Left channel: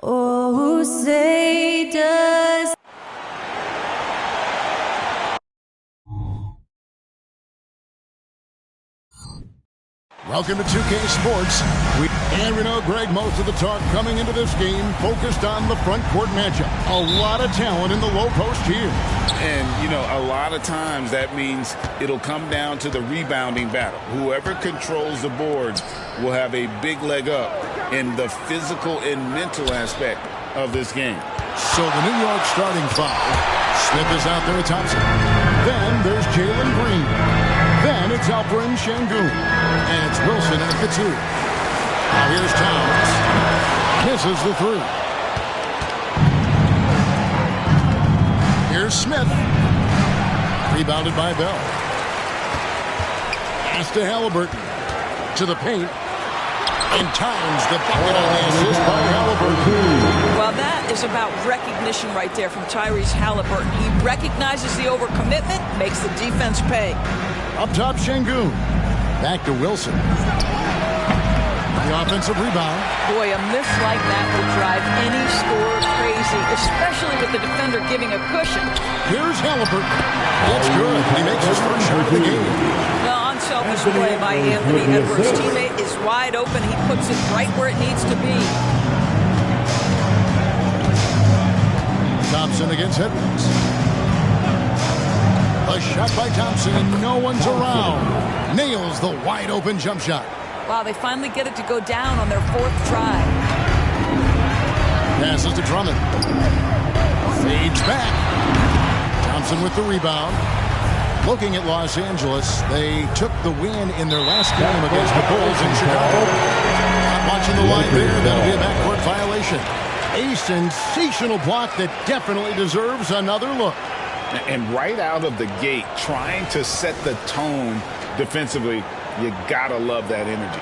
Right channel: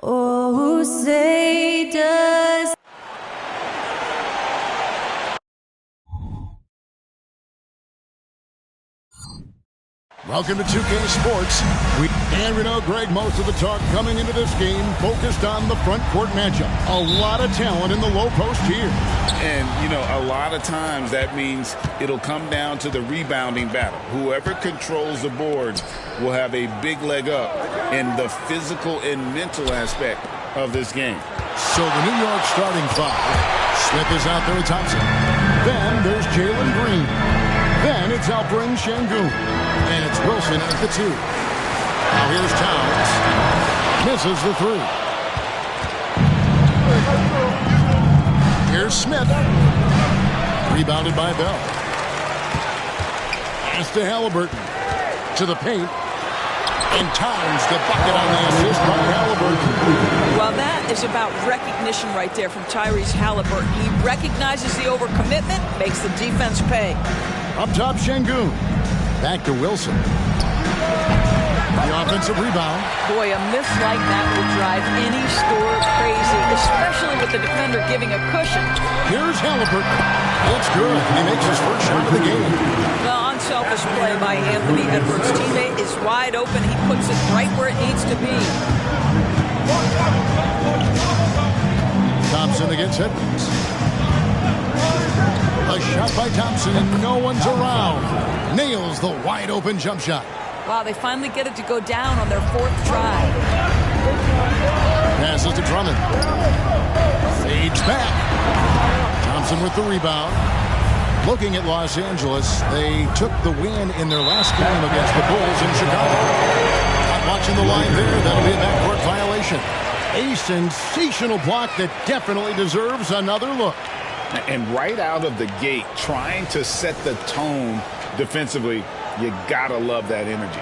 Oh, say does. Welcome to 2K Sports. And we know, Greg, most of the talk coming into this game focused on the front court matchup. A lot of talent in the low post here. And, you know, a lot of times that means it'll come down to the rebounding battle. Whoever controls the boards will have a big leg up in the physical and mental aspect of this game. So the New York starting five. Smith is out there with Thompson. Then there's Jalen Green. Then it's Alperen Şengün. And it's Wilson at the two. Now here's Towns. Misses the three. Here's Smith. Rebounded by Bell. Pass to Halliburton. To the paint. And Towns, the bucket on the assist by Halliburton. Well, that is about recognition right there from Tyrese Halliburton. He recognizes the overcommitment, makes the defense pay. Up top, Şengün. Back to Wilson. The offensive rebound. Boy, a miss like that will drive any scorer crazy, especially with the defender giving a cushion. Here's Halliburton. It's good. He makes his first shot of the game. Well, unselfish play by Anthony Edwards. Teammate is wide open. He puts it right where it needs to be. Thompson against Edwards. A shot by Thompson, and no one's around. Nails the wide open jump shot. Wow, they finally get it to go down on their fourth try. Passes to Drummond. Fades back. Thompson with the rebound. Looking at Los Angeles, they took the win in their last game against the Bulls in Chicago. Not watching the line there. That'll be a backcourt violation. A sensational block that definitely deserves another look. And right out of the gate, trying to set the tone defensively, you gotta love that energy.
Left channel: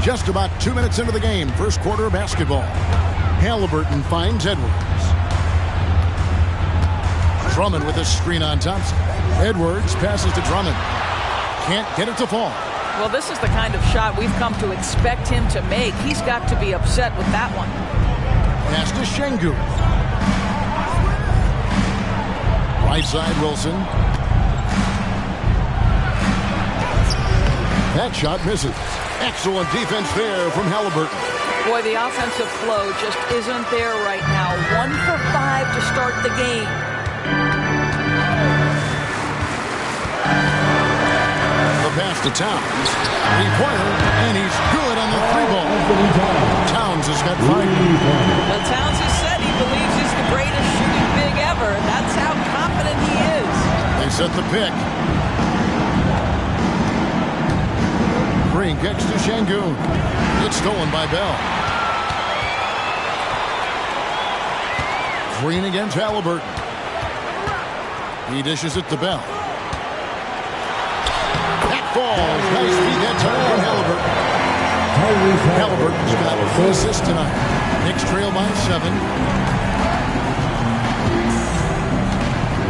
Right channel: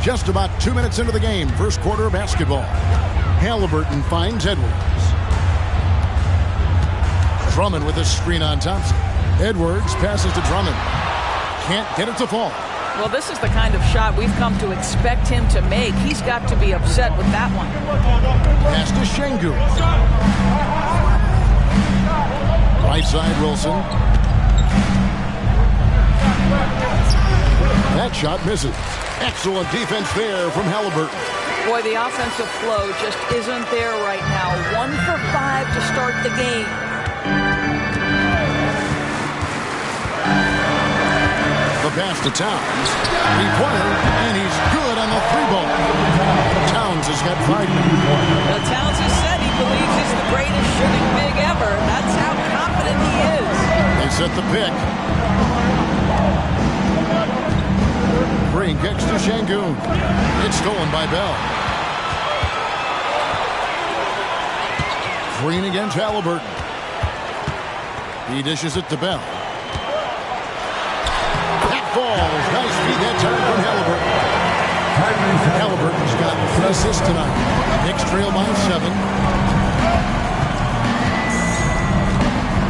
Just about 2 minutes into the game, first quarter of basketball. Halliburton finds Edwards. Drummond with a screen on Thompson. Edwards passes to Drummond. Can't get it to fall. Well, this is the kind of shot we've come to expect him to make. He's got to be upset with that one. Pass to Şengün. Right side, Wilson. That shot misses. Excellent defense there from Halliburton. Boy, the offensive flow just isn't there right now. 1 for 5 to start the game. The pass to Towns. Three-pointer, and he's good on the three ball. Towns has got 5 now. Now, Towns has said he believes he's the greatest shooting big ever. That's how confident he is. They set the pick. Green kicks to Şengün. It's stolen by Bell. Green against Halliburton. He dishes it to Bell. Falls. Nice feed that time from Halliburton. Halliburton's got 3 assists tonight. Knicks trail by 7.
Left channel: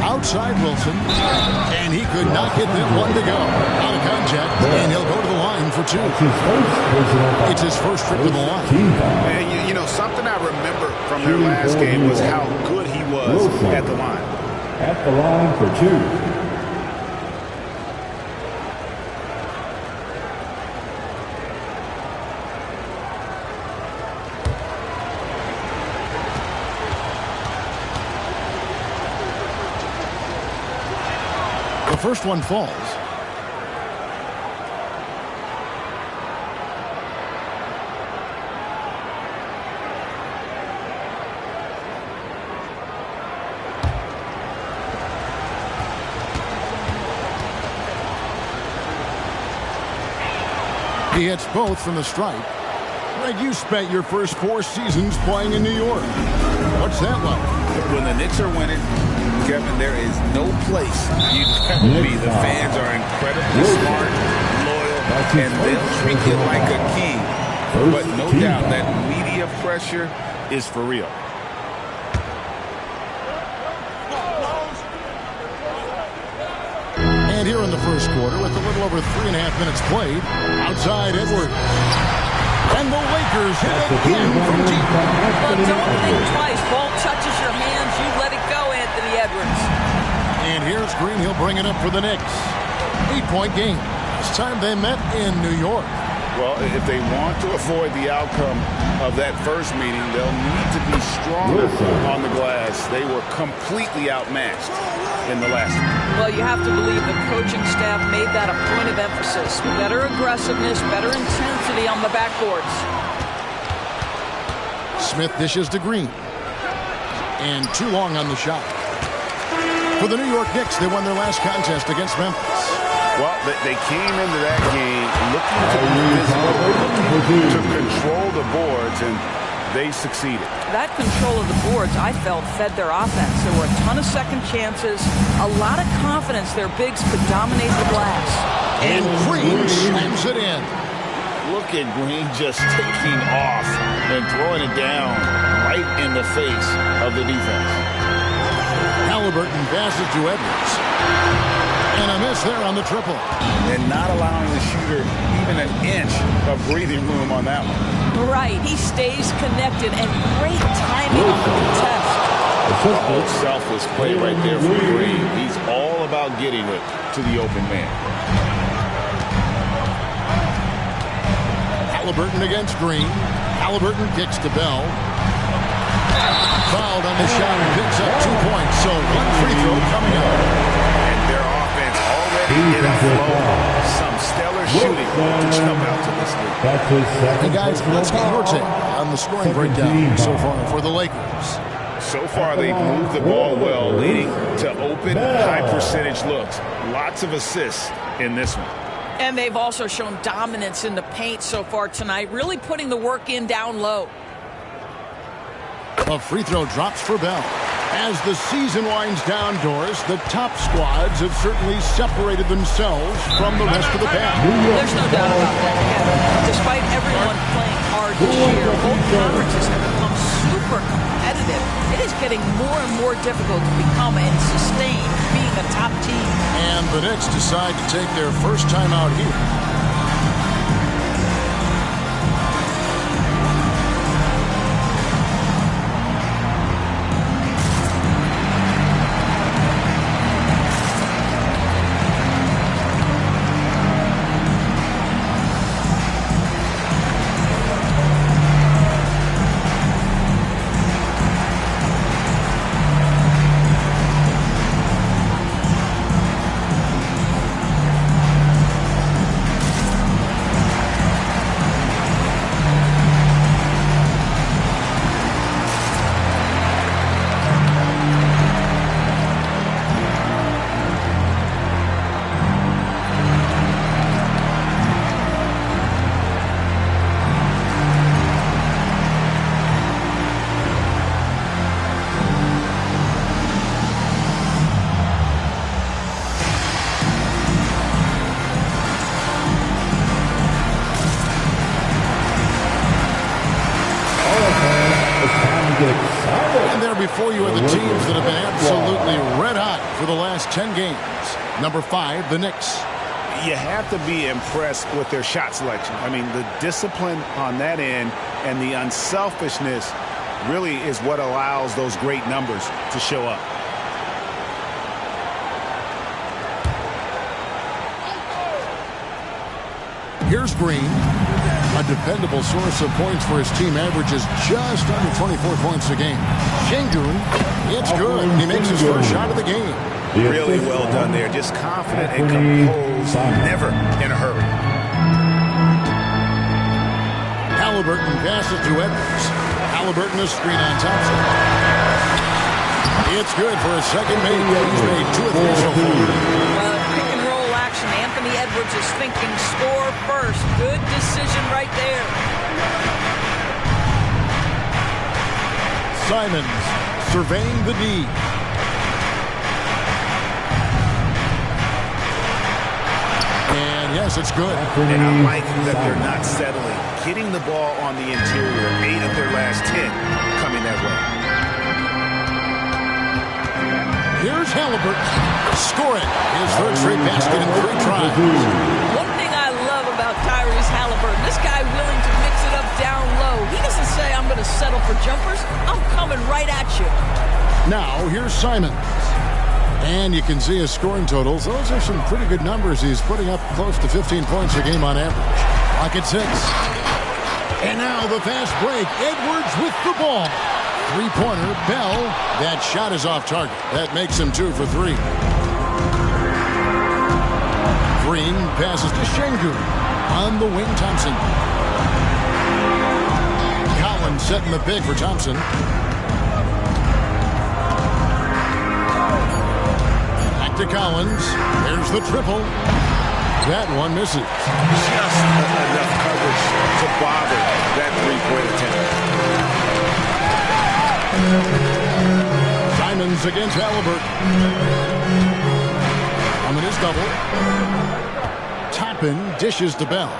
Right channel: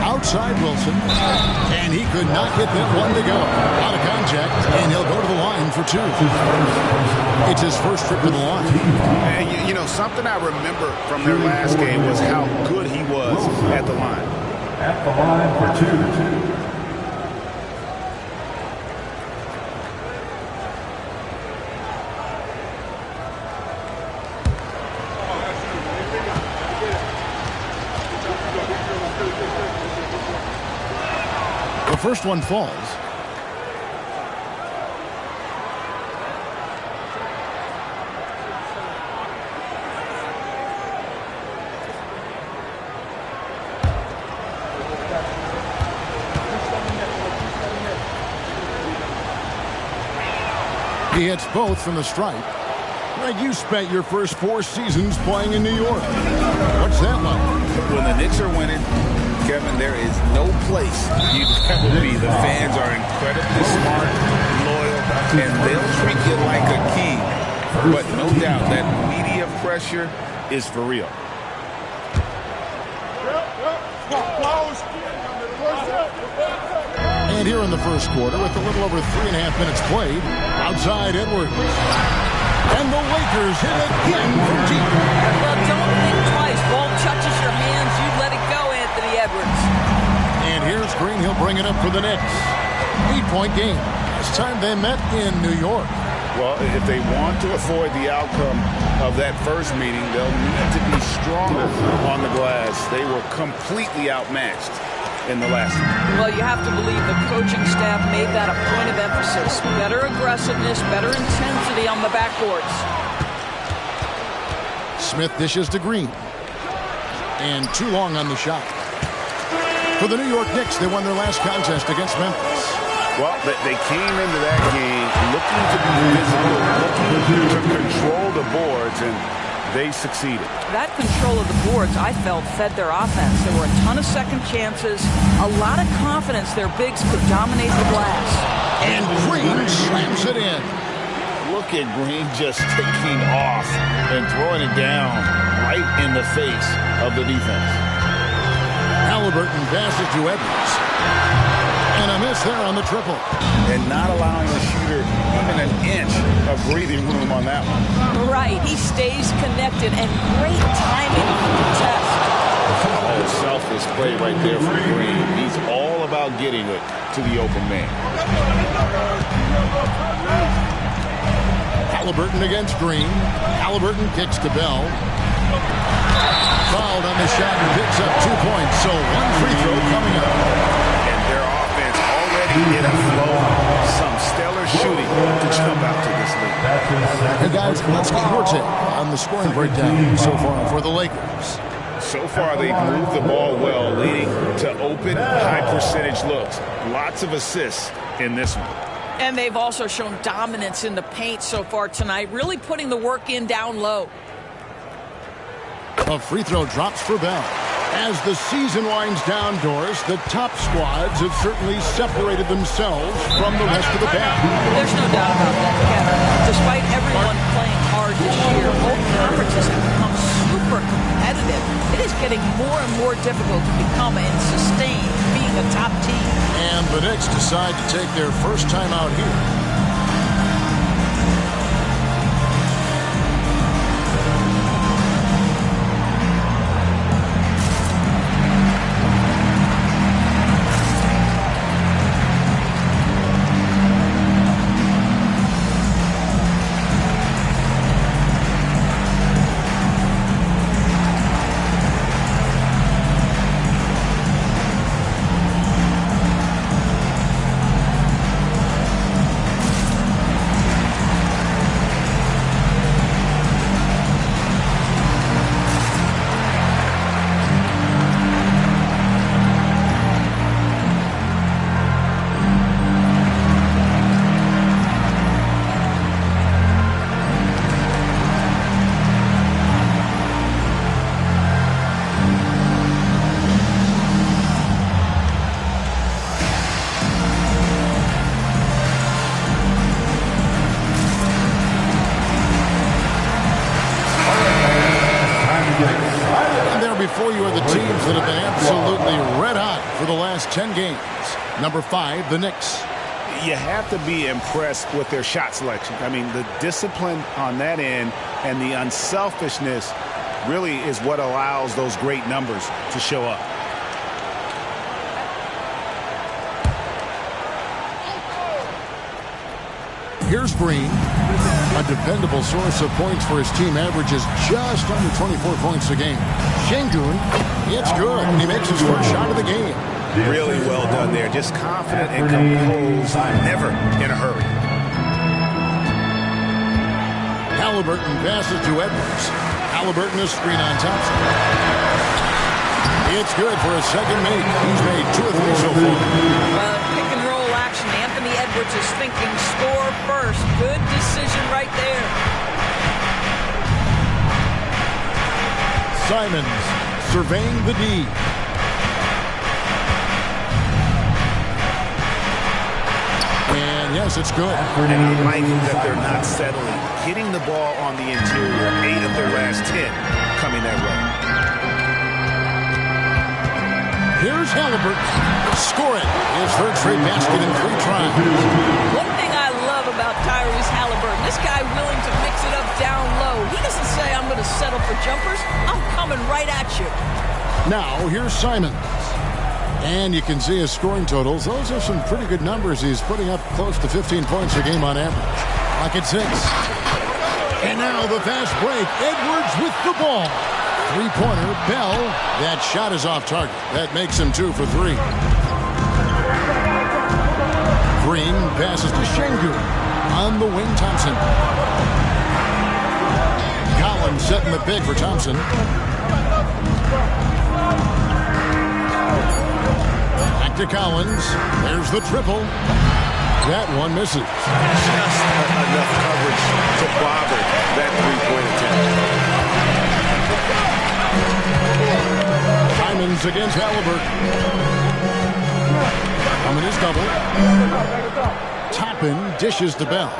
Outside Wilson. And he could not get that one to go. Out of contact. And he'll go to the line for 2. It's his first trip to the line. And you know, something I remember from their last game was how good he was at the line. At the line for 2. The first one falls. He hits both from the stripe. Greg, you spent your first 4 seasons playing in New York. What's that like? When the Knicks are winning, Kevin, there is no place you'd rather be. The fans are incredibly smart, loyal, and they'll treat you like a king. But no doubt that media pressure is for real. And here in the first quarter, with a little over 3.5 minutes played, outside Edwards. And the Lakers hit again from deep. Well, don't think twice. Ball touches your hands, you let it go, Anthony Edwards. And here's Green. He'll bring it up for the Knicks. 8-point game. Last time they met in New York. Well, if they want to avoid the outcome of that first meeting, they'll need to be stronger on the glass. They were completely outmatched in the last one. Well, you have to believe the coaching staff made that a point of emphasis. Better aggressiveness, better intensity on the backboards. Smith dishes to Green. And too long on the shot. For the New York Knicks, they won their last contest against Memphis. Well, they came into that game looking to be physical, looking to control the boards, and they succeeded. That control of the boards, I felt, fed their offense. There were a ton of second chances, a lot of confidence their bigs could dominate the glass. And Green slams it in. Look at Green just taking off and throwing it down right in the face of the defense. Halliburton passes to Edwards. And a miss there on the triple. And not allowing the shooter even an inch of breathing room on that one. Right. He stays connected, and great timing on the contest. The whole selfless play right there for Green. He's all about getting it to the open man. Halliburton against Green. Halliburton kicks to Bell. Fouled on the shot and picks up 2 points. So one free throw coming up. Their offense already in a flow. Some stellar shooting to jump out to this league. Hey guys, let's get your take on the scoring breakdown so far for the Lakers. So far, they've moved the ball well, leading to open, high-percentage looks. Lots of assists in this one. And they've also shown dominance in the paint so far tonight, really putting the work in down low. A free throw drops for Bell. As the season winds down, Doris, the top squads have certainly separated themselves from the rest of the pack. There's no doubt about that, Kevin. Despite everyone playing hard this year, both conferences have become super competitive. It is getting more and more difficult to become and sustain being a top team. And the Knicks decide to take their first time out here. And there before you are the teams that have been absolutely red hot for the last 10 games. Number 5, the Knicks. You have to be impressed with their shot selection. I mean, the discipline on that end and the unselfishness really is what allows those great numbers to show up. Here's Green. A dependable source of points for his team, averages just under 24 points a game. Şengün, it's good. He makes his first shot of the game. Really well done there. Just confident and composed, never in a hurry. Halliburton passes to Edwards. Halliburton is screen on Thompson. It's good for a second make. He's made 2 or 3 so far. Pick and roll action. Anthony Edwards is thinking score first. Good decision right there. Simons surveying the D. And yes, it's good. And I like that they're not settling. Getting the ball on the interior, 8 of their last 10 coming that way. Here's Halliburton. Score it. His third straight basket in 3 tries. One thing I love about Tyrese Halliburton, this guy willing to mix it up down low. He doesn't say, I'm going to settle for jumpers. I'm coming right at you. Now, here's Simons. And you can see his scoring totals. Those are some pretty good numbers. He's putting up close to 15 points a game on average. Clock at 6. And now the fast break. Edwards with the ball. Three-pointer, Bell. That shot is off target. That makes him 2 for 3. Green passes to Şengün. On the wing, Thompson. Collins setting the pick for Thompson. Back to Collins. There's the triple. That one misses. Just enough coverage to bother that three-point attempt. Simons against Halliburton. Coming his double. Toppin dishes to Bell.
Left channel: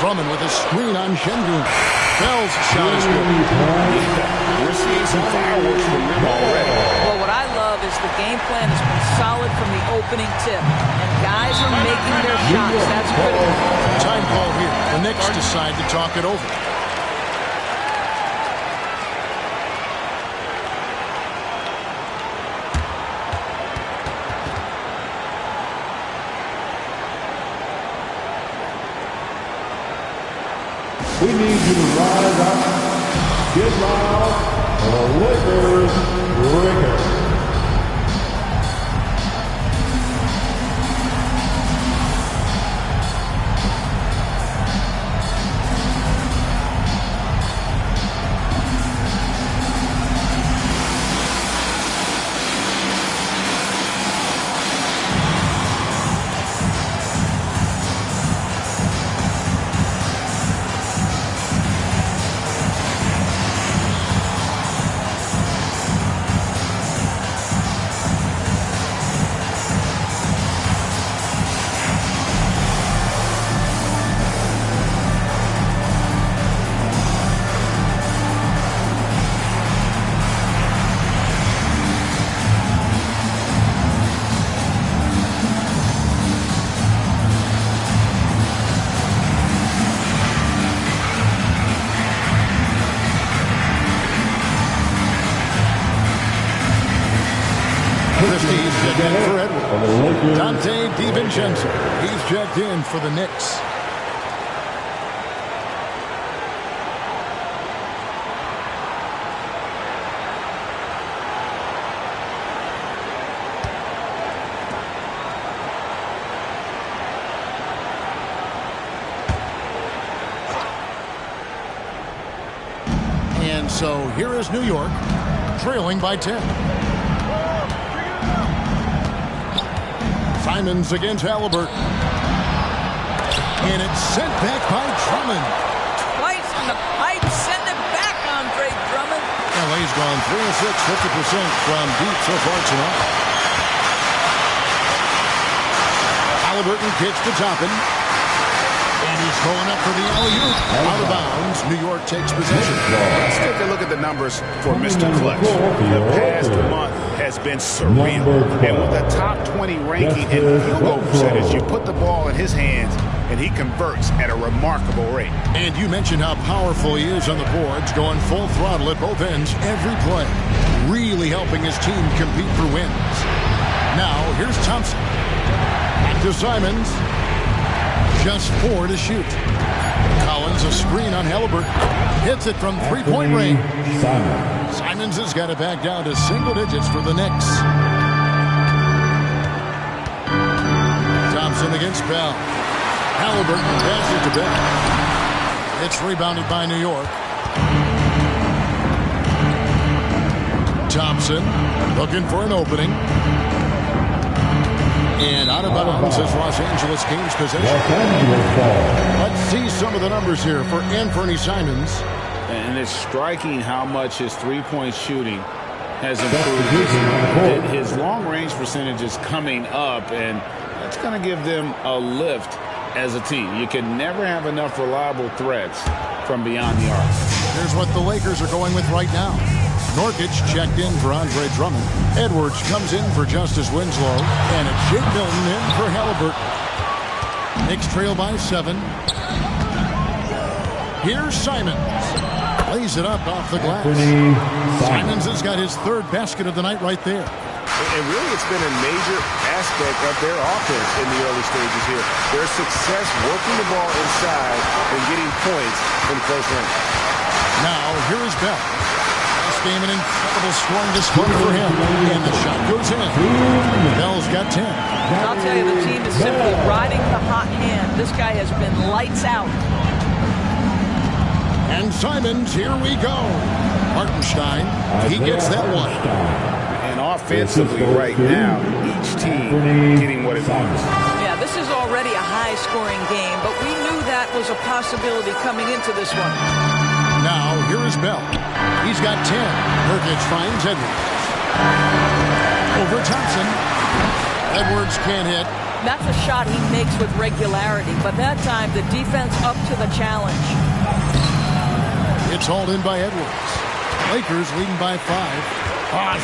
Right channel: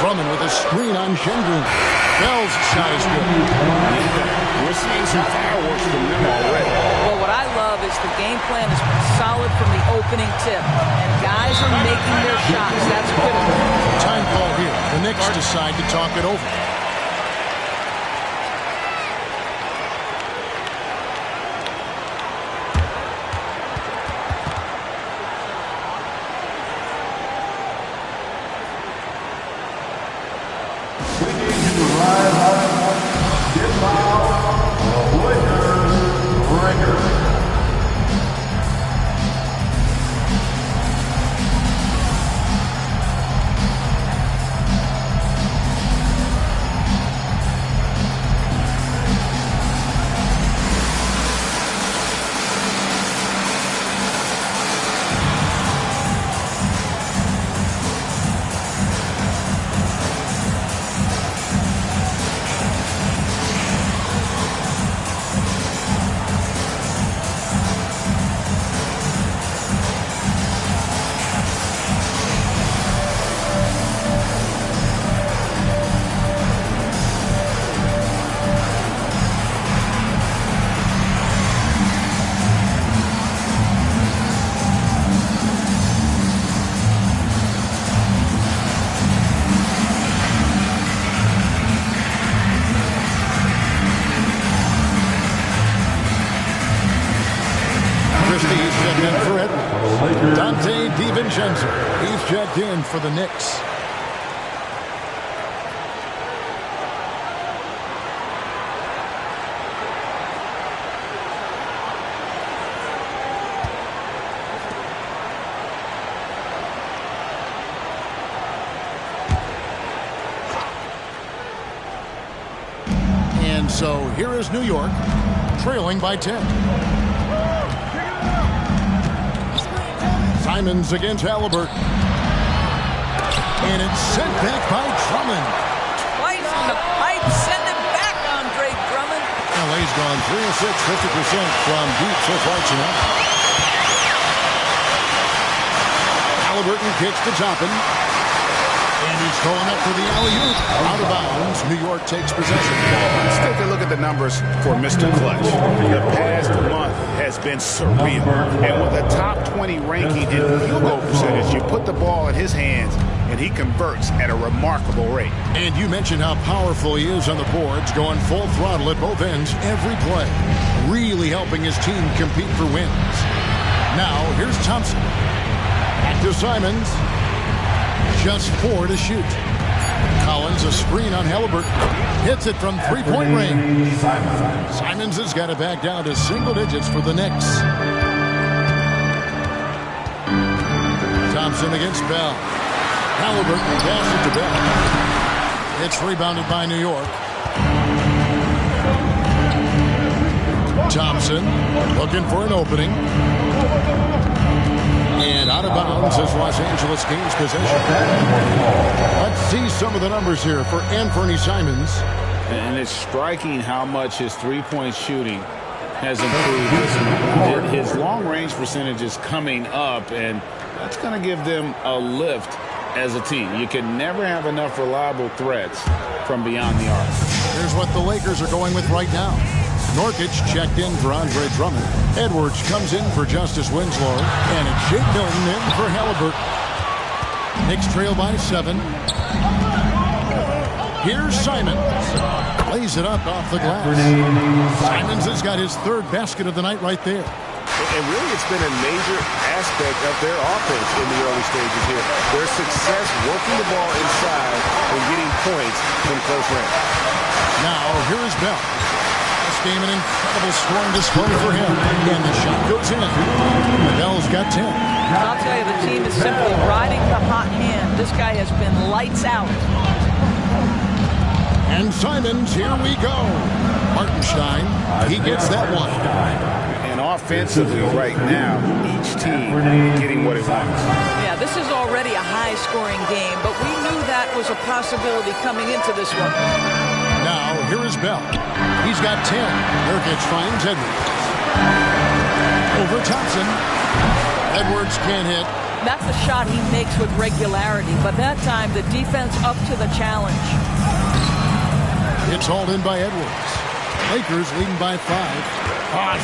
Drummond with a screen on Şengün. Bell's shot is good. Yeah, we're seeing some fireworks from them already. Well, what I love is the game plan has been solid from the opening tip. And guys are making their shots. That's critical. Time call here. The Knicks decide to talk it over. We need you to rise up, get loud, for the Lakers record. Christie's checked in for Edwards. Dante DiVincenzo. He's checked in for the Knicks. And so here is New York, trailing by 10. Simons against Halliburton. And it's sent back by Drummond. Twice on the pipe, send it back, Andre Drummond. LA's gone 3 of 6, 50% from deep so far tonight. Halliburton kicks to Toppin. And he's going up for the alley-oop. Out of bounds. New York takes possession. Let's take a look at the numbers for Mr. Clutch. The past month has been surreal. And with a top 20 ranking in field goal percentage, you put the ball in his hands, and he converts at a remarkable rate. And you mentioned how powerful he is on the boards, going full throttle at both ends every play. Really helping his team compete for wins. Now, here's Thompson. Back to Simons. Just 4 to shoot. Collins a screen on Halliburton. Hits it from three-point range. Simons has got it back down to single digits for the Knicks. Thompson against Bell. Halliburton passes to Bell. It's rebounded by New York. Thompson looking for an opening. And out of bounds as Los Angeles gains possession. Let's see some of the numbers here for Anthony Simons. And it's striking how much his three-point shooting has improved this month. His long-range percentage is coming up, and that's going to give them a lift as a team. You can never have enough reliable threats from beyond the arc. Here's what the Lakers are going with right now. Nurkic checked in for Andre Drummond. Edwards comes in for Justice Winslow. And it's Jake Milton in for Halliburton. Knicks trail by 7. Here's Simons. Lays it up off the glass. Simons has got his 3rd basket of the night right there. And really, it's been a major aspect of their offense in the early stages here. Their success working the ball inside and getting points from close range. Now, here is Bell. Last game, an incredible scoring display for him. And the shot goes in. Bell's got 10. I'll tell you, the team is simply riding the hot hand. This guy has been lights out. And Simons, here we go. Hartenstein, he gets that one. And offensively right now, each team getting what it wants. Yeah, this is already a high-scoring game, but we knew that was a possibility coming into this one. Now, here is Bell. He's got 10. Nurkic finds Edwards. Over Thompson. Edwards can't hit. That's a shot he makes with regularity, but that time the defense up to the challenge. It's hauled in by Edwards. Lakers leading by 5.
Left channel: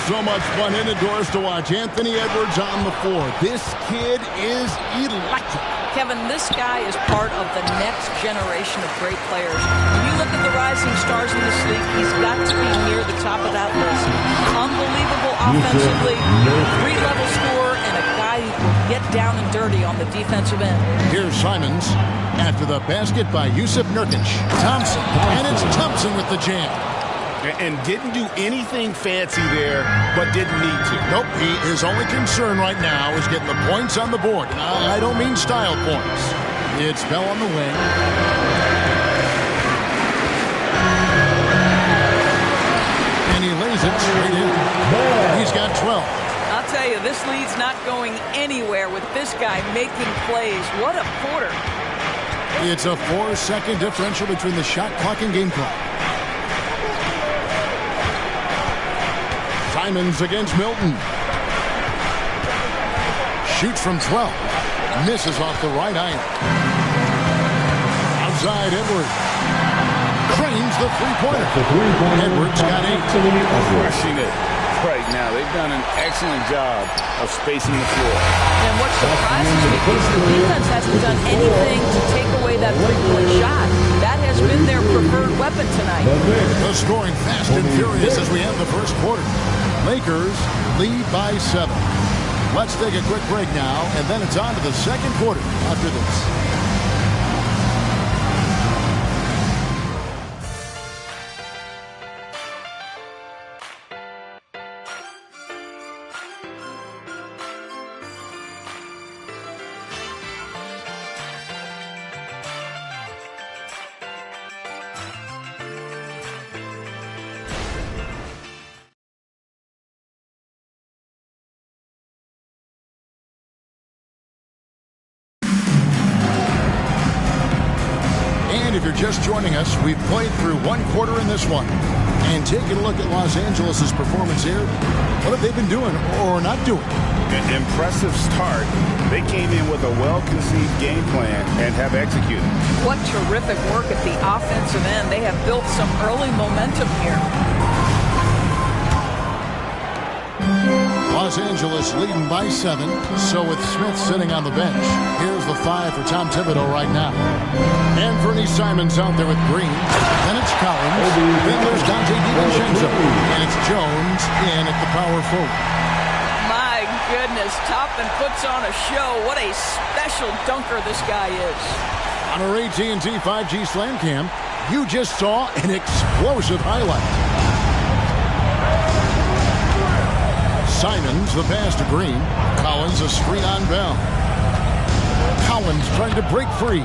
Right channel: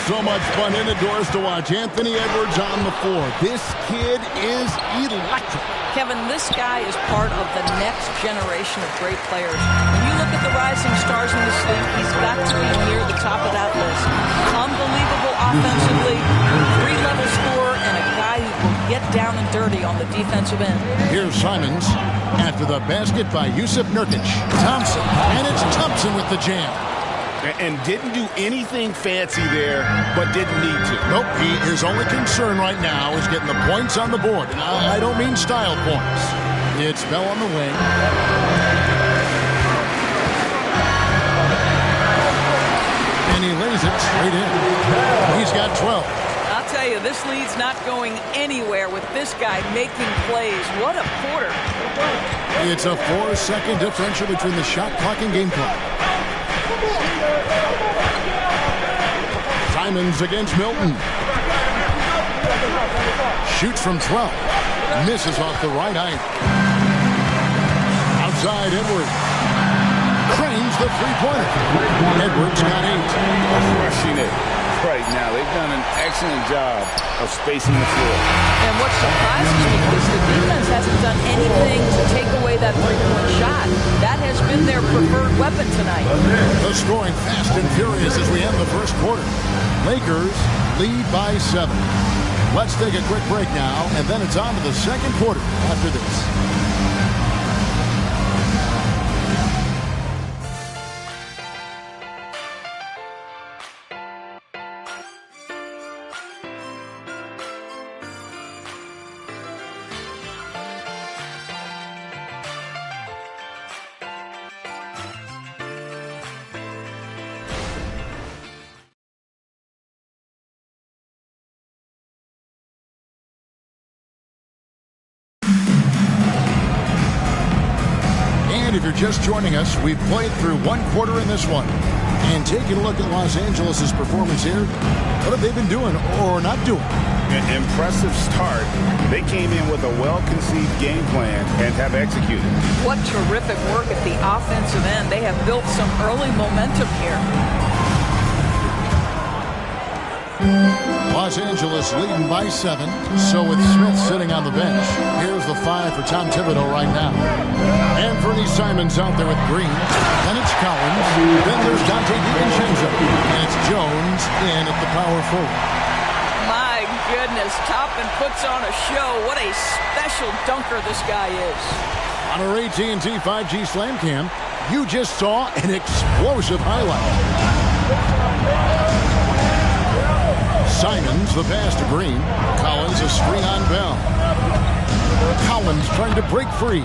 So much fun indoors to watch. Anthony Edwards on the floor. This kid is electric. Kevin, this guy is part of the next generation of great players. When you look at the rising stars in this league, he's got to be near the top of that list. Unbelievable offensively, 3-level scorer, and a guy who will get down and dirty on the defensive end. Here's Simons after the basket by Yusuf Nurkic. Thompson, and it's Thompson with the jam. And didn't do anything fancy there, but didn't need to. Nope, his only concern right now is getting the points on the board. And I don't mean style points. It's Bell on the wing. And he lays it straight in. He's got 12. I'll tell you, this lead's not going anywhere with this guy making plays. What a quarter. It's a 4-second differential between the shot clock and game clock. Simons against Milton. Shoots from 12. Misses off the right iron. Outside Edwards. Cranes the three-pointer. Edwards got 8. Crushing it right now. They've done an excellent job of spacing the floor. And what surprises me is the defense hasn't done anything to take away that three-point shot. That has been their preferred weapon tonight. The scoring fast and furious as we end the first quarter. Lakers lead by 7. Let's take a quick break now, and then it's on to the second quarter after this. And if you're just joining us, we've played through one quarter in this one. And taking a look at Los Angeles' performance here, what have they been doing or not doing? An impressive start. They came in with a well-conceived game plan and have executed. What terrific work at the offensive end. They have built some early momentum here. Los Angeles leading by 7. So with Smith sitting on the bench, here's the 5 for Tom Thibodeau right now. Anthony Simons out there with Green. Then it's Collins. Then there's Dante DiVincenzo. And it's Jones in at the power forward. My goodness, Toppin puts on a show. What a special dunker this guy is. On our AT&T 5G Slam Cam, you just saw an explosive highlight. Simons, the pass to Green. Collins, a screen on Bell. Collins trying to break free.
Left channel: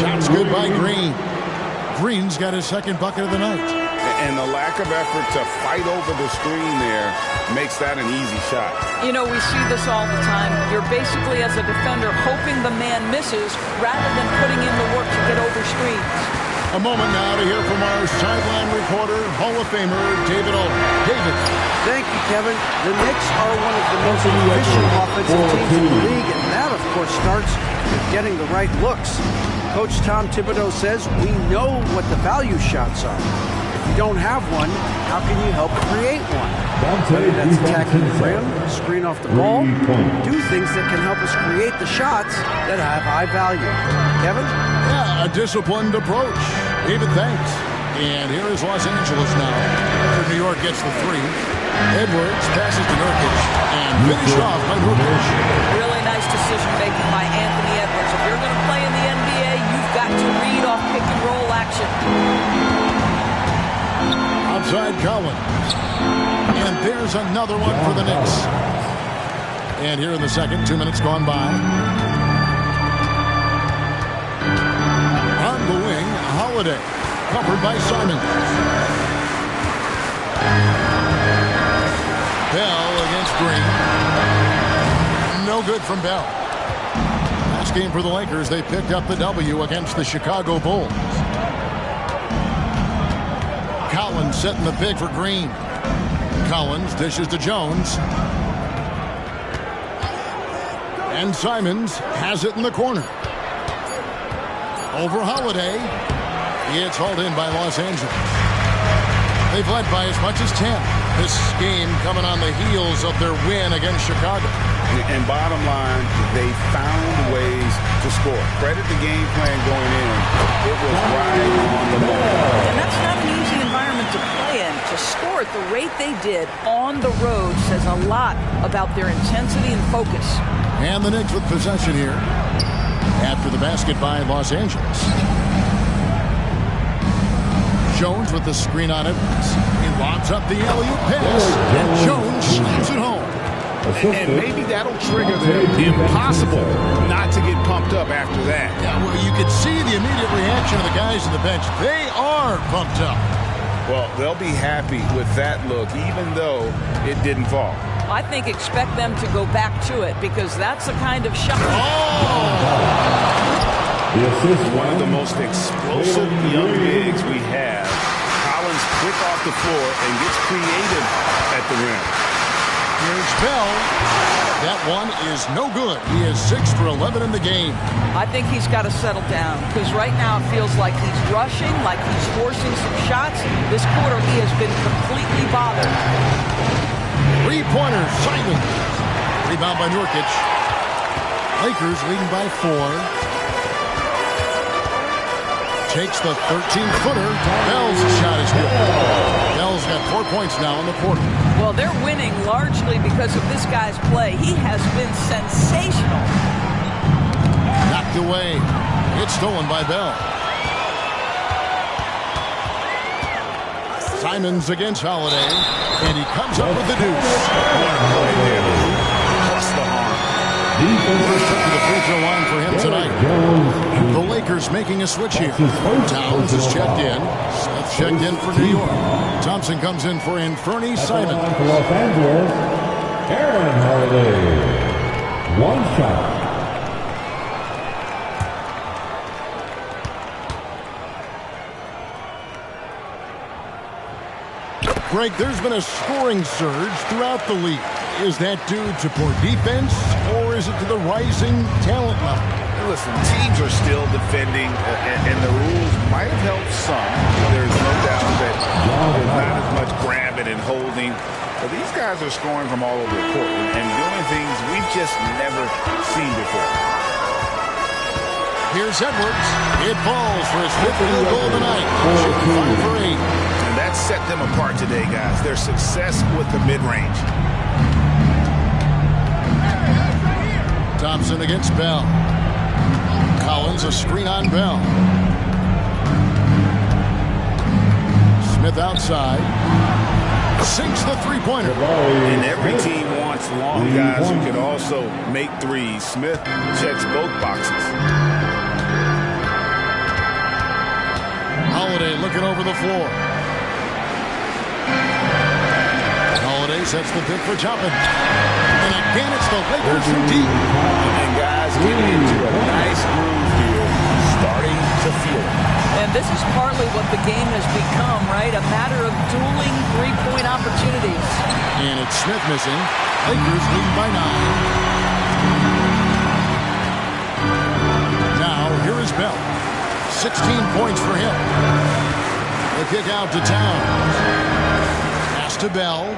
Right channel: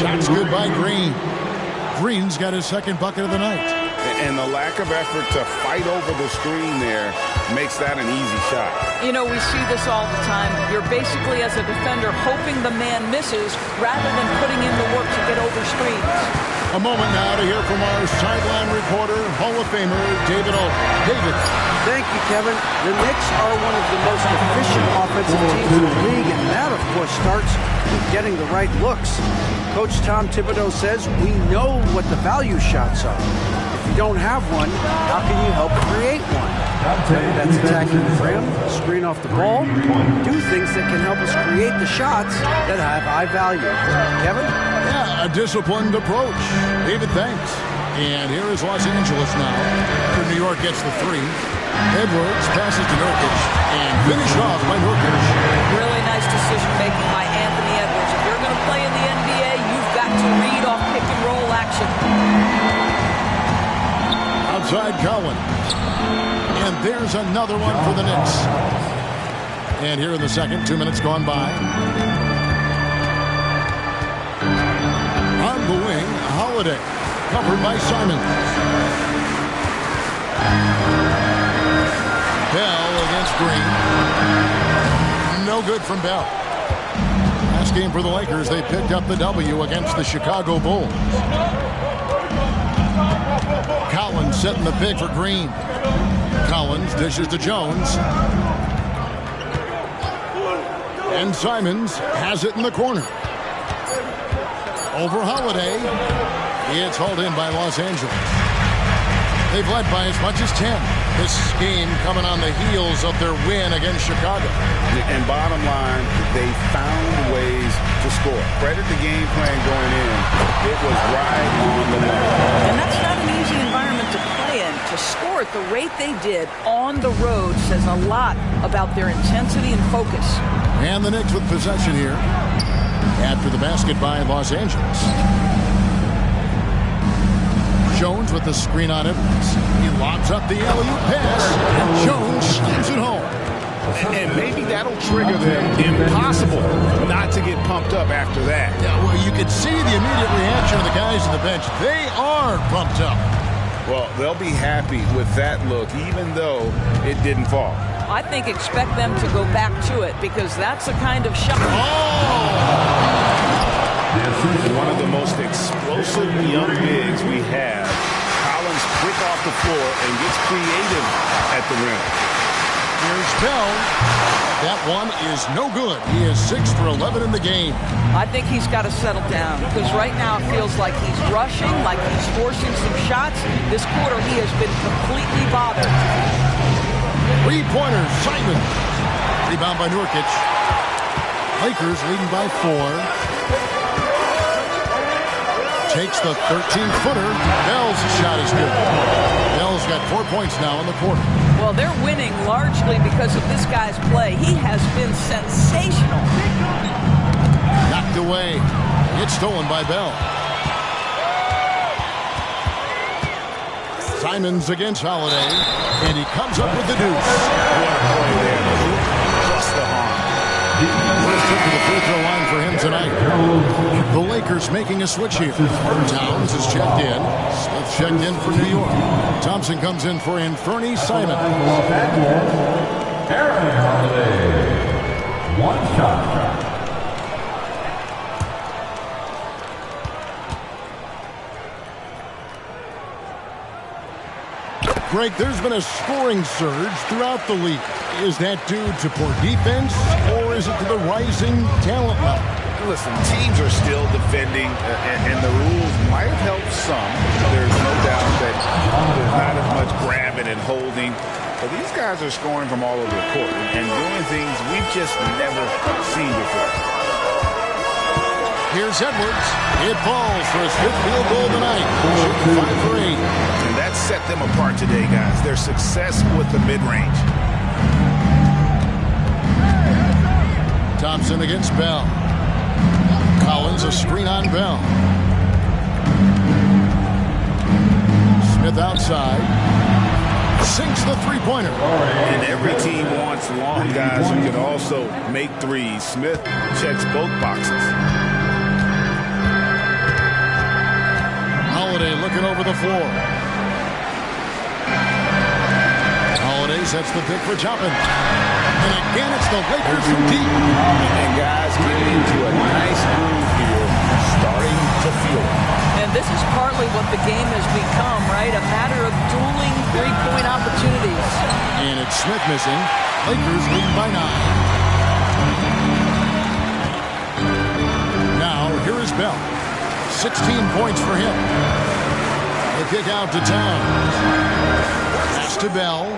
Shot's good by Green. Green's got his second bucket of the night. And the lack of effort to fight over the screen there makes that an easy shot. You know, we see this all the time. You're basically, as a defender, hoping the man misses rather than putting in the work to get over screens. A moment now to hear from our sideline reporter, Hall of Famer David O. David. Thank you, Kevin. The Knicks are one of the most efficient offensive teams in the league, and that, of course, starts with getting the right looks. Coach Tom Thibodeau says we know what the value shots are. If you don't have one, how can you help create one? Whether that's attacking the rim, screen off the ball, do things that can help us create the shots that have high value. Kevin? Yeah, a disciplined approach. David, thanks. And here is Los Angeles now after New York gets the three. Edwards passes to Nurkic and finished off by Nurkic. Really nice decision-making by Anthony Edwards. If you're going to play in the NBA, you've got to read off pick-and-roll action. Outside Collins. And there's another one for the Knicks. And here in the second, 2 minutes gone by. On the wing, Holiday. Covered by Simon. Bell against Green. No good from Bell. Last game for the Lakers, they picked up the W against the Chicago Bulls. Collins setting the pick for Green. Collins dishes to Jones. And Simons has it in the corner. Over Holiday. It's hauled in by Los Angeles. They've led by as much as 10. This game coming on the heels of their win against Chicago. And bottom line, they found ways to score. Credit the game plan going in. It was right on the money. And that's not an easy environment to play in. To score at the rate they did on the road says a lot about their intensity and focus. And the Knicks with possession here after the basket by Los Angeles. Jones with the screen on Edwards. He lobs up the alley-oop pass, and Jones slams it home. And maybe that'll trigger them. Impossible not to get pumped up after that. Yeah, well, you could see the immediate reaction of the guys on the bench. They are pumped up. Well, they'll be happy with that look, even though it didn't fall. I think expect them to go back to it because that's the kind of shot. Oh! One of the most explosive young bigs we have. Collins quick off the floor and gets creative at the rim. Here's Bell. That one is no good. He is 6 for 11 in the game. I think he's got to settle down because right now it feels like he's rushing, like he's forcing some shots. This quarter he has been completely bothered. Three-pointer, Simon. Rebound by Nurkic. Lakers leading by 4. Takes the 13-footer. Bell's shot is good. Bell's got 4 points now in the quarter. Well, they're winning largely because of this guy's play. He has been sensational. Knocked away. It's stolen by Bell. Simons against Holiday. And he comes up with the deuce. What a play there. The hoop plus the harm. First trip to the free throw line for him tonight. The Lakers making a switch here. Towns is checked in. Smith checked in for New York. Thompson comes in for Anthony Simon. For Los Angeles, Aaron Holiday. One shot. Greg, there's been a scoring surge throughout the league. Is that due to poor defense, or is it to the rising talent level? Listen, teams are still defending, and the rules might have helped some. There's no doubt that there's not as much grabbing and holding. But these guys are scoring from all over the court and doing things we've just never seen before. Here's Edwards. It falls for his 5th field goal of the night. Shooting 5 for 8. And that set them apart today, guys. Their success with the mid-range. Thompson against Bell. Collins a screen on Bell. Smith outside. Sinks the three-pointer. And every team wants long guys who can also make threes. Smith checks both boxes. Holiday looking over the floor. Holiday sets the pick for Toppin. And again, it's the Lakers from deep. And guys getting into a nice groove here, starting to feel it. And this is partly what the game has become, right? A matter of dueling three-point opportunities. And it's Smith missing. Lakers leading by 9. Now, here is Bell. 16 points for him. The kick out to Towns. Pass to Bell.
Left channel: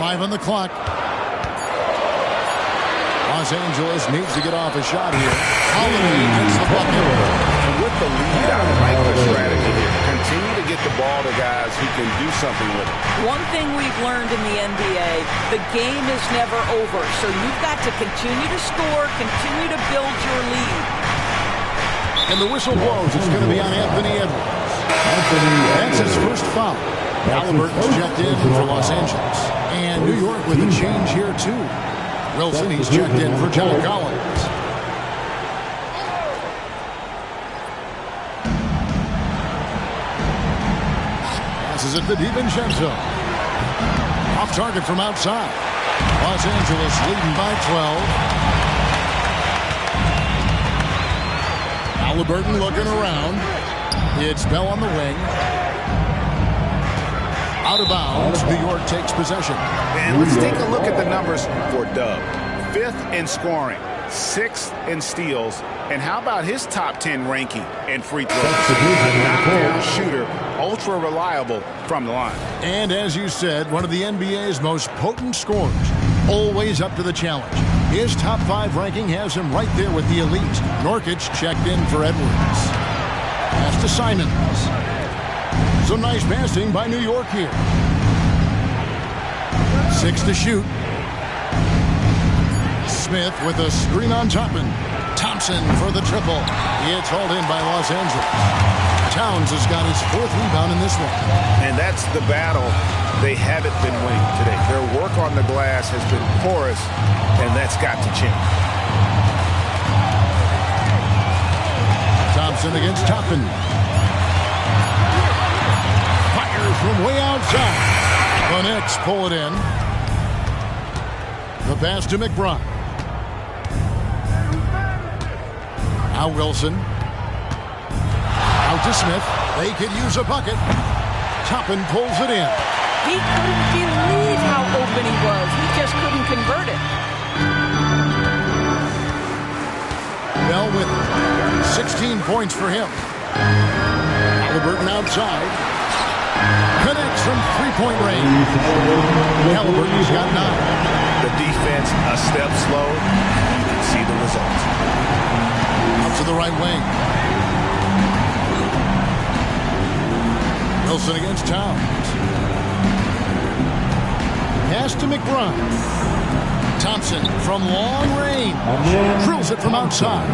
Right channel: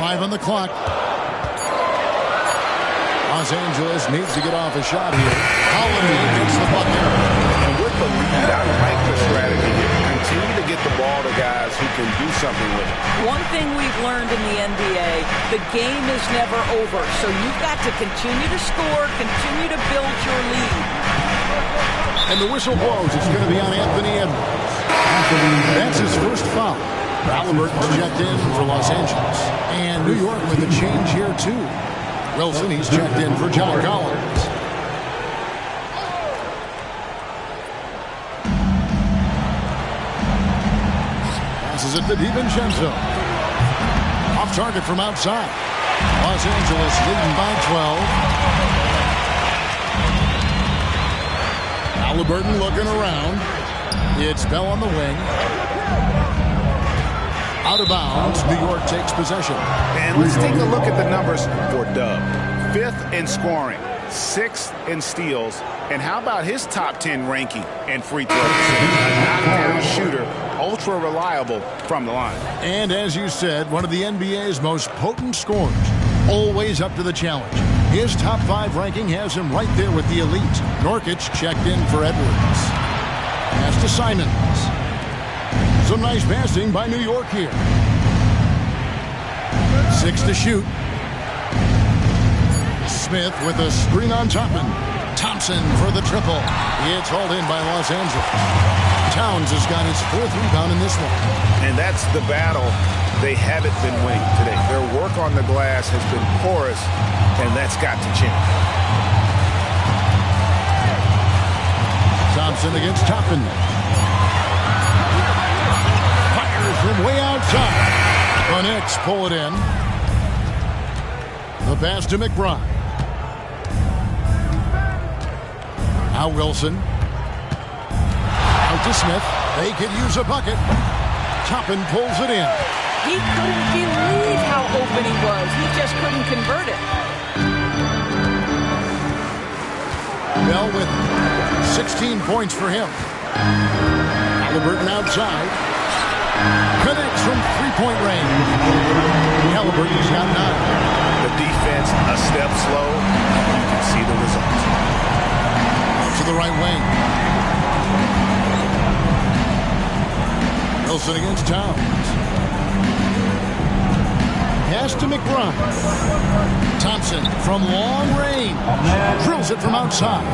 5 on the clock. Los Angeles needs to get off a shot here. Holiday gets the bucket. And with the lead, I like the strategy here. Continue to get the ball to guys who can do something with it. One thing we've learned in the NBA, the game is never over. So you've got to continue to score, continue to build your lead. And the whistle blows. It's going to be on Anthony Edwards. That's his first foul. Halliburton's checked in for Los Angeles. And New York with a change here, too. Wilson, he's checked in for John Collins. Passes it to DiVincenzo. Off target from outside. Los Angeles leading by 12. Halliburton looking around. It's Bell on the wing. Out of bounds. New York takes possession. And let's take a look at the numbers for Dub. 5th in scoring, 6th in steals, and how about his top 10 ranking in free throws? A knockdown shooter, ultra reliable from the line. And as you said, one of the NBA's most potent scorers, always up to the challenge. His top 5 ranking has him right there with the elite. Nurkic checked in for Edwards. Pass to Simons. Some nice passing by New York here. 6 to shoot. Smith with a screen on Toppin. Thompson for the triple. It's hauled in by Los Angeles. Towns has got his 4th rebound in this one. And that's the battle they haven't been winning today. Their work on the glass has been porous, and that's got to change. Thompson against Toppin. Fires from way outside. The Knicks pull it in. The pass to McBride. Now Wilson. Out to Smith. They could use a bucket. Toppin pulls it in. He couldn't believe how open he was. He just couldn't convert it. Bell with 16 points for him. Halliburton outside. Connects from 3-point range. Halliburton's got 9. The defense a step slow. You can see the result. Out to the right wing. Wilson against Towns. Pass to McBride. Thompson from long range. Drills it from outside.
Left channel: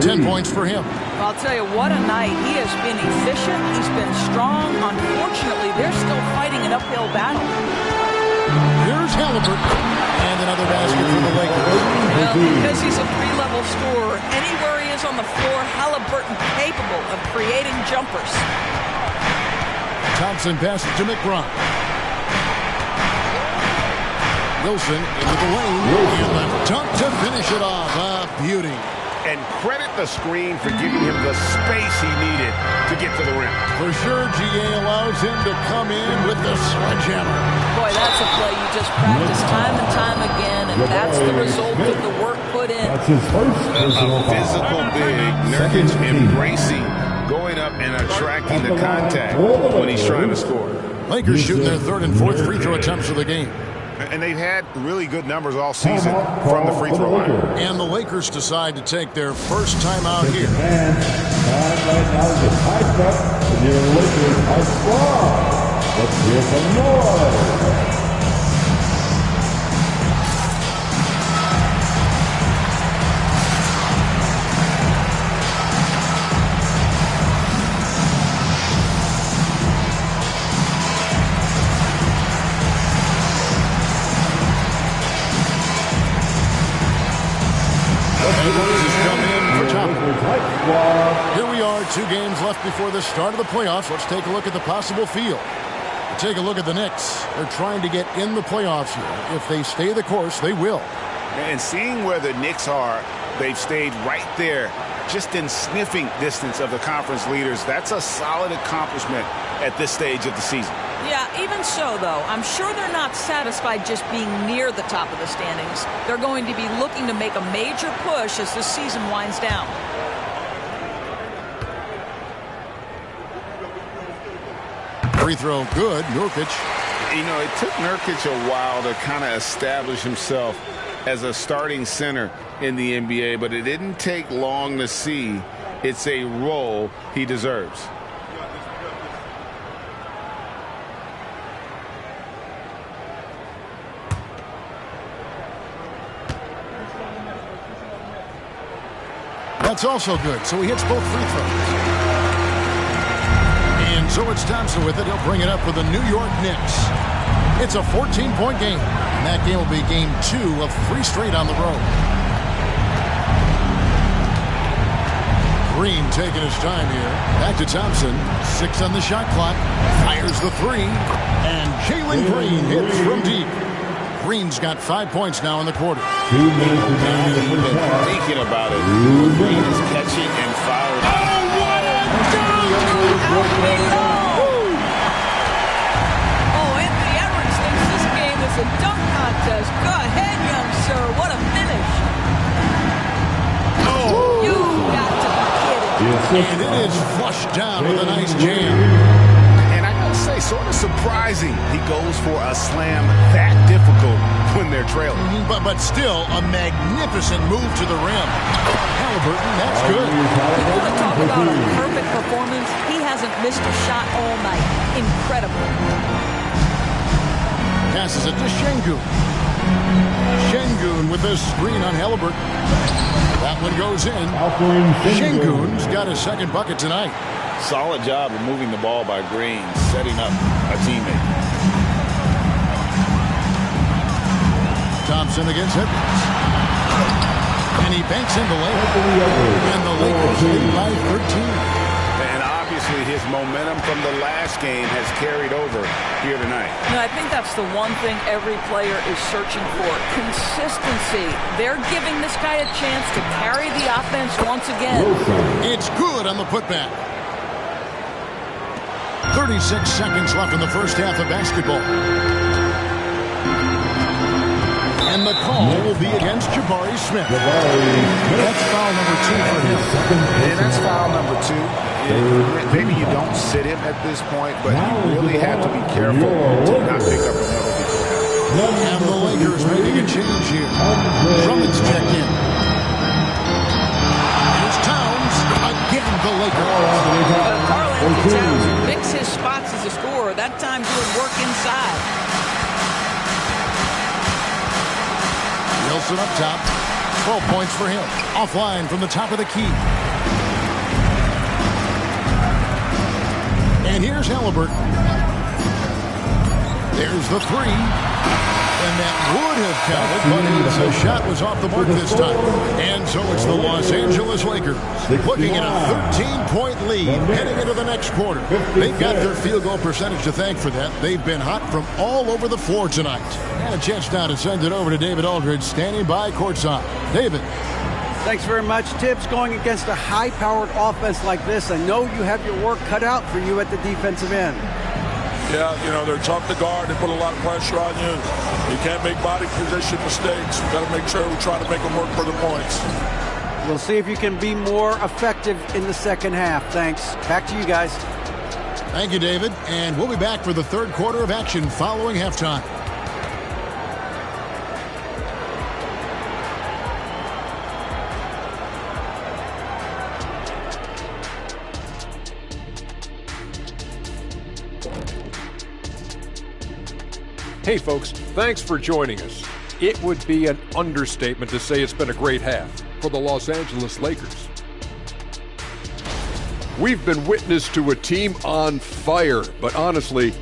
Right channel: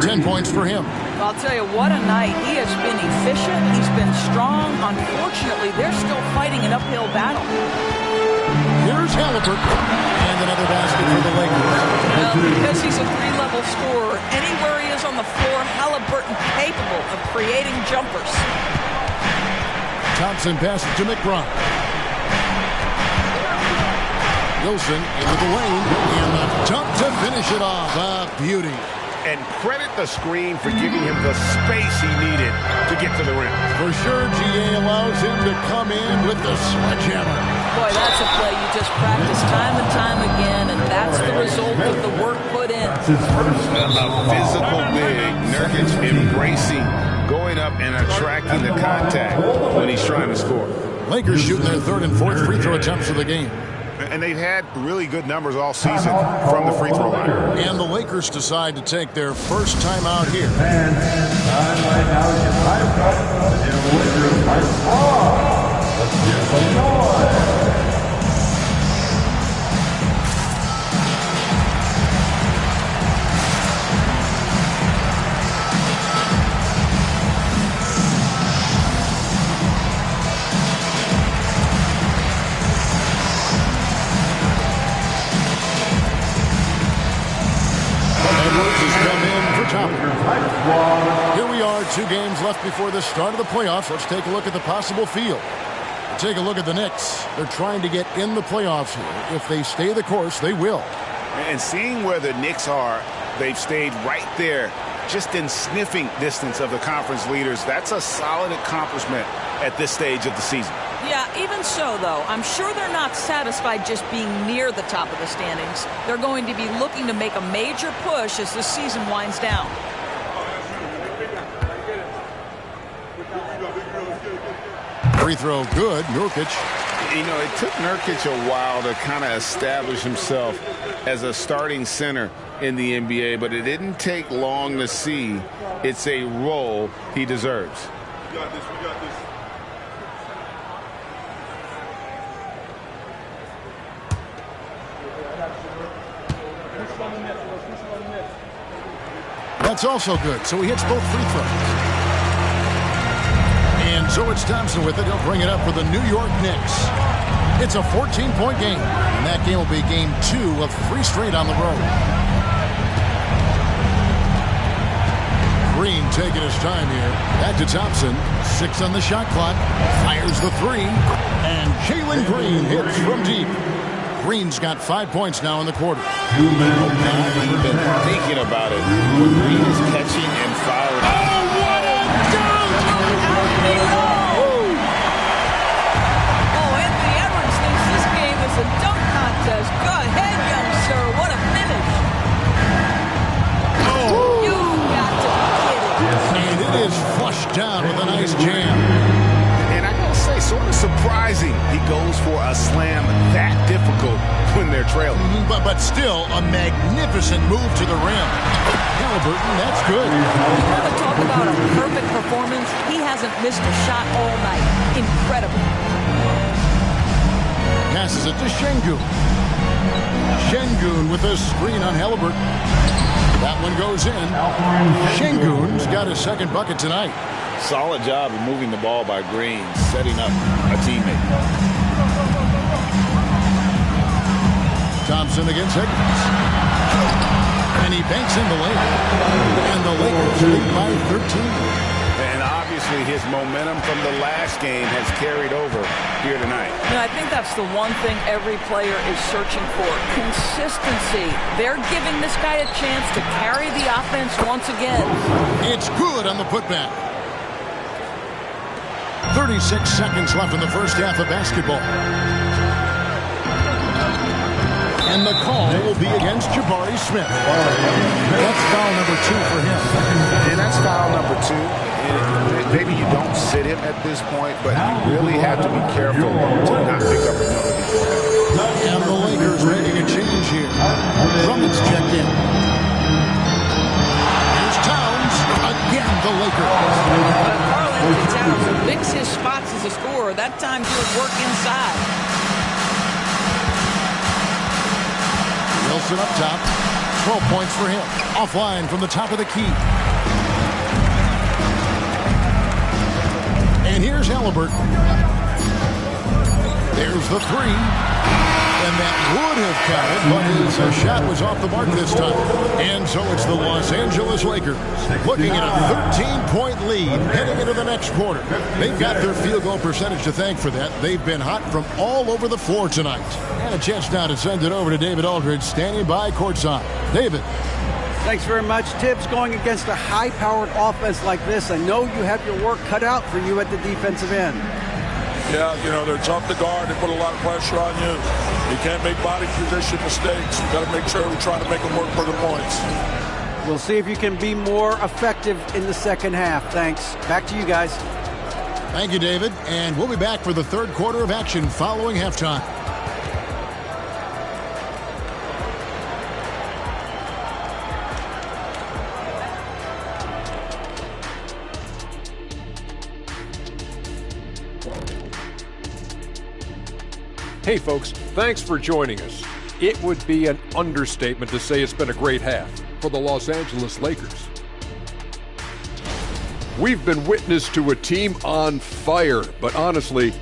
10 points for him. I'll tell you, what a night. He has been efficient. He's been strong. Unfortunately, they're still fighting an uphill battle. Here's Halliburton. And another basket for the Lakers. Well, because he's a 3-level scorer, anywhere he is on the floor, Halliburton capable of creating jumpers. Thompson passes to McBride. Wilson into the lane. And the dunk to finish it off. A beauty. And credit the screen for giving him the space he needed to get to the rim. For sure, GA allows him to come in with the sledgehammer. Boy, that's a play you just practice time and time again, and that's the result of the work put in. That's his first. A physical big. Nurkic embracing, going up and attracting the contact when he's trying to score. Lakers shooting their 3rd and 4th free throw attempts of the game. And they've had really good numbers all season from the free throw line. And the Lakers decide to take their first time out here. And time right now to get hyped up to the Lakers hype squad. Let's hear some noise. Edwards has come in for Toppin. Here we are, 2 games left before the start of the playoffs. Let's take a look at the possible field. We'll take a look at the Knicks. They're trying to get in the playoffs here. If they stay the course, they will. And seeing where the Knicks are, they've stayed right there, just in sniffing distance of the conference leaders. That's a solid accomplishment at this stage of the season. Yeah, even so, though, I'm sure they're not satisfied just being near the top of the standings. They're going to be looking to make a major push as the season winds down. Free throw good. Nurkic. You know, it took Nurkic a while to kind of establish himself as a starting center in the NBA, but it didn't take long to see it's a role he deserves. We got this. That's also good. So he hits both free throws. And so it's Thompson with it. He'll bring it up for the New York Knicks. It's a 14-point game. And that game will be game 2 of 3 straight on the road. Green taking his time here. Back to Thompson. 6 on the shot clock. Fires the 3. And Jalen Green hits from deep. Green's got 5 points now in the quarter. 2 minutes Not even thinking about it. When Green is catching and firing. Oh, what a dunk! Out below! Oh, Anthony Edwards thinks this game is a dunk contest. Go ahead, young sir. What a finish. Oh! You've got to be kidding. And it is flushed down with a nice jam. And I gotta say, sort of surprising he goes for a slam that difficult when they're trailing. But still, a magnificent move to the rim. Halliburton, that's good. You want to talk about a perfect performance? He hasn't missed a shot all night. Incredible. Passes it to Şengün. Şengün with a screen on Halliburton. That one goes in. Şengün's got his second bucket tonight. Solid job of moving the ball by Green, setting up a teammate. Thompson against Edwards. And he banks in the layup. And the Lakers lead by 13. And obviously his momentum from the last game has carried over here tonight. You know, I think that's the one thing every player is searching for. Consistency. They're giving this guy a chance to carry the offense once again. It's good on the putback. 36 seconds left in the first half of basketball. And the call will be against Jabari Smith. That's foul number 2 for him. And that's foul number 2. Maybe you don't sit him at this point, but you really have to be careful to not pick up another beforehand. And the Lakers making a change here. Drummond's checked in. Here's Towns. Again, the Lakers. Karl Anthony Towns will mix his spots as a scorer. That time doing work inside. Wilson up top. 12 points for him. Offline from the top of the key. And here's Halliburton. There's the 3. And that would have counted, but his shot was off the mark this time. And so it's the Los Angeles Lakers looking at a 13-point lead heading into the next quarter. They've got their field goal percentage to thank for that. They've been hot from all over the floor tonight. And a chance now to send it over to David Aldridge, standing by courtside. David. Thanks very much, Tibbs. Going against a high-powered offense like this, I know you have your work cut out for you at the defensive end. Yeah, you know, they're tough to guard. They put a lot of pressure on you. You can't make body position mistakes. You've got to make sure we try to make them work for the points. We'll see if you can be more effective in the second half. Thanks. Back to you guys. Thank you, David. And we'll be back for the third quarter of action following halftime. Hey folks, thanks for joining us. It would be an understatement to say it's been a great half for the Los Angeles Lakers. We've been witness to a team on fire, but honestly,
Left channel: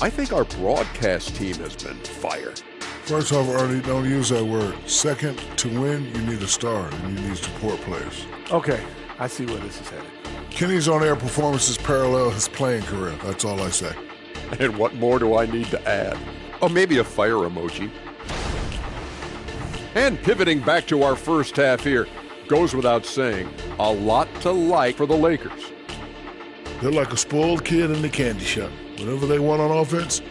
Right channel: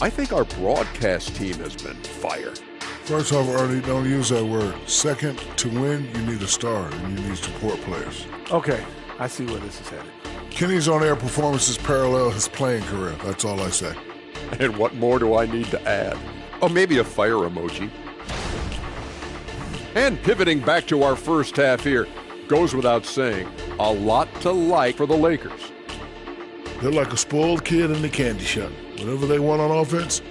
I think our broadcast team has been fire. First off, Ernie, don't use that word. Second, to win, you need a star, and you need support players. Okay, I see where this is headed. Kenny's on-air performances parallel his playing career. That's all I say. And what more do I need to add? Oh, maybe a fire emoji. And pivoting back to our first half here, goes without saying, a lot to like for the Lakers. They're like a spoiled kid in the candy shop. Whatever they want on offense,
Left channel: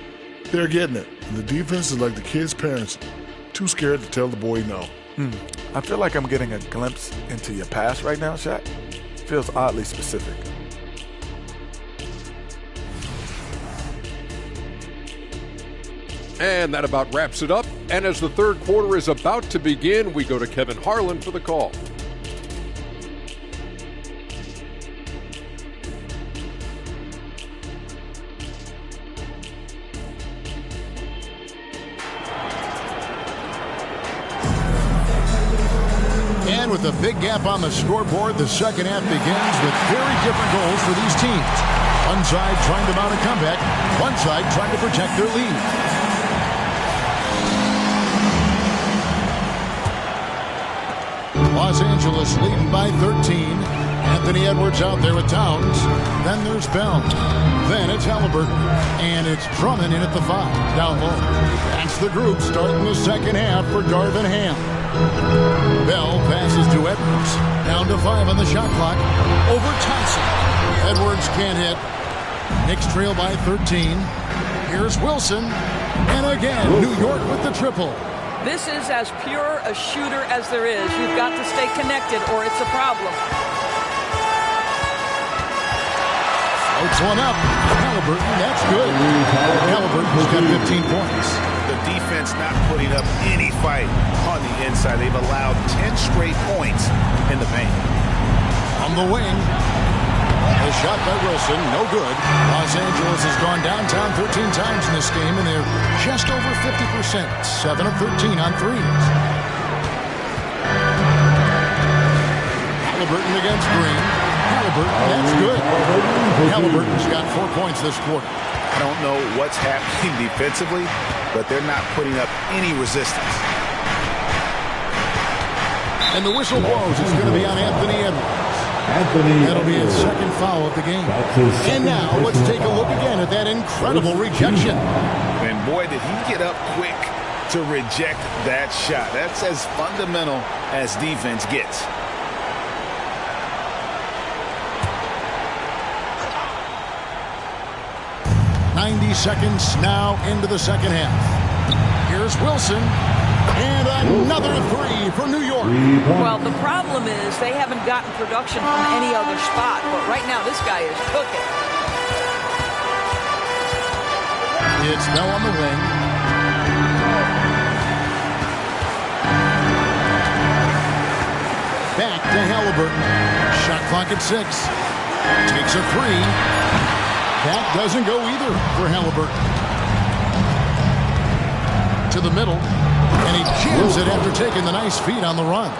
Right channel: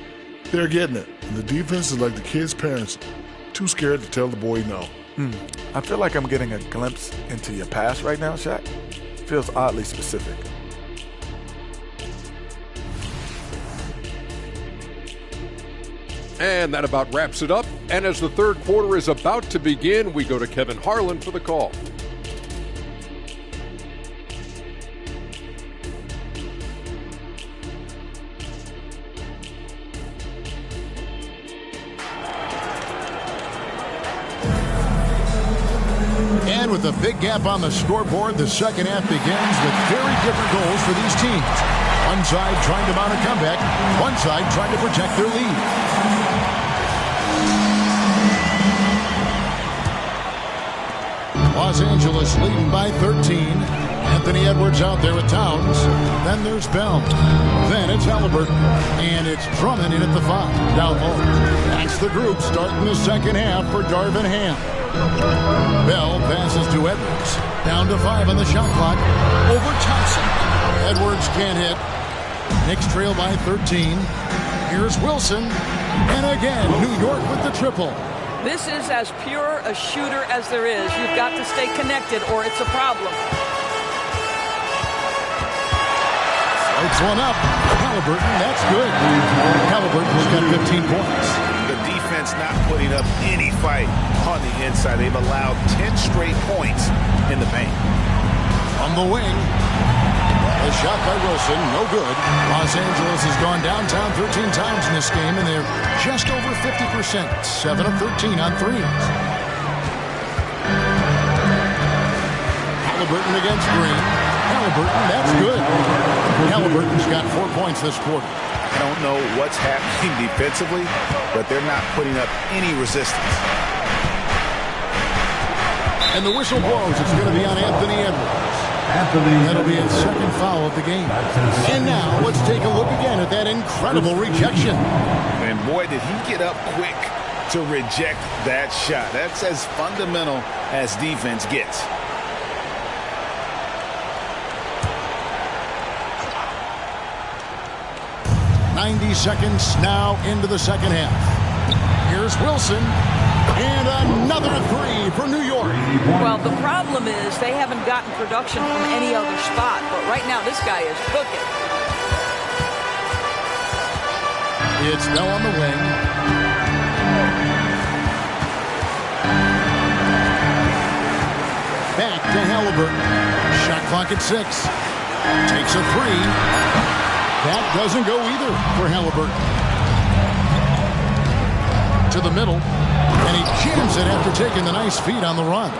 they're getting it. And the defense is like the kid's parents, too scared to tell the boy no. I feel like I'm getting a glimpse into your past right now, Shaq. Feels oddly specific. And that about wraps it up. And as the third quarter is about to begin, we go to Kevin Harlan for the call. And with a big gap on the scoreboard, the second half begins with very different goals for these teams. One side trying to mount a comeback, one side trying to protect their lead. Los Angeles leading by 13. Anthony Edwards out there with Towns. Then there's Bell. Then it's Halliburton. And it's Drummond in at the 5, down low. That's the group starting the second half for Darvin Ham. Bell passes to Edwards. Down to 5 on the shot clock. Over Thompson. Edwards can't hit. Knicks trail by 13. Here's Wilson. And again, New York with the triple. This is as pure a shooter as there is. You've got to stay connected or it's a problem. Floats one up. Halliburton, that's good. Halliburton's got 15 points. The defense not putting up any fight on the inside. They've allowed 10 straight points in the paint. On the wing, a shot by Wilson, no good. Los Angeles has gone downtown 13 times in this game, and they're just over 50%, 7 of 13 on threes. Halliburton against Green. Halliburton, that's good. Halliburton's got 4 points this quarter. I don't know what's happening defensively, but they're not putting up any resistance. And the whistle blows. It's going to be on Anthony Edwards. That'll be his second foul of the game. And now let's take a look again at that incredible rejection. And boy, did he get up quick to reject that shot. That's as fundamental as defense gets. "90 seconds now into the second half. Here's Wilson. And another three for New York. Well, the problem is they haven't gotten production from any other spot. But right now, this guy is cooking. It's Bell on the wing. Back to Halliburton. Shot clock at 6. Takes a 3. That doesn't go either for Halliburton. To the middle. And he jams it after taking the nice feed on the run.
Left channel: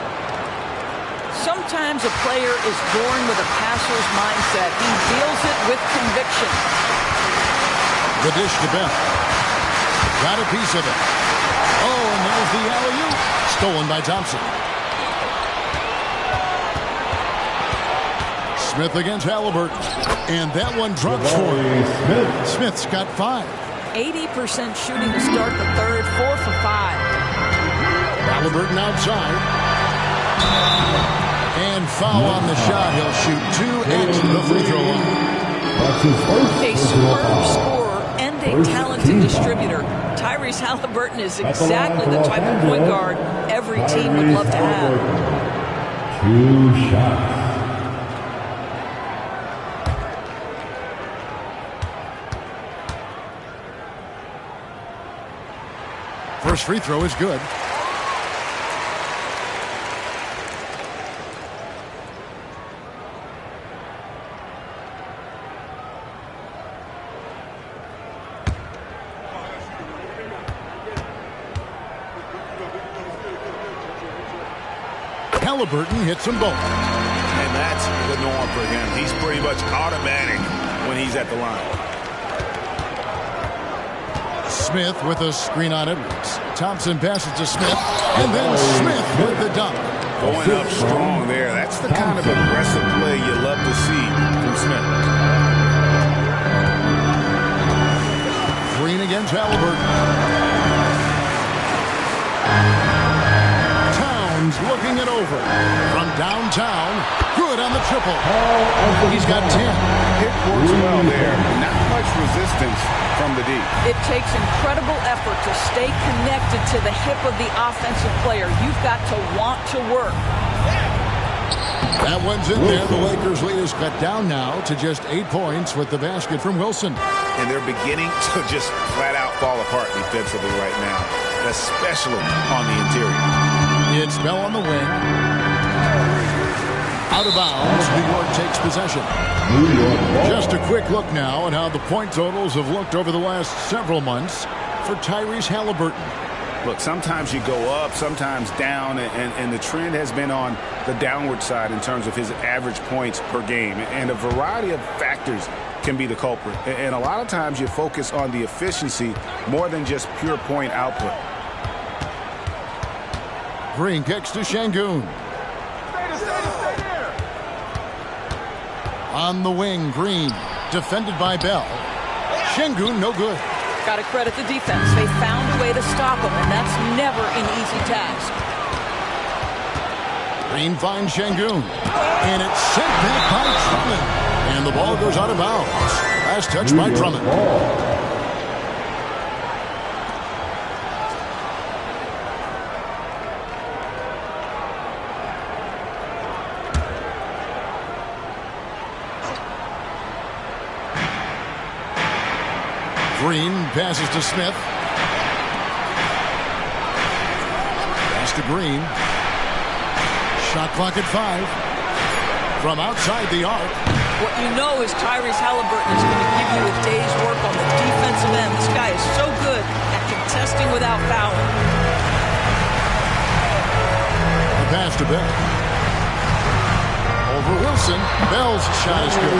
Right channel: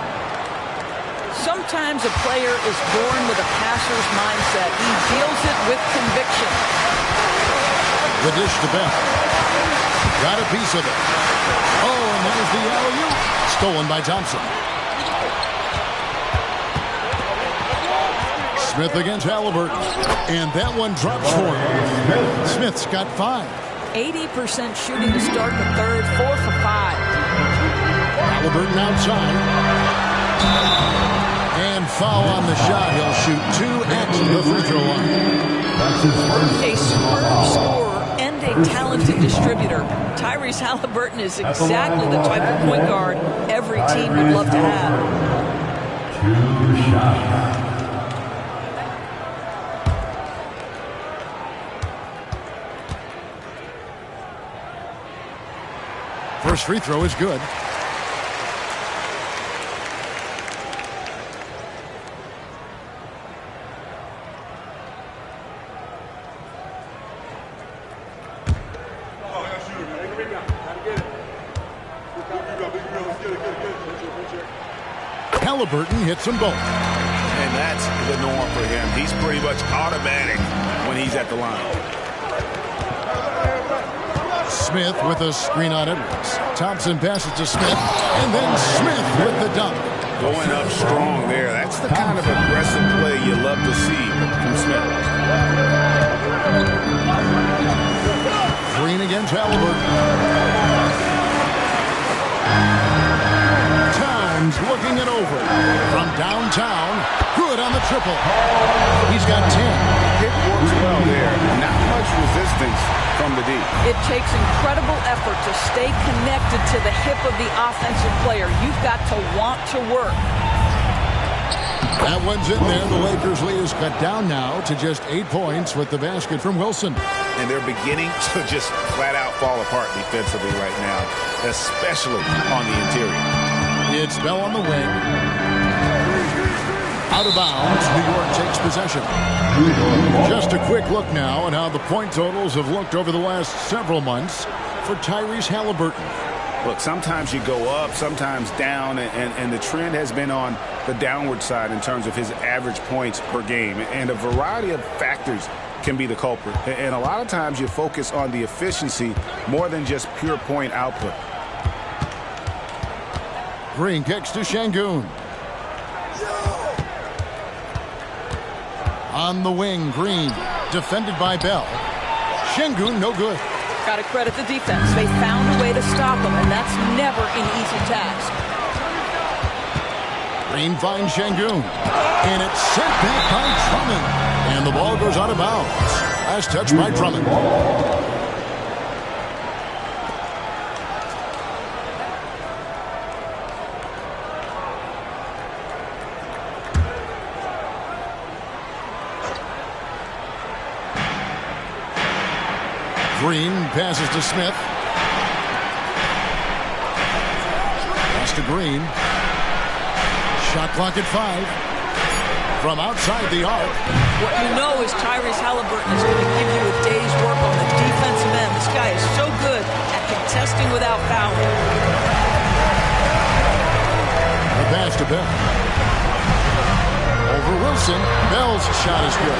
Sometimes a player is born with a passer's mindset. He deals it with conviction. The dish to Bell. Got a piece of it. Oh, and there's the alley-oop. Stolen by Thompson. Smith against Halliburton. And that one drops for him. Smith's got 5. 80% shooting to start the third, 4 for 5. Halliburton outside. And foul on the shot. He'll shoot 2 at the free throw line. That's his first. A superb scorer and a talented distributor. Tyrese Halliburton is exactly the type of point guard every team would love to have. 2 shots. First free throw is good. Halliburton hits them both. And that's the norm for him. He's pretty much automatic when he's at the line. Smith with a screen on Edwards. Thompson passes to Smith, and then Smith with the dunk. Going up strong there. That's the kind of aggressive play you love to see from Smith. Green against Halliburton. Towns looking it over. From downtown, good on the triple. He's got 10. Pick works well there. Not much resistance from the D. It takes incredible effort to stay connected to the hip of the offensive player. You've got to want to work. That one's in there. The Lakers' lead is cut down now to just 8 points with the basket from Wilson. and they're beginning to just flat out fall apart defensively right now, especially on the interior. It's Bell on the wing. Out of bounds, New York takes possession. Just a quick look now at how the point totals have looked over the last several months for Tyrese Halliburton. Look, sometimes you go up, sometimes down, and the trend has been on the downward side in terms of his average points per game. And a variety of factors can be the culprit. And a lot of times you focus on the efficiency more than just pure point output. Green kicks to Şengün. On the wing, Green, defended by Bell. Şengün, no good. Got to credit the defense. They found a way to stop him, and that's never an easy task. Green finds Şengün, and it's sent back by Drummond. And the ball goes out of bounds. Last touch by Drummond. Green passes to Smith. Pass to Green. Shot clock at 5. From outside the arc. What you know is Tyrese Halliburton is going to give you a day's work on the defensive end. This guy is so good at contesting without fouling. The pass to Bell. Over Wilson. Bell's shot is good.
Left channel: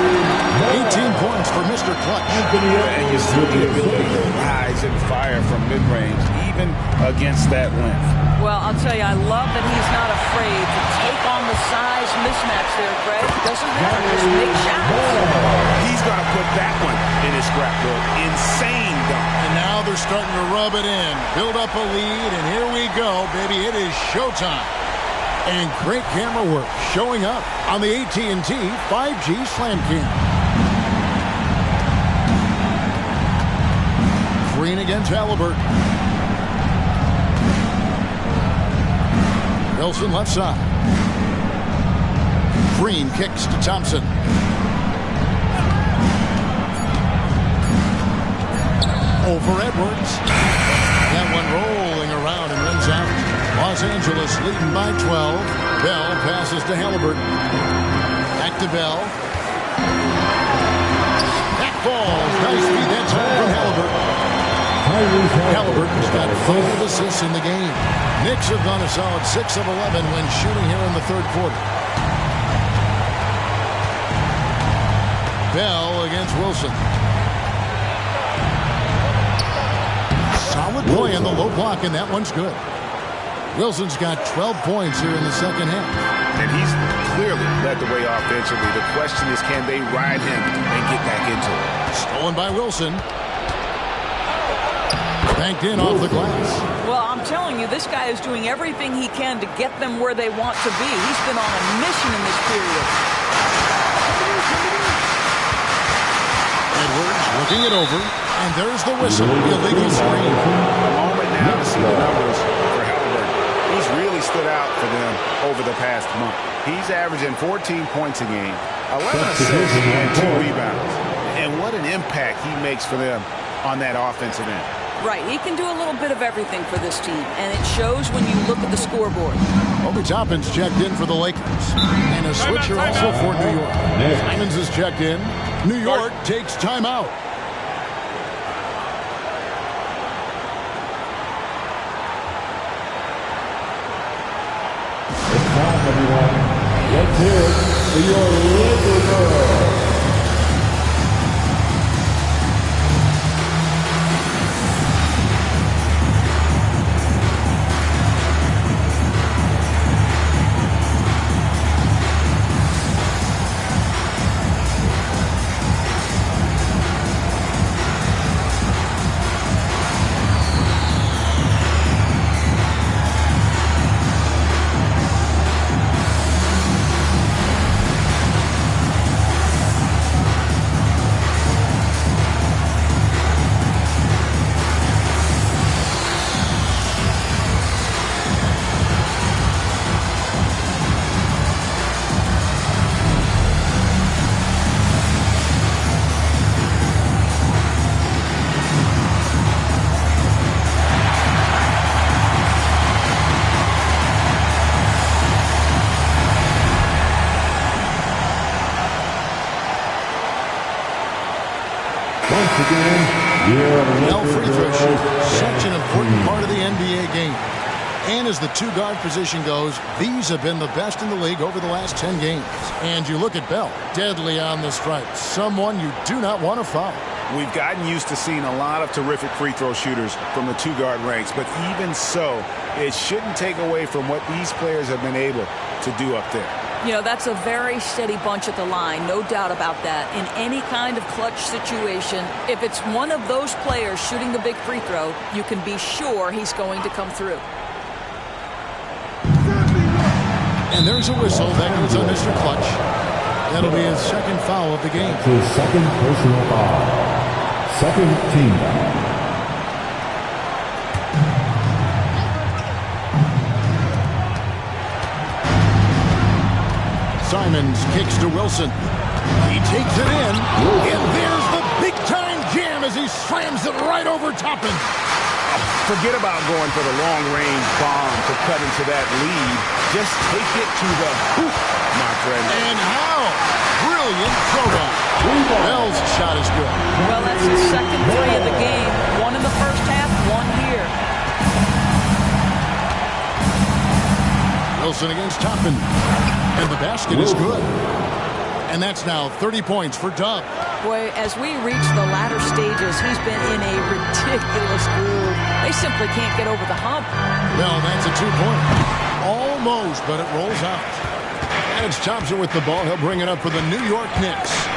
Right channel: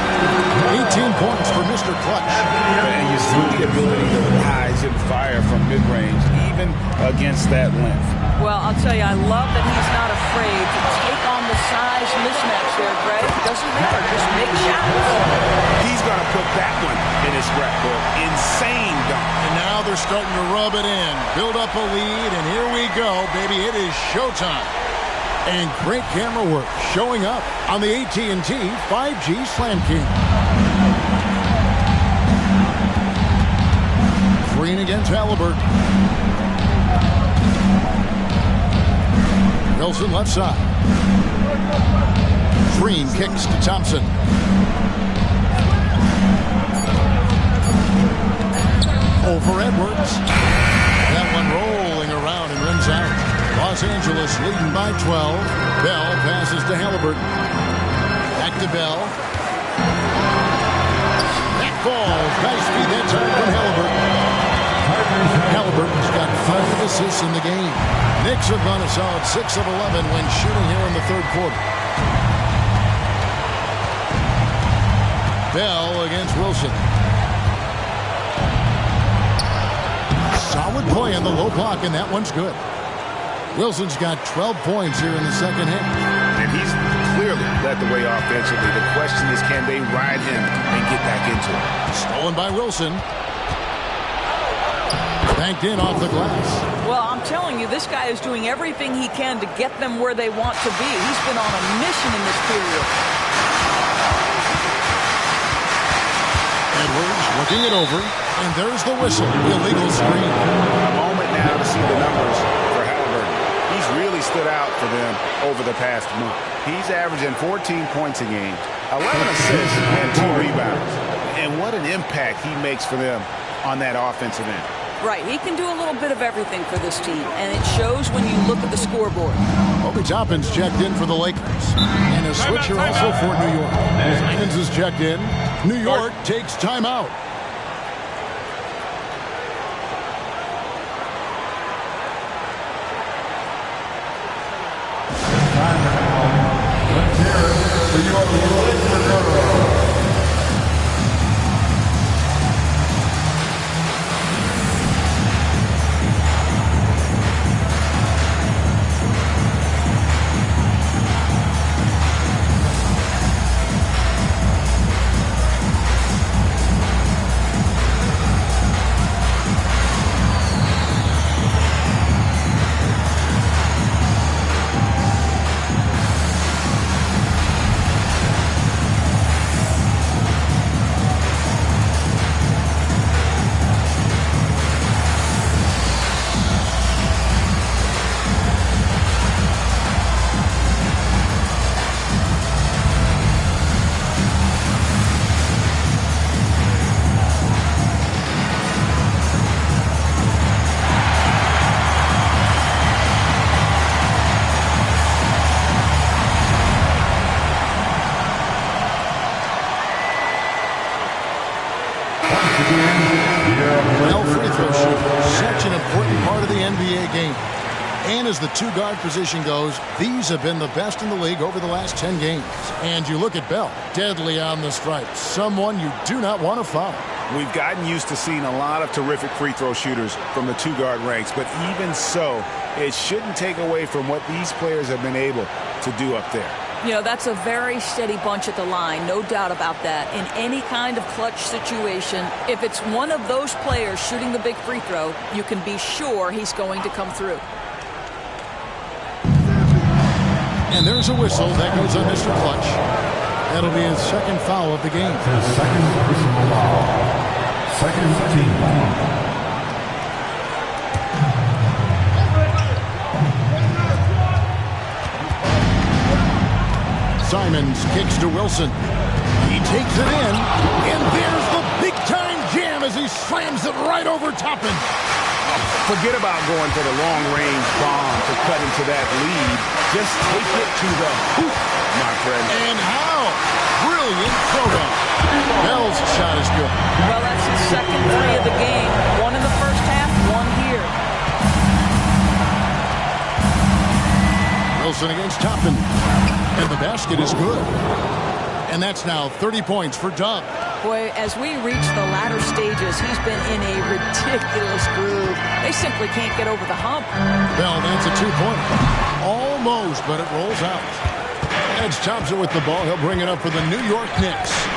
18 points for Mr. Clutch. And you see the ability to rise and fire from mid-range, even against that length. Well, I'll tell you, I love that he's not afraid to take on the size mismatch there, Greg. Doesn't matter. Just make shots. He's going to put that one in his scrapbook. Insane dunk. And now they're starting to rub it in. Build up a lead, and here we go, baby. It is showtime. And great camera work showing up on the AT&T 5G Slam Cam. Green against Halliburton. Wilson left side. Green kicks to Thompson. Over Edwards. That one rolling around and runs out. Los Angeles leading by 12. Bell passes to Halliburton. Back to Bell. That falls. Nice feed that time from Halliburton. Halliburton's got 5 assists in the game. Knicks have gone a solid 6 of 11 when shooting here in the third quarter. Bell against Wilson. Solid play on the low block, and that one's good. Wilson's got 12 points here in the second half. And he's clearly led the way offensively. The question is, can they ride him and get back into it? Stolen by Wilson. Banked in off the glass. Well, I'm telling you, this guy is doing everything he can to get them where they want to be. He's been on a mission in this period. Edwards looking it over, and there's the whistle, the illegal screen. A moment now to see the numbers for Halliburton. He's really stood out for them over the past month. He's averaging 14 points a game, 11 assists, and 2 rebounds. And what an impact he makes for them on that offensive end. Right, he can do a little bit of everything for this team, and it shows when you look at the scoreboard. Obi Toppin's checked in for the Lakers, and a switcher also for New York. Simons is checked in. New York takes timeout. It's time, everyone. Let's hear it for your Liquid Girl. Well, free throw shoot, such an important part of the NBA game. And as the two-guard position goes, these have been the best in the league over the last 10 games. And you look at Bell, deadly on the stripe, someone you do not want to foul. We've gotten used to seeing a lot of terrific free throw shooters from the two-guard ranks, but even so, it shouldn't take away from what these players have been able to do up there. You know, that's a very steady bunch at the line, no doubt about that. In any kind of clutch situation, if it's one of those players shooting the big free throw, you can be sure he's going to come through. And there's a whistle that goes on Mr. Clutch. That'll be his second foul of the game. His second personal foul. Second team foul. Simons kicks to Wilson. He takes it in, and there's the big-time jam as he slams it right over Toppin. Forget about going for the long-range bomb to cut into that lead. Just take it to the hoop, my friend. And how? Brilliant throwdown. Bell's shot is good. Well, that's his second three of the game. One in the first half, one here. Wilson against Toppin. And the basket is good. And that's now 30 points for Dub. Boy, as we reach the latter stages, he's been in a ridiculous groove. They simply can't get over the hump. Bell, that's a two-pointer. Almost, but it rolls out. And it's Thompson with the ball. He'll bring it up for the New York Knicks.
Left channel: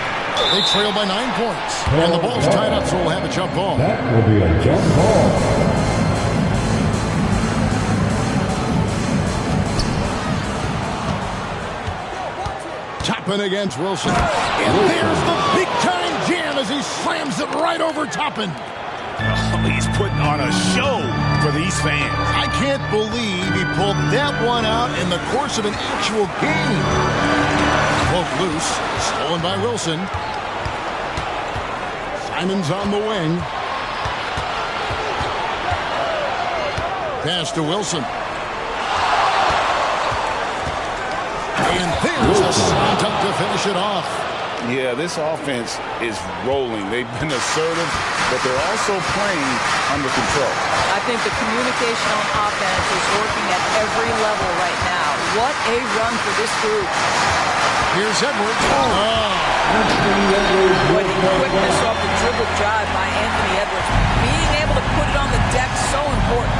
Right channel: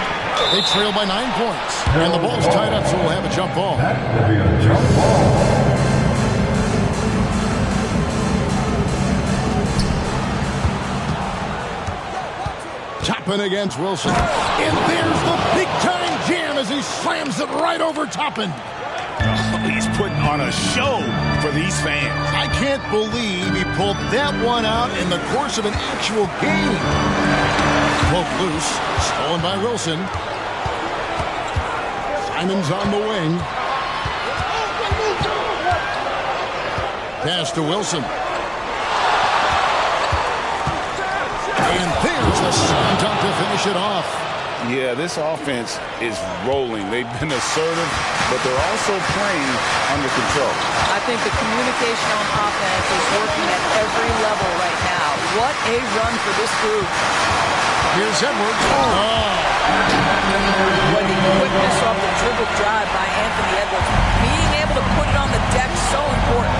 They trail by 9 points. And the ball's tied up, so we'll have a jump ball. That will be a jump ball. Toppin against Wilson. And there's the big-time jam as he slams it right over Toppin. Oh, he's putting on a show for these fans. I can't believe he pulled that one out in the course of an actual game. Poke loose. Stolen by Wilson. Simons on the wing. Pass to Wilson. And there's the slam dunk to finish it off. Yeah, this offense is rolling. They've been assertive, but they're also playing under control. I think the communication on offense is working at every level right now. What a run for this group. Here's Edwards. Boy, the quickness off the dribble drive by Anthony Edwards. Being able to put it on the deck, so important.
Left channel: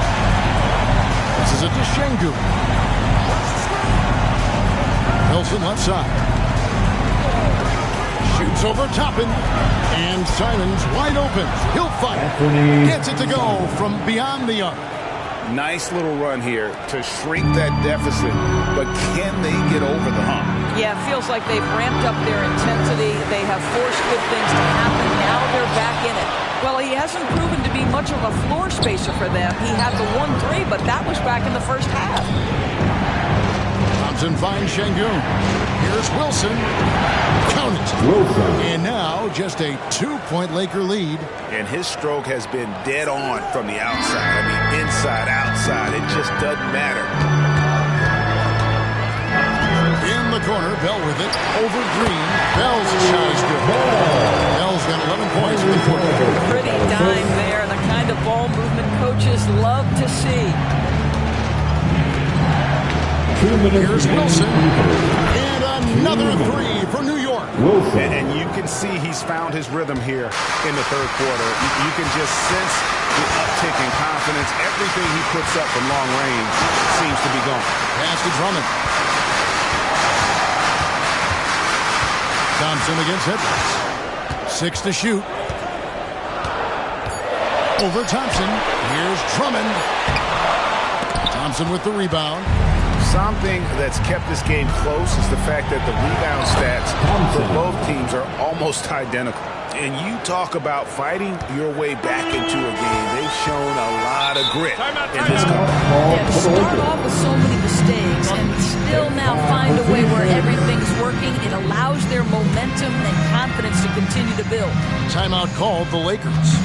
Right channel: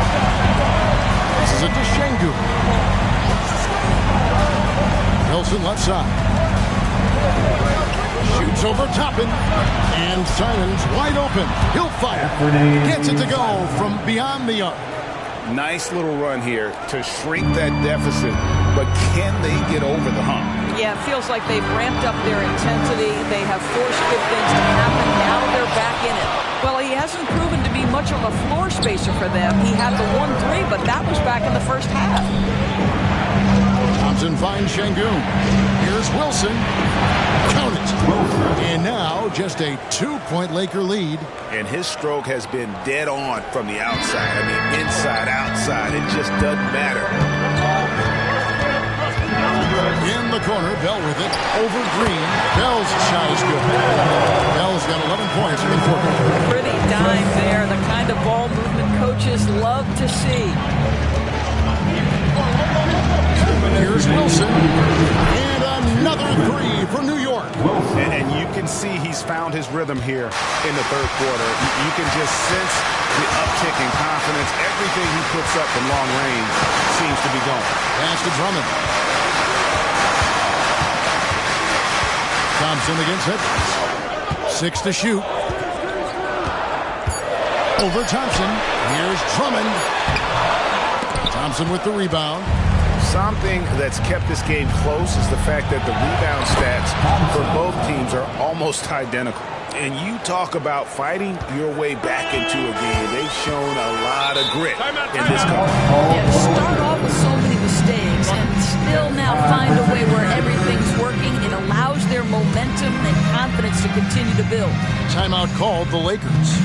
This is a to Şengün. Wilson left side. Shoots over Toppin. And Simons wide open. He'll fire. Gets it to go from beyond the arc. Nice little run here to shrink that deficit, but can they get over the hump? Yeah, it feels like they've ramped up their intensity. They have forced good things to happen. Now they're back in it. Well, he hasn't proven to be much of a floor spacer for them. He had the 1-3, but that was back in the first half. Thompson finds Şengün. Here's Wilson. Count it. Wilson. And now just a 2-point Laker lead. And his stroke has been dead on from the outside. I mean, inside, outside. It just doesn't matter. In the corner, Bell with it. Over Green. Bell's shot is good. Bell's got 11 points in the quarter. Pretty dime there. The kind of ball movement coaches love to see. Here's Wilson. And another three for New York. Wilson. And you can see he's found his rhythm here in the third quarter. You can just sense the uptick in confidence. Everything he puts up from long range seems to be going. Pass to Drummond. Thompson against Edwards. 6 to shoot. Over Thompson. Here's Drummond. Thompson with the rebound. Something that's kept this game close is the fact that the rebound stats for both teams are almost identical. And you talk about fighting your way back into a game. They've shown a lot of grit in this company. Yeah, to start off with so many mistakes and still now find a way where everything's working, it allows their momentum and confidence to continue to build. Timeout called the Lakers.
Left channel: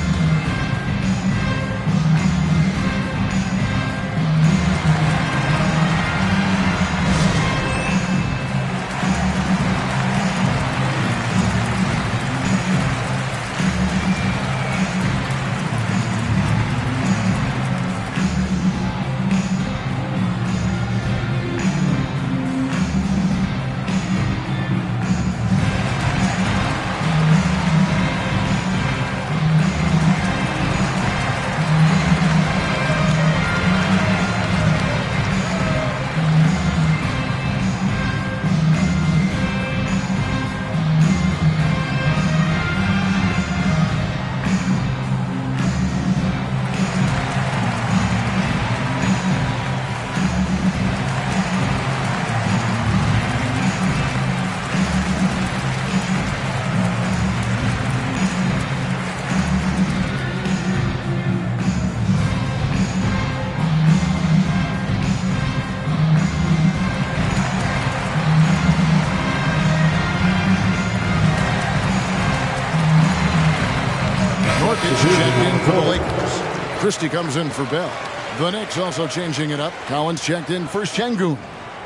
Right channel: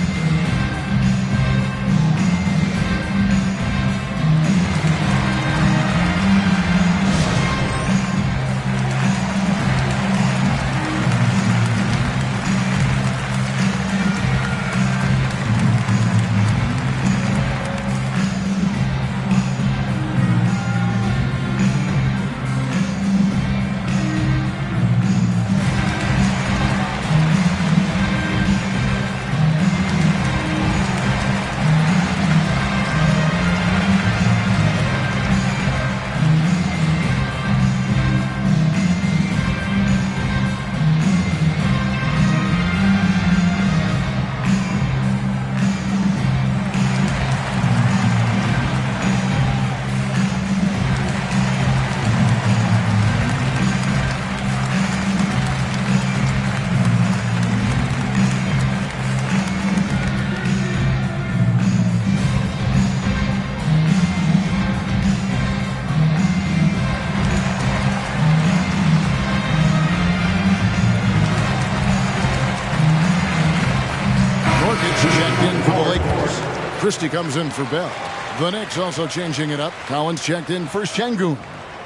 Christie comes in for Bell. The Knicks also changing it up. Collins checked in for Şengün.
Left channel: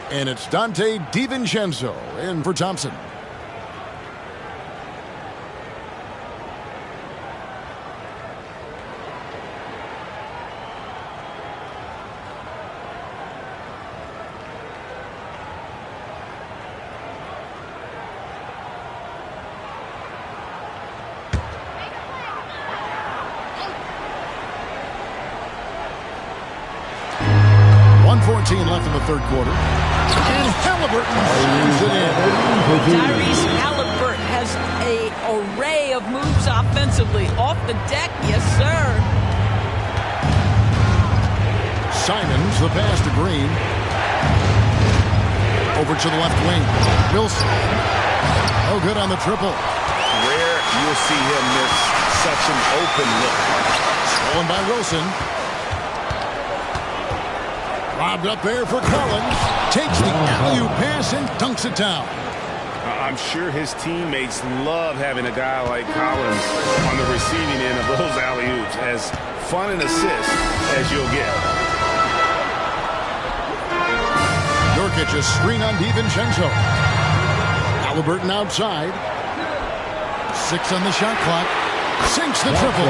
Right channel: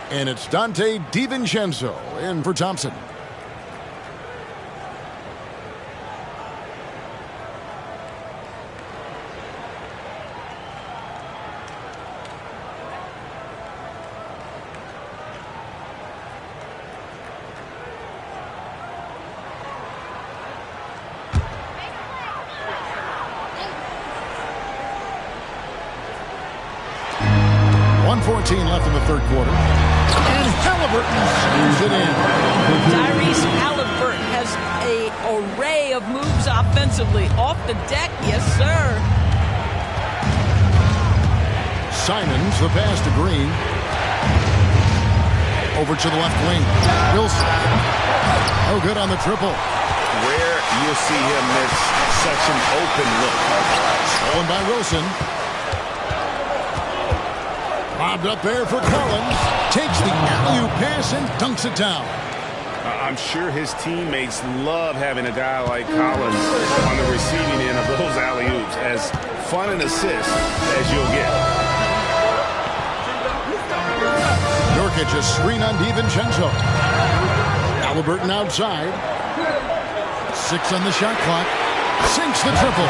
And it's Dante DiVincenzo in for Thompson. Left in the third quarter. And Halliburton slams it in. Tyrese Halliburton has an array of moves offensively. Off the deck, yes, sir. Simons, the pass to Green. Over to the left wing. Wilson. Oh, good on the triple. Rare you'll see him miss such an open look. Stolen by Wilson. Lobbed up there for Collins. Takes the alley-oop pass and dunks it down. I'm sure his teammates love having a guy like Collins on the receiving end of those alley-oops. As fun an assist as you'll get. Nurkic a screen on DiVincenzo. Halliburton outside. 6 on the shot clock. Sinks the triple.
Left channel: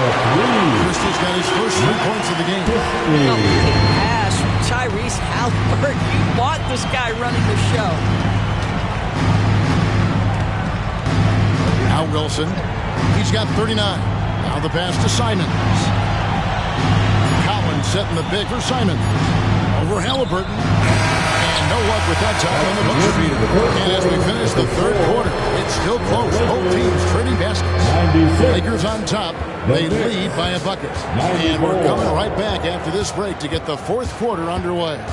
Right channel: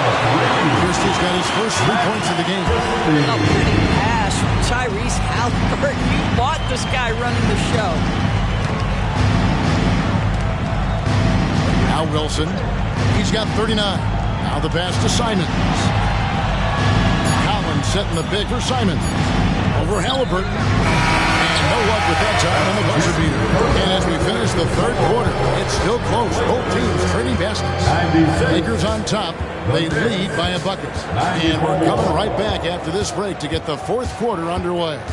Christie's got his first 3 points of the game. A pretty pass from Tyrese Halliburton. You want this guy running the show. Now Wilson. He's got 39. Now the pass to Simons. Collins setting the big for Simons. Over Halliburton. And no luck with that time on the buzzer beater. And as we finish the third quarter, it's still close. Both teams trading baskets. Lakers on top. They lead by a bucket. And we're coming right back after this break to get the fourth quarter underway.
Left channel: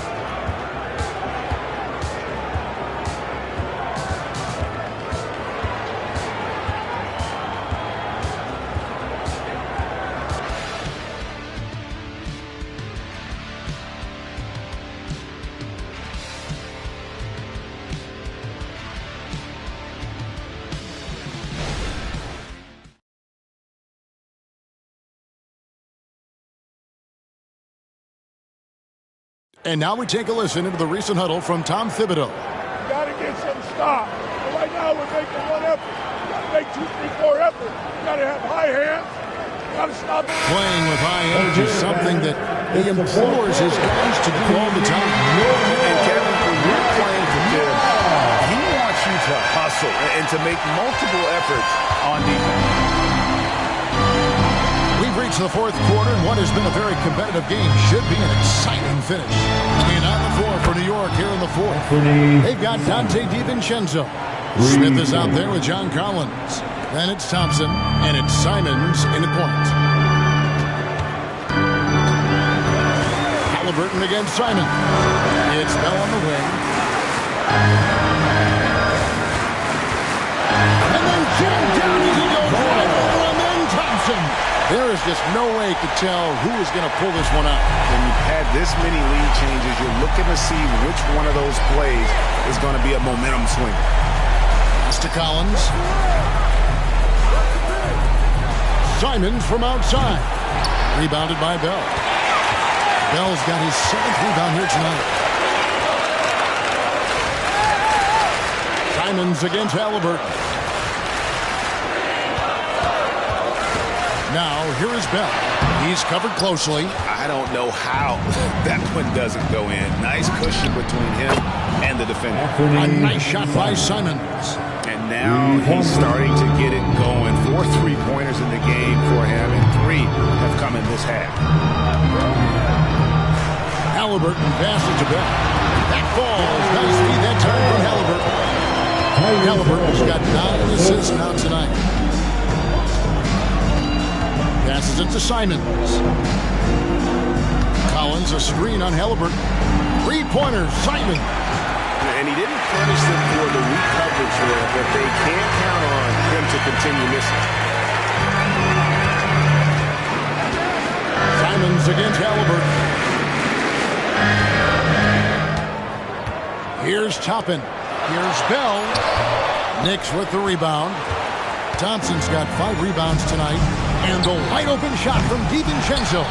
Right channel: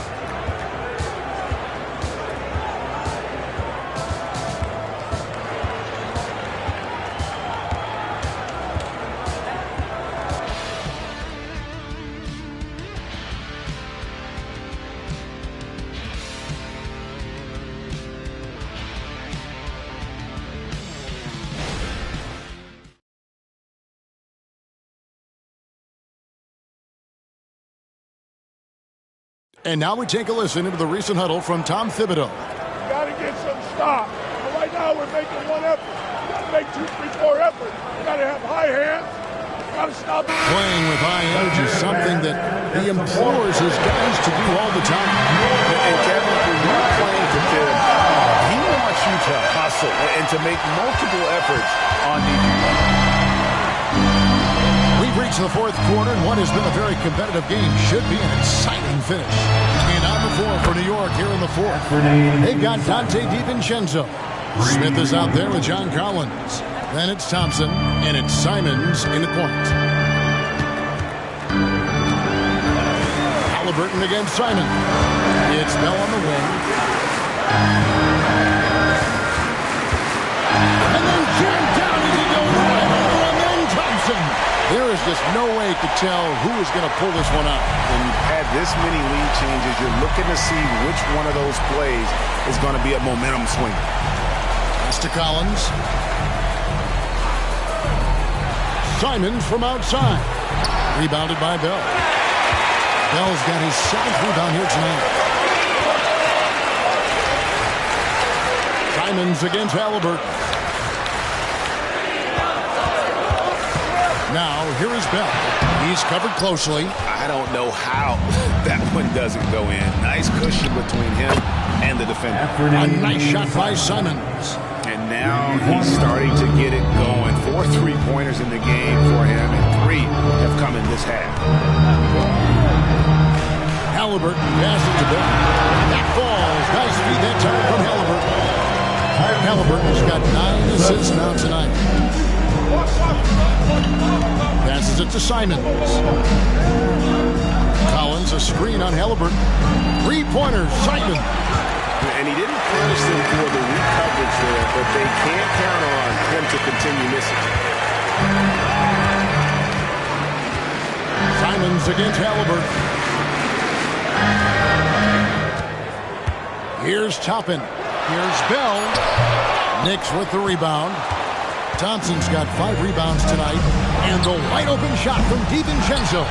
And now we take a listen into the recent huddle from Tom Thibodeau. You got to get some stops. But right now we're making one effort. You got to make 2, 3, 4 efforts. You got to have high hands. You got to stop. Playing with high energy is something that he implores his guys to do all the time. And Kevin, when you're playing for Thibs, he wants you to hustle and to make multiple efforts on defense. We've reached the fourth quarter, and what has been a very competitive game should be an exciting finish. And on the floor for New York here in the fourth, they've got Dante DiVincenzo. Smith is out there with John Collins. Then it's Thompson, and it's Simons in the point. Halliburton against Simons. It's Bell on the wing. And then jammed down as he goes right over him, and Thompson. There is just no way to tell who is going to pull this one out. When you've had this many lead changes, you're looking to see which one of those plays is going to be a momentum swinger. Pass to Collins. Simons from outside. Rebounded by Bell. Bell's got his 7th rebound here tonight. Simons against Halliburton. Now, here is Bell. He's covered closely. I don't know how that one doesn't go in. Nice cushion between him and the defender. A nice shot by Simons. And now he's starting to get it going. 4 3-pointers in the game for him, and 3 have come in this half. Halliburton passes to Bell. That falls. Nice feed that time from Halliburton. Halliburton's got 9 assists now tonight. Passes it to Simons. Collins, a screen on Halliburton. 3-pointer, Simons. And he didn't punish them for the weak coverage there, but they can't count on him to continue missing. Simons against Halliburton. Here's Toppin. Here's Bell. Knicks with the rebound. Thompson's got 5 rebounds tonight. And the wide open shot from DiVincenzo.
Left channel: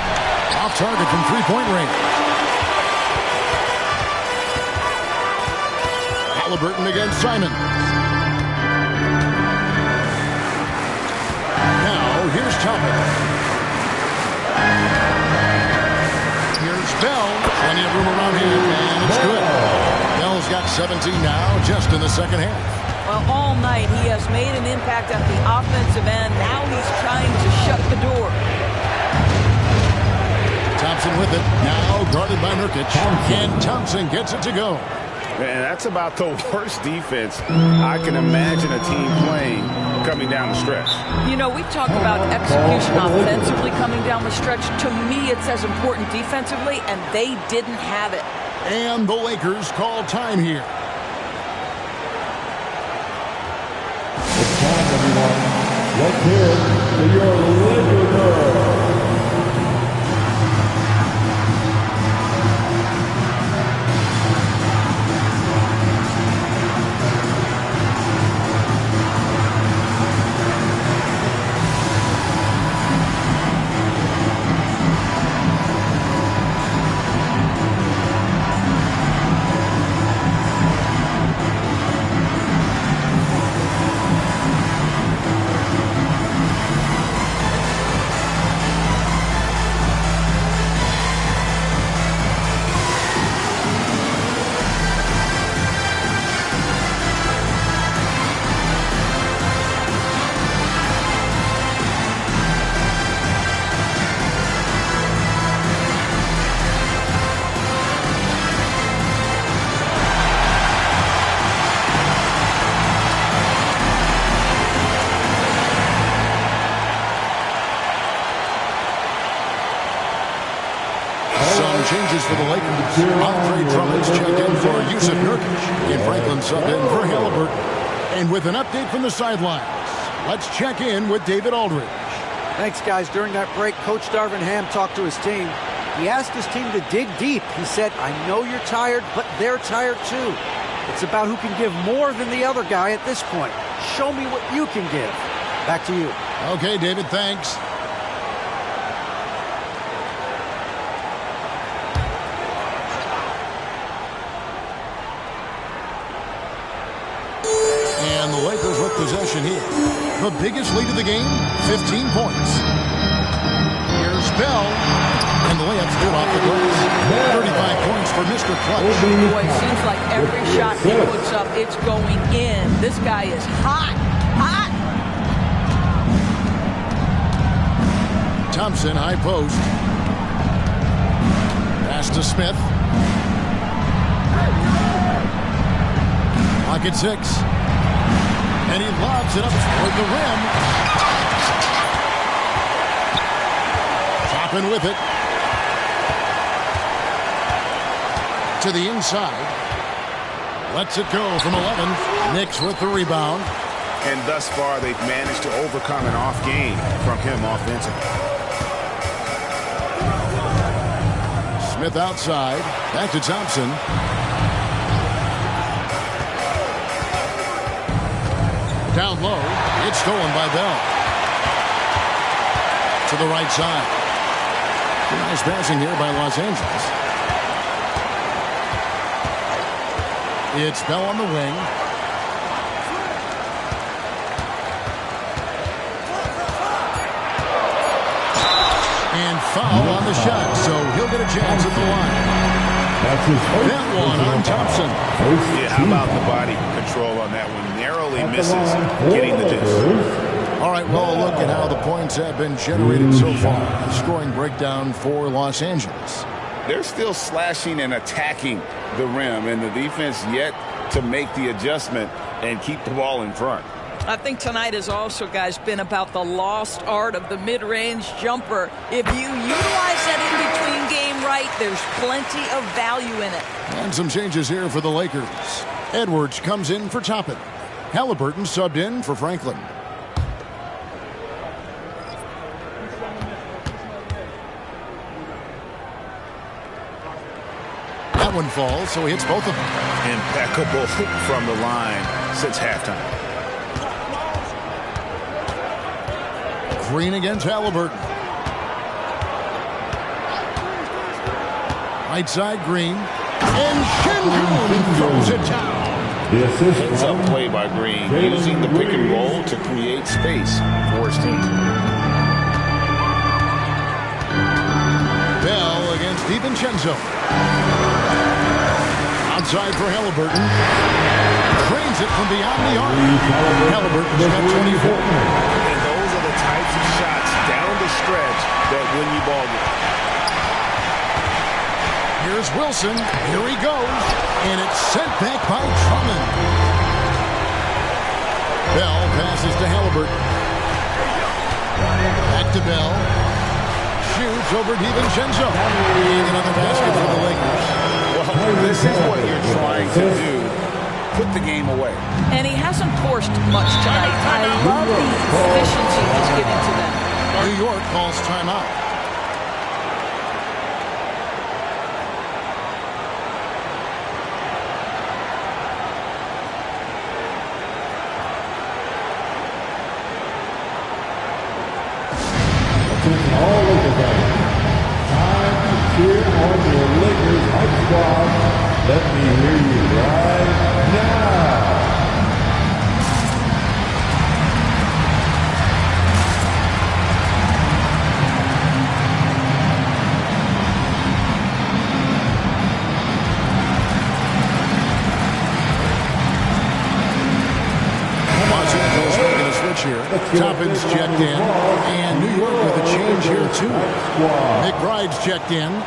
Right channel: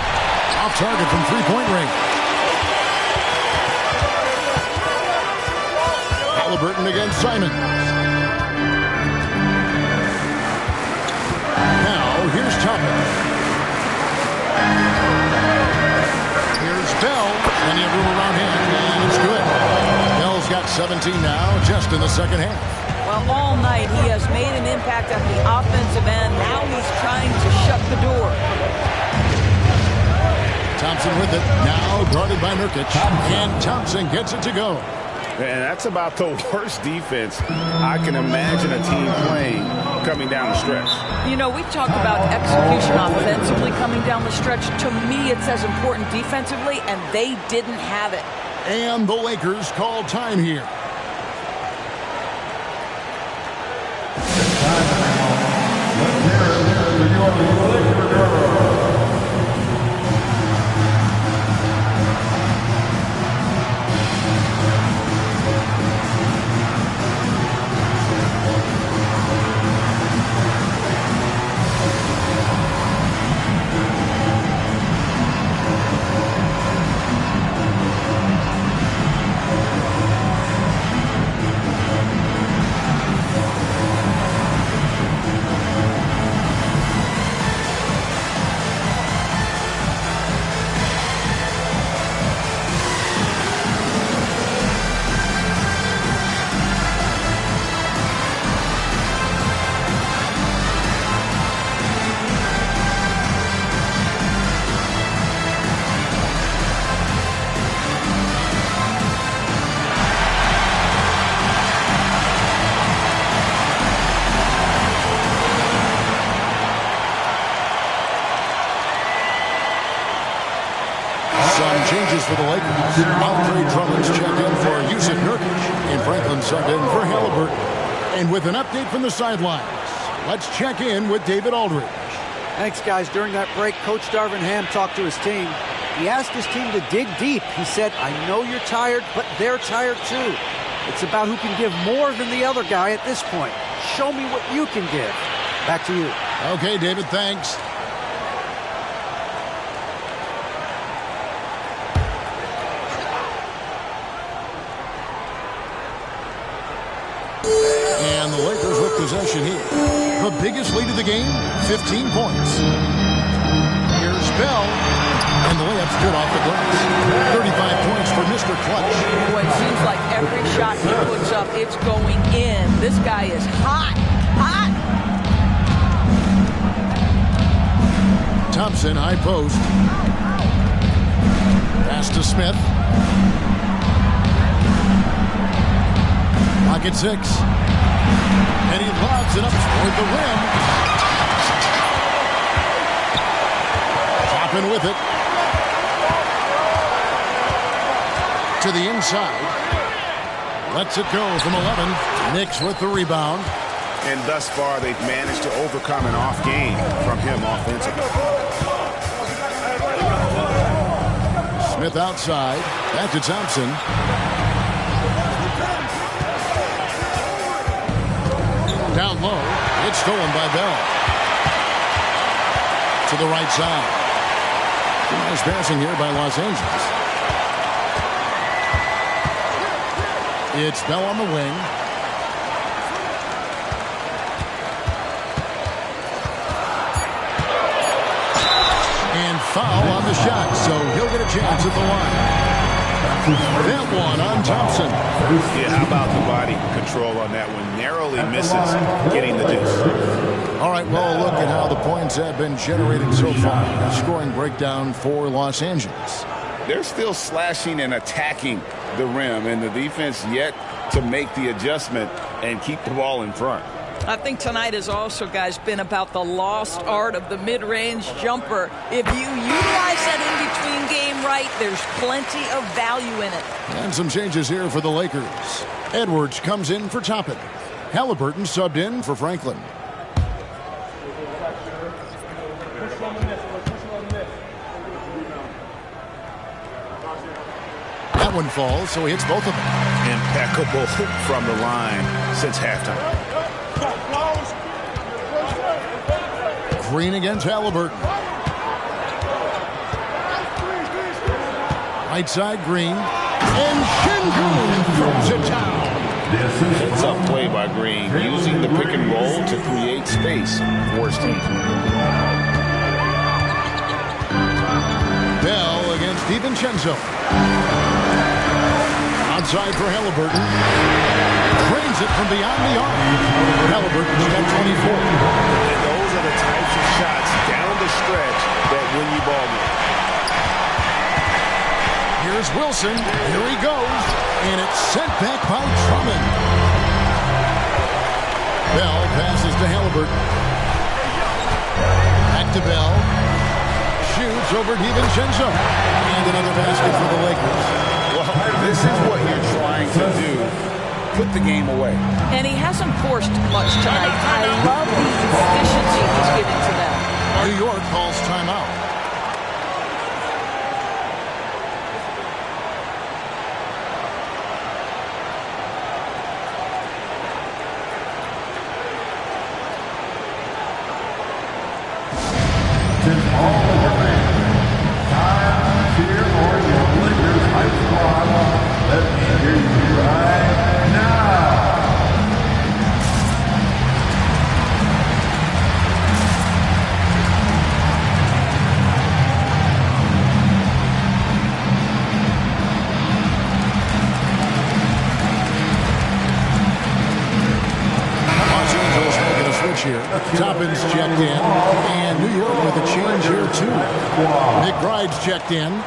Off target from three-point range. Halliburton against Simons. Now, here's Toppin. Here's Bell. Plenty of room around him, and it's good. Bell's got 17 now, just in the second half. Well, all night he has made an impact at the offensive end. Now he's trying to shut the door. Thompson with it. Now guarded by Nurkic. And Thompson gets it to go. And that's about the worst defense I can imagine a team playing coming down the stretch. You know, we talk about execution offensively coming down the stretch. To me, it's as important defensively, and they didn't have it. And the Lakers call time here. It's time, everyone. Let's hear it for your Laker girl. Changes for the Lakers. Andre Drummond's checked in for Yusuf Nurkic. And Franklin subbed in for Halliburton. And with an update from the sidelines, let's check in with David Aldridge. Thanks, guys. During that break, Coach Darvin Ham talked to his team. He asked his team to dig deep. He said, I know you're tired, but they're tired too. It's about who can give more than the other guy at this point. Show me what you can give. Back to you. Okay, David, thanks. And the Lakers with possession here. The biggest lead of the game, 15 points. Here's Bell. And the layup's good off the glass. 35 points for Mr. Clutch. Boy, it seems like every shot he puts up, it's going in. This guy is hot. Hot. Thompson, high post. Pass to Smith. Clock at 6. And he lobs it up toward the rim. Toppin with it. To the inside. Lets it go from 11. Knicks with the rebound. And thus far, they've managed to overcome an off game from him offensively. Smith outside. Back to Thompson. Down low. It's stolen by Bell. To the right side. Some nice passing here by Los Angeles. It's Bell on the wing. And foul on the shot, so he'll get a chance at the line. That one on Thompson. Yeah, how about the body control on that one? Narrowly misses getting the deuce. All right, well, look at how the points have been generated so far. A scoring breakdown for Los Angeles. They're still slashing and attacking the rim, and the defense yet to make the adjustment and keep the ball in front. I think tonight has also, guys, been about the lost art of the mid-range jumper. If you utilize that in-between game right, there's plenty of value in it. And some changes here for the Lakers. Edwards comes in for Toppin. Halliburton subbed in for Franklin. That one falls, so he hits both of them. Impeccable from the line since halftime. Green against Halliburton. Right side, Green. And Şengün throws it down. Heads-up play by Green, using the pick and roll to create space for his team. Bell against DiVincenzo. Outside for Halliburton. Drains it from beyond the arc. Halliburton's got 24. And those are the types of shots down the stretch that win you ball games. Here's Wilson. Here he goes. And it's sent back by Drummond. Bell passes to Halliburton. Back to Bell. Shoots over DiVincenzo. And another basket for the Lakers. Well, this is what you're trying to do. Put the game away. And he hasn't forced much tonight. I love the efficiency he's giving to them. New York calls timeout. All Laker fans, time to cheer on your Lakers hype squad. Let me hear you right now. Los Angeles making a switch here. Toppin's checked in. And New York with a change here, too. McBride's checked in.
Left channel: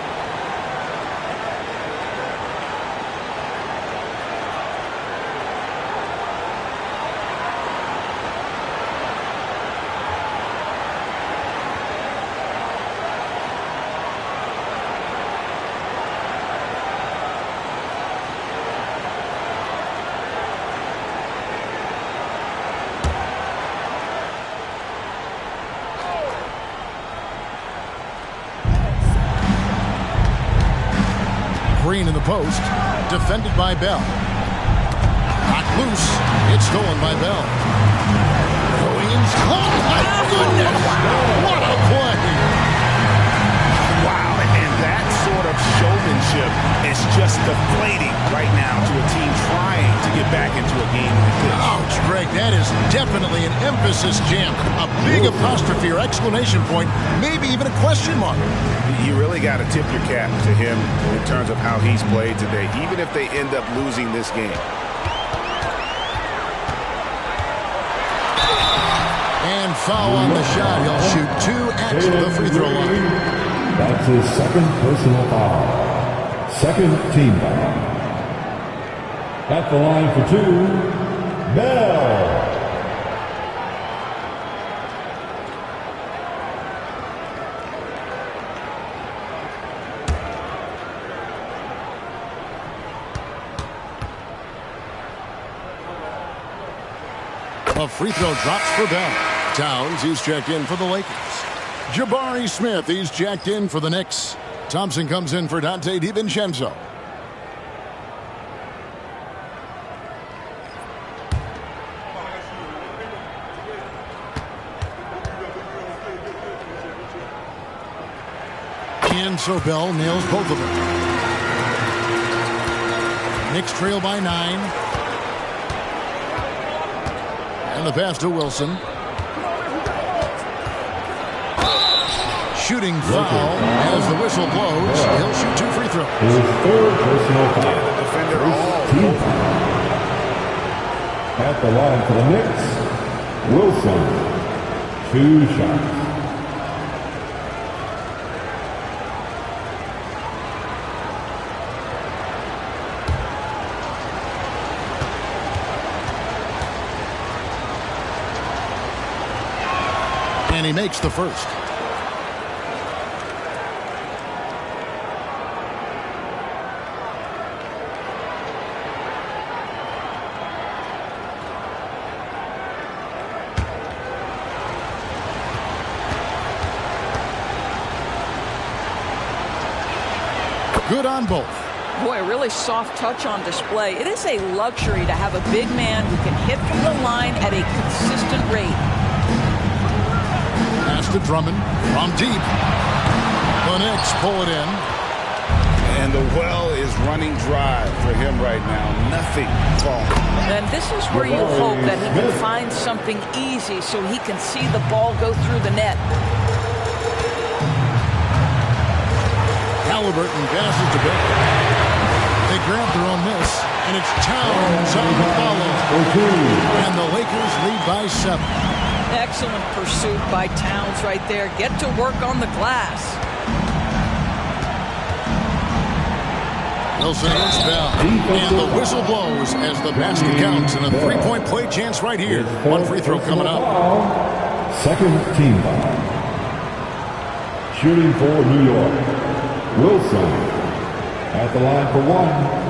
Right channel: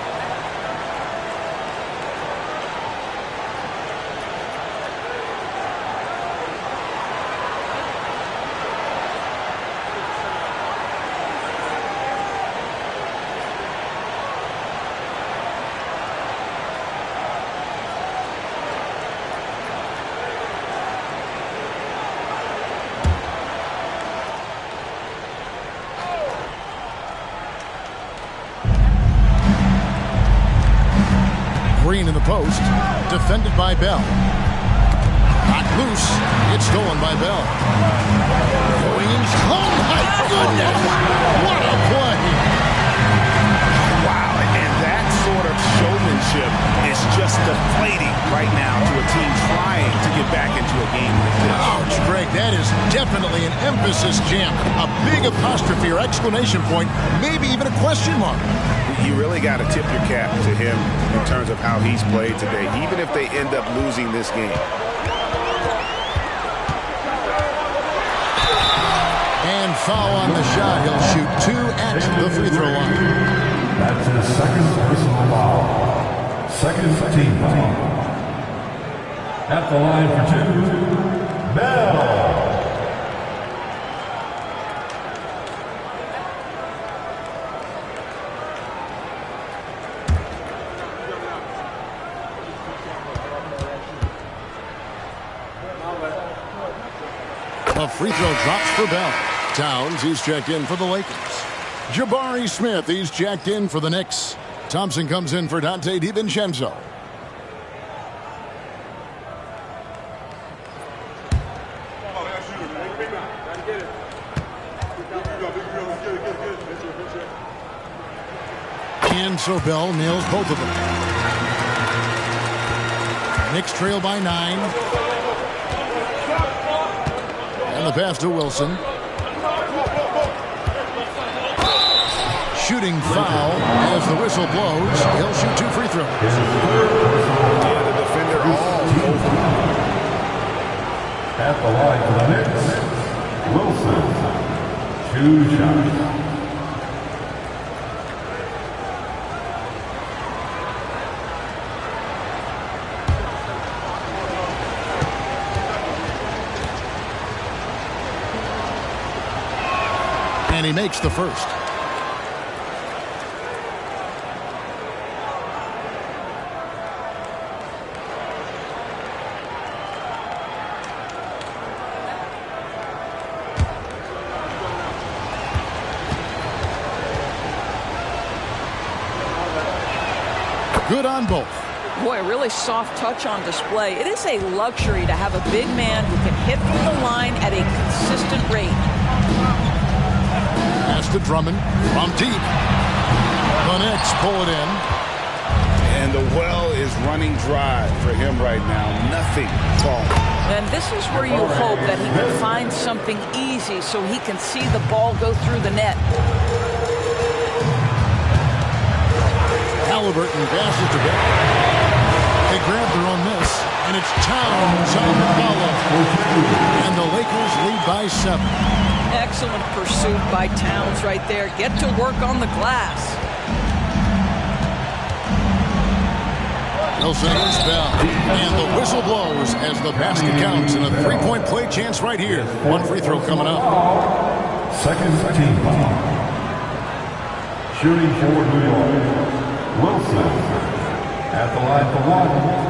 Green in the post, defended by Bell. Knocked loose, it's stolen by Bell. Williams, oh my goodness! What a play! Wow, and that sort of showmanship is just deflating right now to a team trying to get back into a game like this. Ouch, Greg, that is definitely an emphasis jam. A big apostrophe or exclamation point, maybe even a question mark. You really got to tip your cap to him in terms of how he's played today, even if they end up losing this game. And foul on the shot. He'll shoot 2 at the free throw line. That's his second personal foul. Second team foul. At the line for 2, Bell. A free throw drops for Bell. Towns, he's checked in for the Lakers. Jabari Smith, he's checked in for the Knicks. Thompson comes in for Dante DiVincenzo. And so Bell nails both of them. Knicks trail by 9. And the pass to Wilson. Shooting foul as the whistle blows. He'll shoot 2 free throws. His third personal foul. Yeah, the defender all over. At the line for the Knicks, Wilson. 2 shots. And he makes the first. Good on both. Boy, a really soft touch on display. It is a luxury to have a big man who can hit from the line at a consistent rate. Pass to Drummond from deep. The Knicks pull it in. And the well is running dry for him right now. Nothing falling. And this is where you hope that he can find something easy so he can see the ball go through the net. Halliburton passes to Beck. They grab their own miss, and it's Towns on the follow. And the Lakers lead by 7. Excellent pursuit by Towns right there. Get to work on the glass. Wilson against Bell. And the whistle blows as the basket counts, and a three-point play chance right here. One free throw coming up. Second team foul. Shooting for New York, Wilson at the line for 1.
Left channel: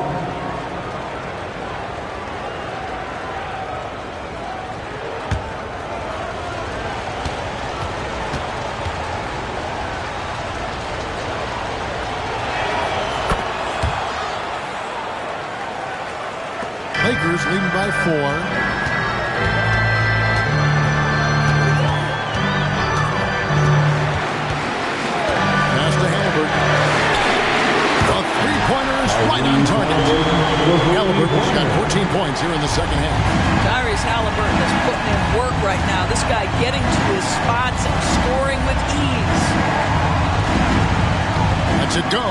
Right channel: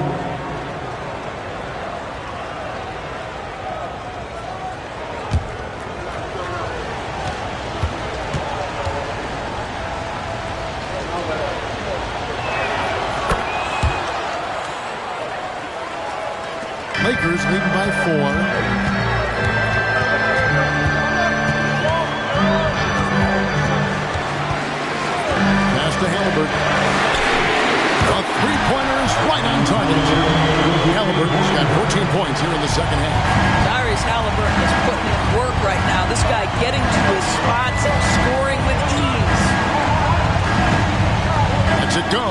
Lakers leading by 4. Pass to Halliburton. A three-pointer is right on target. Halliburton's got 14 points here in the second half. Tyrese Halliburton is putting in work right now. This guy getting to his spots and scoring with ease. Lets it go.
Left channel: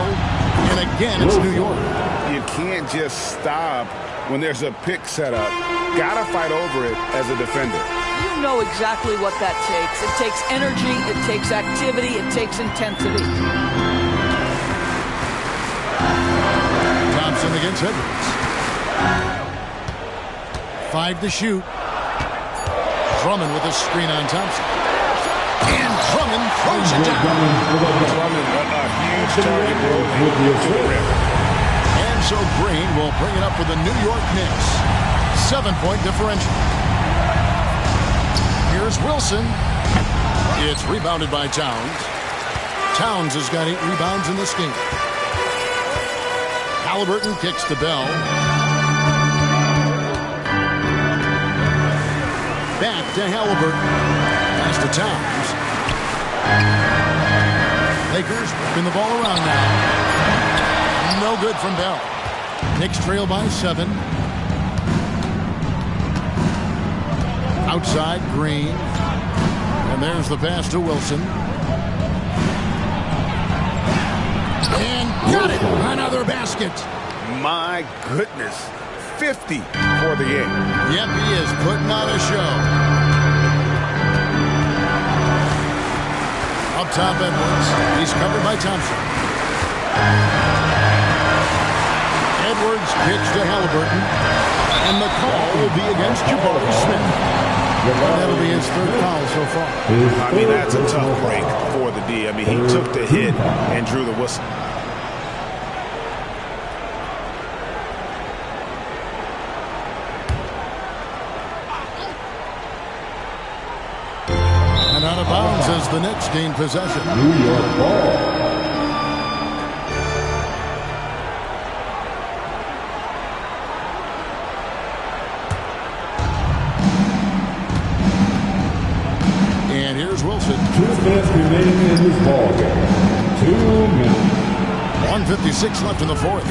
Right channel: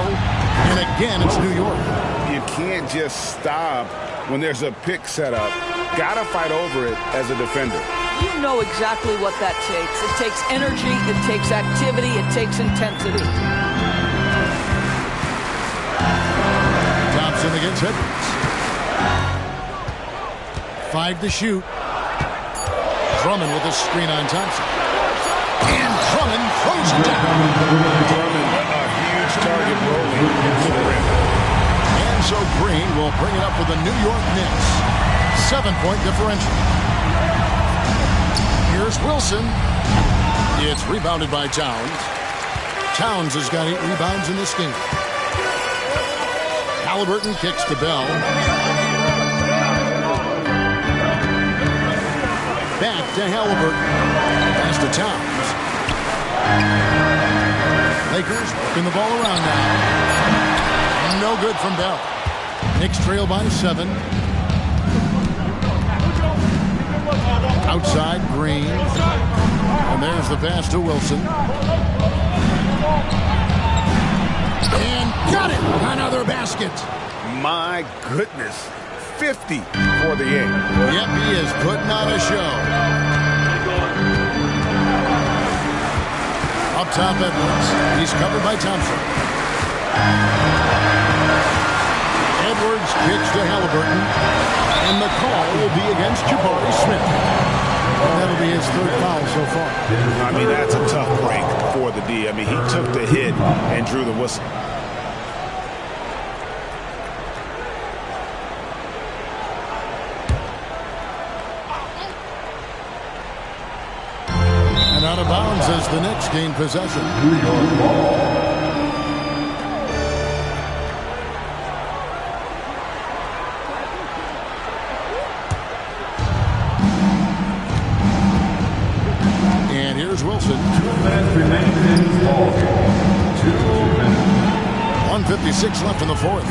And again, it's New York. You can't just stop when there's a pick set up. Gotta fight over it as a defender. You know exactly what that takes. It takes energy, it takes activity, it takes intensity. Thompson against Edwards. 5 to shoot. Drummond with a screen on Thompson. And Drummond throws it down. Drummond, a huge target rolling to the rim. And so Green will bring it up for the New York Knicks. 7-point differential. Here's Wilson. It's rebounded by Towns. Towns has got 8 rebounds in this game. Halliburton kicks to Bell. Back to Halliburton. Pass to Towns. Lakers whipping the ball around now. No good from Bell. Knicks trail by 7. Outside, Green. And there's the pass to Wilson. And got it! Another basket. My goodness. 50 for the game. Yep, he is putting on a show. Up top, Edwards. He's covered by Thompson. Edwards kicks to Halliburton. And the call will be against Jabari Smith. And that'll be his 3rd foul so far. I mean, that's a tough break for the D. I mean, he took the hit and drew the whistle. And out of bounds as the Knicks gain possession. New York ball. And here's Wilson. 2 minutes remaining in this ball game. 2 minutes. 1:56 left in the 4th.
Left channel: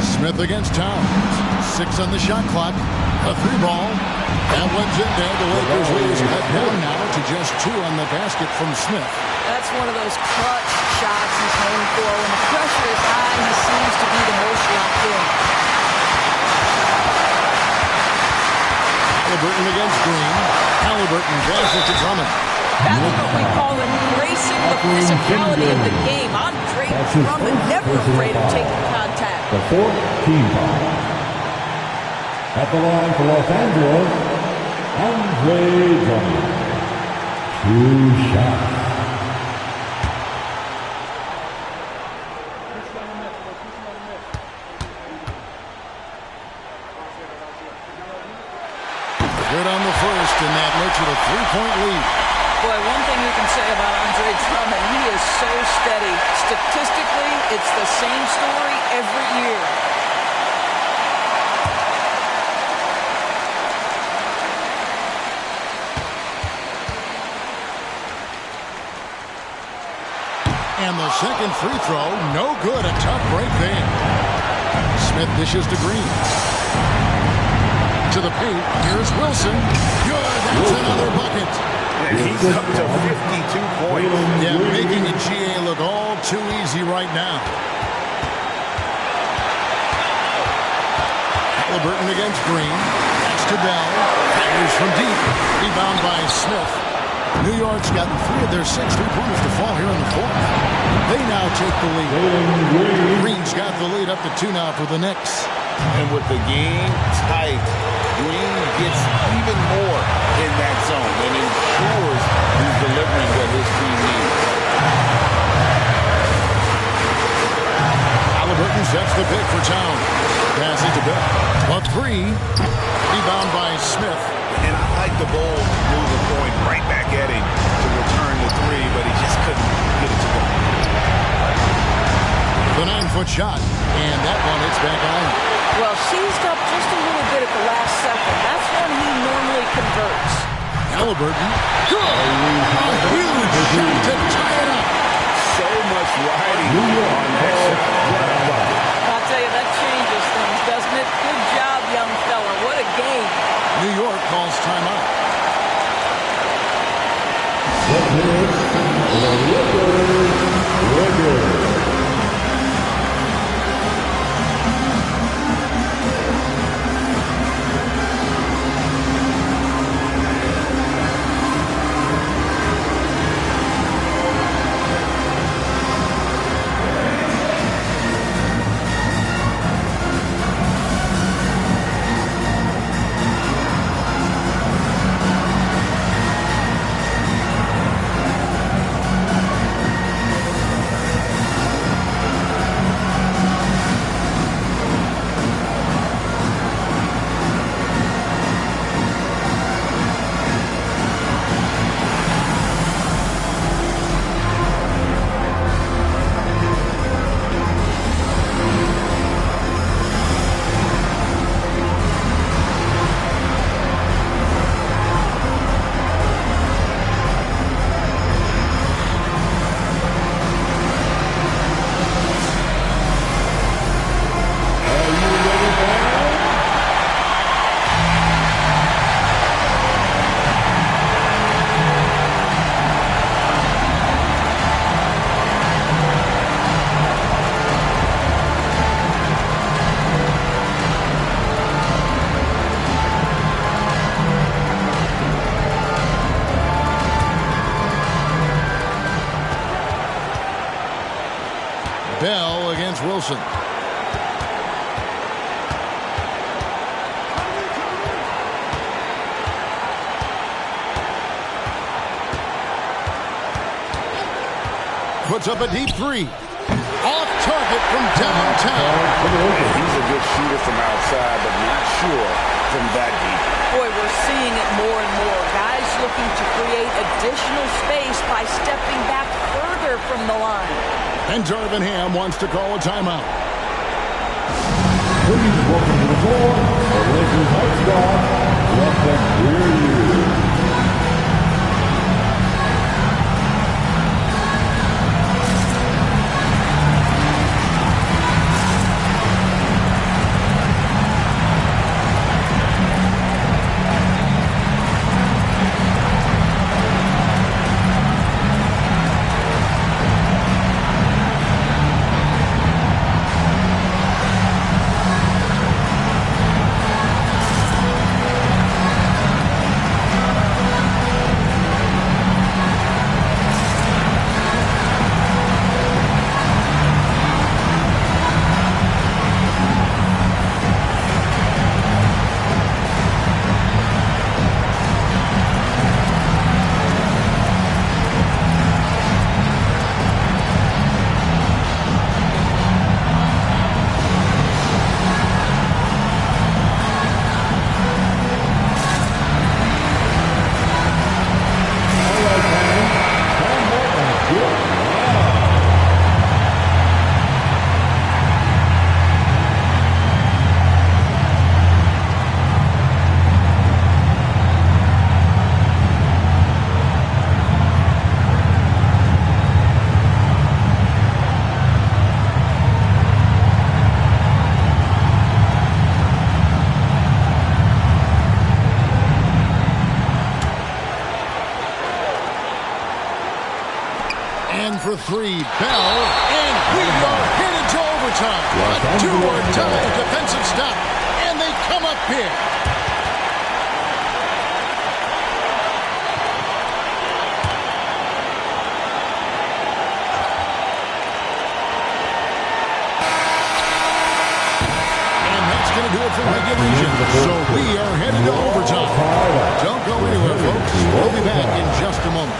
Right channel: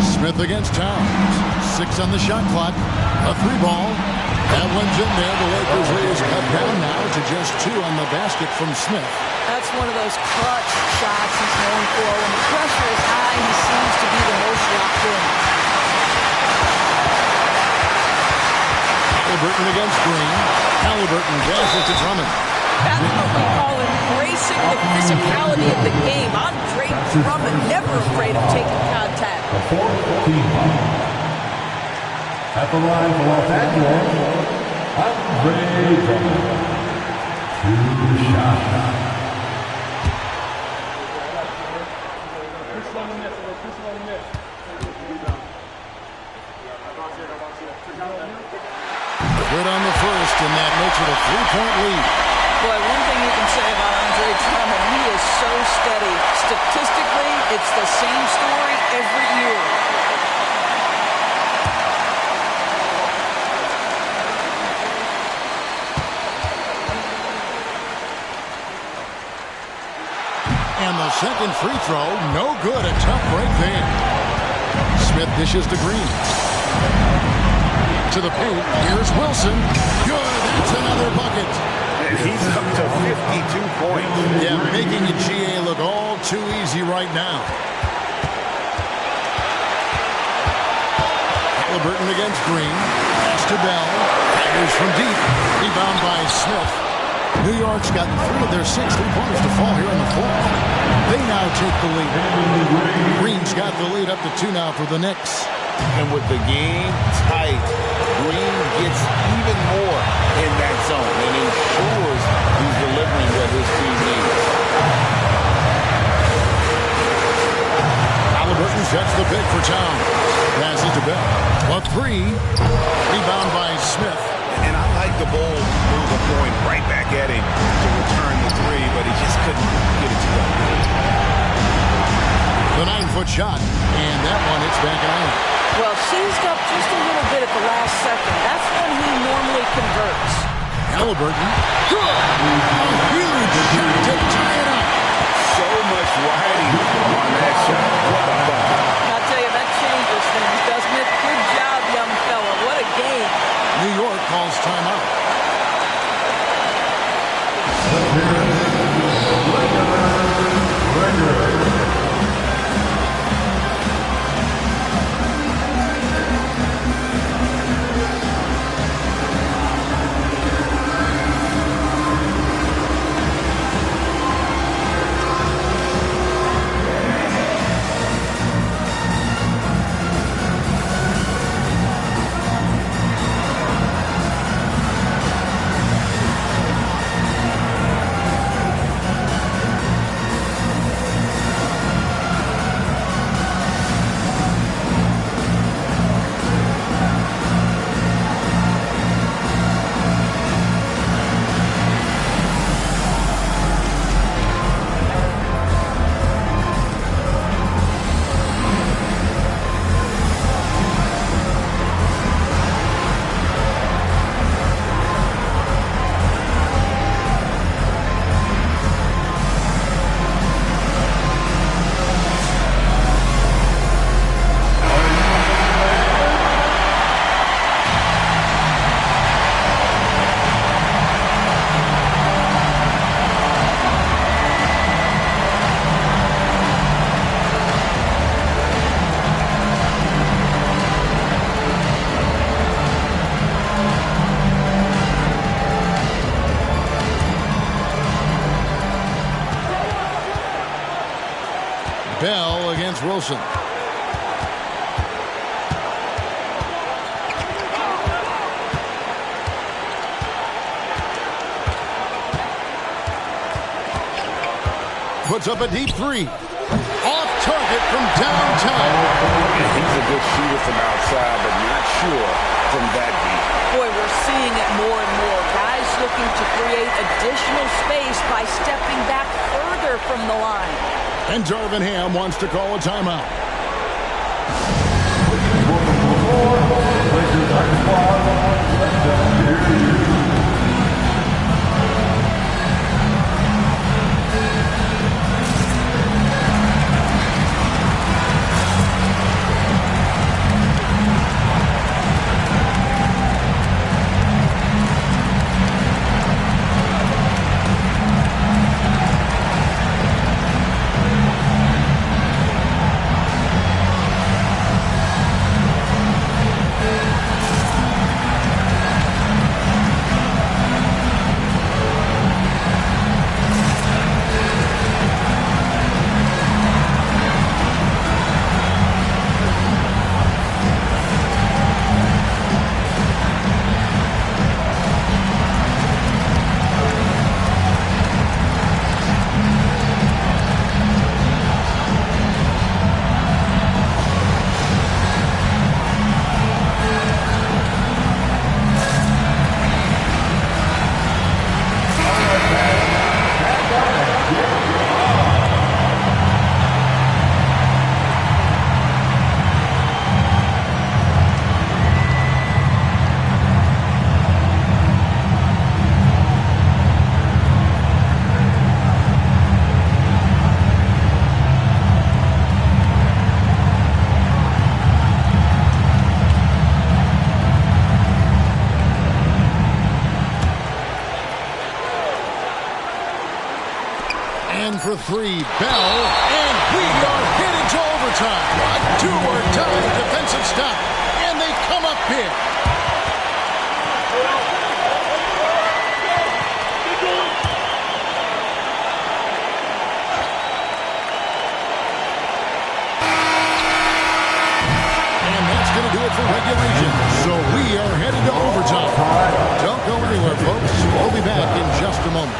Smith against Towns. 6 on the shot clock. A 3-ball. That one's in there. The Lakers lead is cut down now to just 2 on the basket from Smith. That's one of those clutch shots he's known for. When the pressure is high, he seems to be the most locked in. Halliburton against Green. Halliburton passes to Drummond. That's what we call embracing the physicality of the game. Andre Drummond, never afraid of taking contact. The 4th team foul. At the line for Los Angeles, Andre Drummond. 2 shots. Good on the first, and that makes it a 3-point lead. Boy, one thing you can say about Andre Drummond, he is so steady. Statistically, it's the same story every year. And the second free throw, no good. A tough break there. Smith dishes to Green. To the paint. Here's Wilson. Good. That's another bucket. And he's up to 52 points. Yeah, making a GA look all too easy right now. Halliburton against Green. Pass to Bell. Fires from deep. Rebound by Smith. New York's gotten 3 of their 6 3-pointers to fall here in the fourth. They now take the lead. Green's got the lead up to 2 now for the Knicks. And with the game tight, Green gets even more in that zone and ensures he's delivering what his team needs. Halliburton sets the pick for Town. Passes to Bell. A 3. Rebound by Smith. And I like the bold move of going right back at him to return the 3, but he just couldn't get it to go. The 9-foot shot, and that one hits back iron. Well, seized up just a little bit at the last second. That's when he normally converts. Halliburton. Good. A huge shot to tie it up. So much riding on that shot. What a bucket. I'll tell you, that changes things, doesn't it? Good job, young fella. What a game. New York calls timeout. Bell against Wilson. Puts up a deep 3. Off target from downtown. He's a good shooter from outside, but not sure from that deep. Boy, we're seeing it more and more. Guys looking to create additional space by stepping back further from the line. And Darvin Ham wants to call a timeout. Please welcome to the floor, the Lakers High Squad. Let them hear you. for three. Bell. And we are headed to overtime. A do-or-die defensive stop. And they come up big. Going to do it for regulation. So we are headed to overtime. Don't go anywhere, folks. We'll be back in just a moment.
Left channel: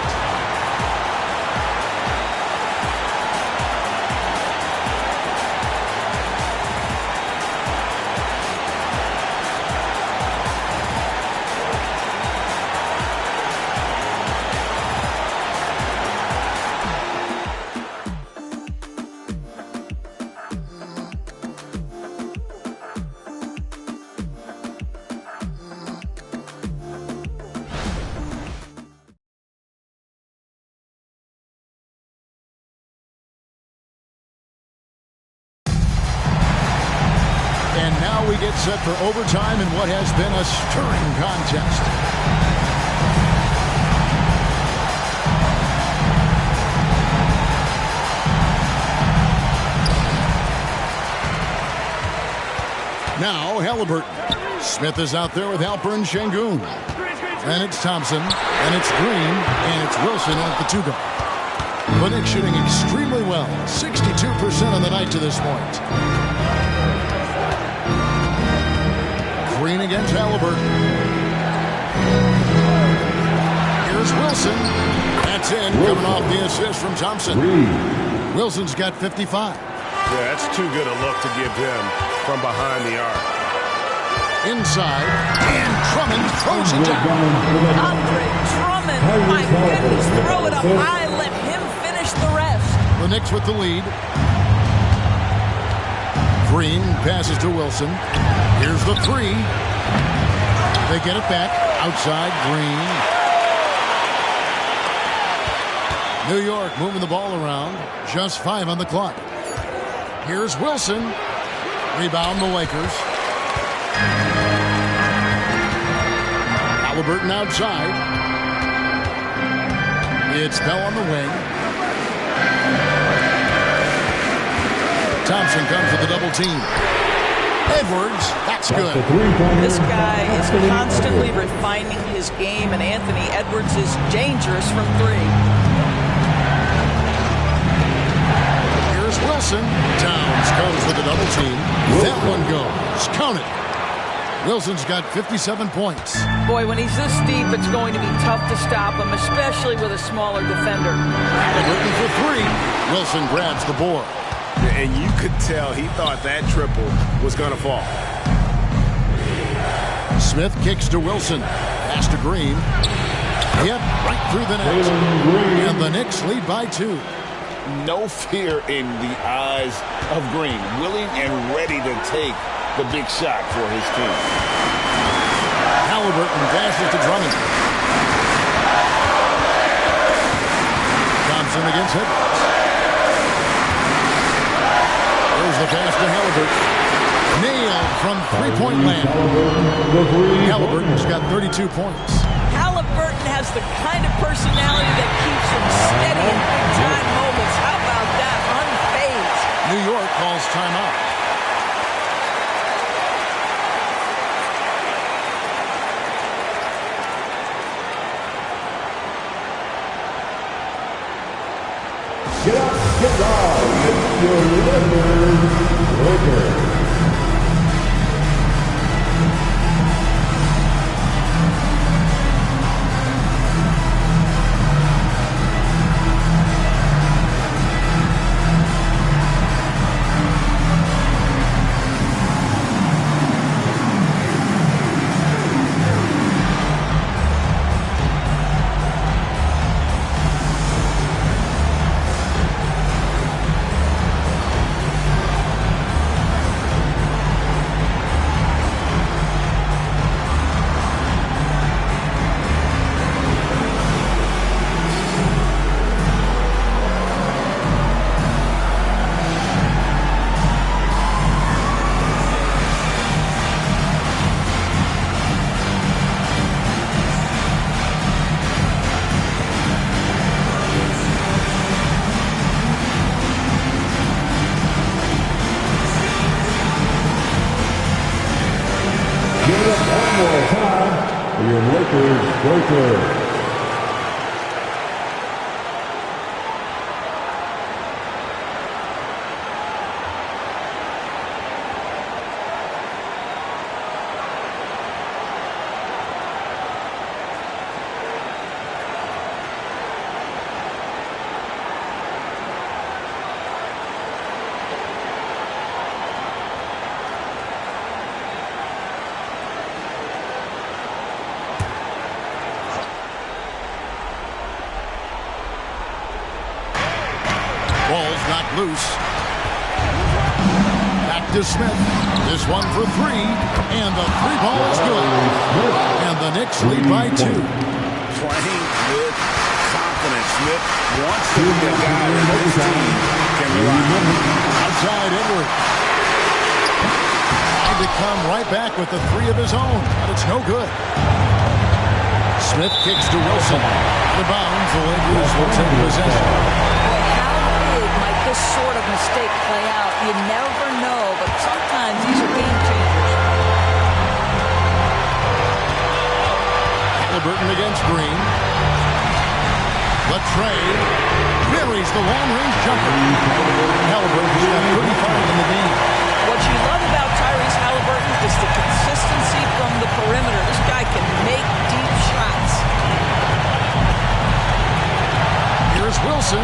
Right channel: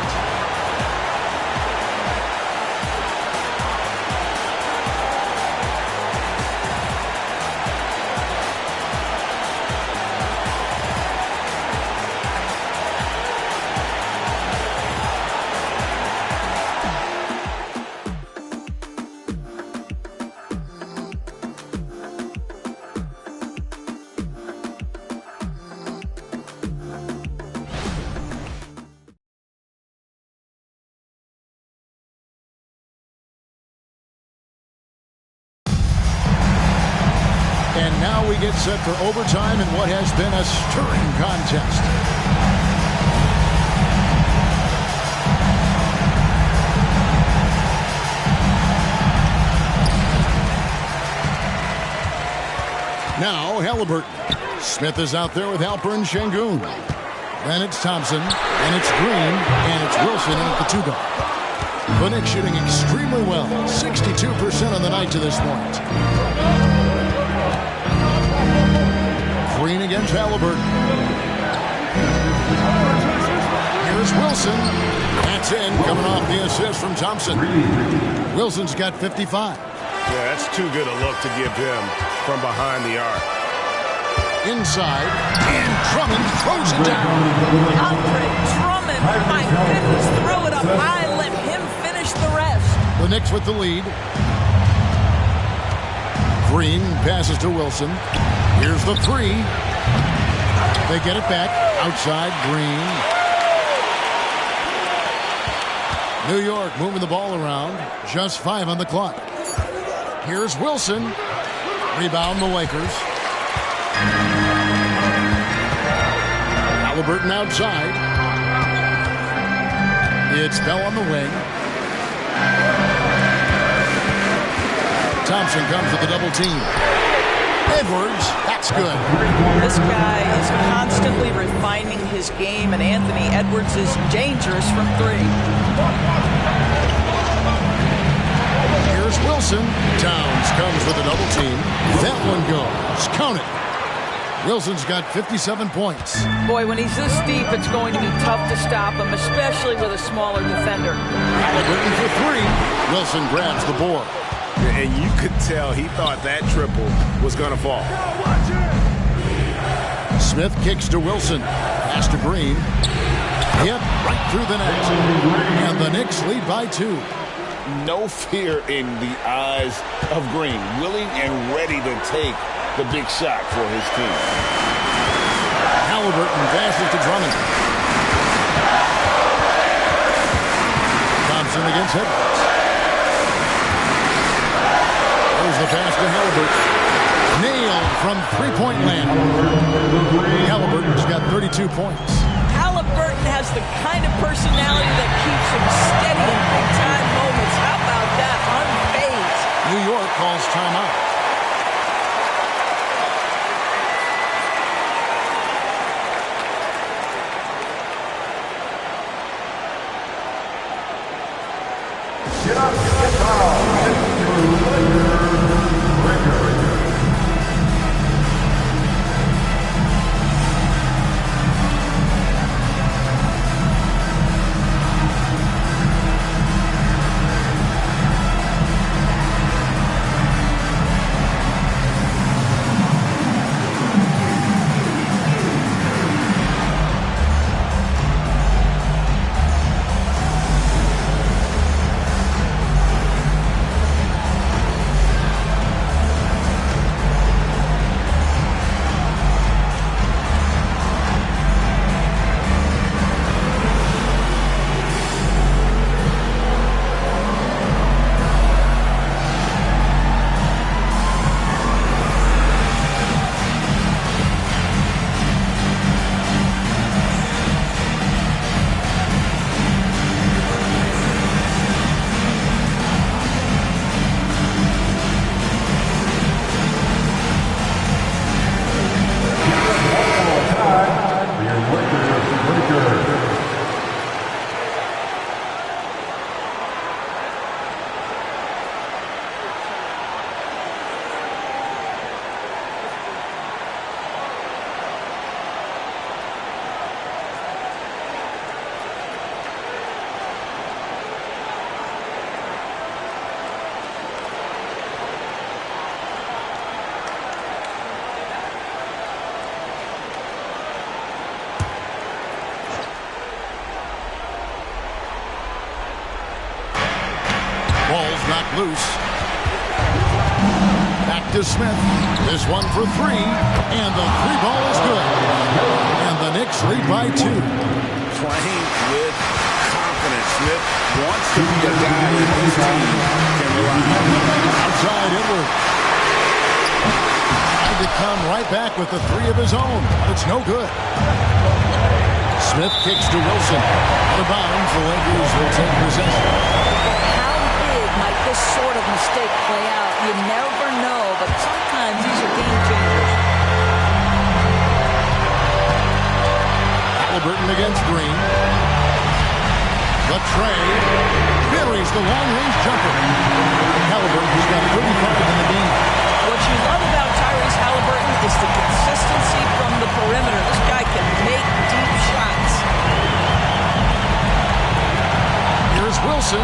And now we get set for overtime in what has been a stirring contest. Now Halliburton. Smith is out there with Alperen Sengun. Then it's Thompson. Then it's Green. And it's Wilson in at the two-guard. The Knicks shooting extremely well. 62% on the night to this point. Green against Halliburton. Here's Wilson. That's in, coming off the assist from Thompson. Wilson's got 55. Yeah, that's too good a look to give him from behind the arc. Inside, and Drummond throws it down. Andre Drummond, my goodness, throw it up high, let him finish the rest. The Knicks with the lead. Green passes to Wilson. Here's the three. They get it back. Outside, Green. New York moving the ball around. Just 5 on the clock. Here's Wilson. Rebound the Lakers. Halliburton outside. It's Bell on the wing. Thompson comes with the double team. Edwards, that's good. This guy is constantly refining his game, and Anthony Edwards is dangerous from three. Here's Wilson. Towns comes with a double team. That one goes. Count it. Wilson's got 57 points. Boy, when he's this deep, it's going to be tough to stop him, especially with a smaller defender. Halliburton for three. Wilson grabs the board. And you could tell he thought that triple was going to fall. Smith kicks to Wilson. Pass to Green. Yep, right through the net. And the Knicks lead by 2. No fear in the eyes of Green. Willing and ready to take the big shot for his team. Halliburton passes to Drummond. Thompson against Edwards. There's the pass to Halliburton. Nailed from three-point land. Halliburton's got 32 points. Halliburton has the kind of personality that keeps him steady in big-time moments. How about that? Unfazed. New York calls timeout. Get up, get loud, it's your Lakers breaker. your Lakers breaker. Ball's knocked loose. Back to Smith. This one for three. And the three ball is good. And the Knicks lead by 2. Playing with confidence. Smith wants to be a guy that this team can rely on. Outside Edward. Tried to come right back with the 3 of his own, but it's no good. Smith kicks to Wilson. Out of bounds, the Lakers will take possession. Might this sort of mistake play out? You never know, but sometimes these are game changers. Halliburton against Green. Latrey buries the long-range jumper. Halliburton's got 35 in the game. What you love about Tyrese Halliburton is the consistency from the perimeter. This guy can make deep shots. Here's Wilson.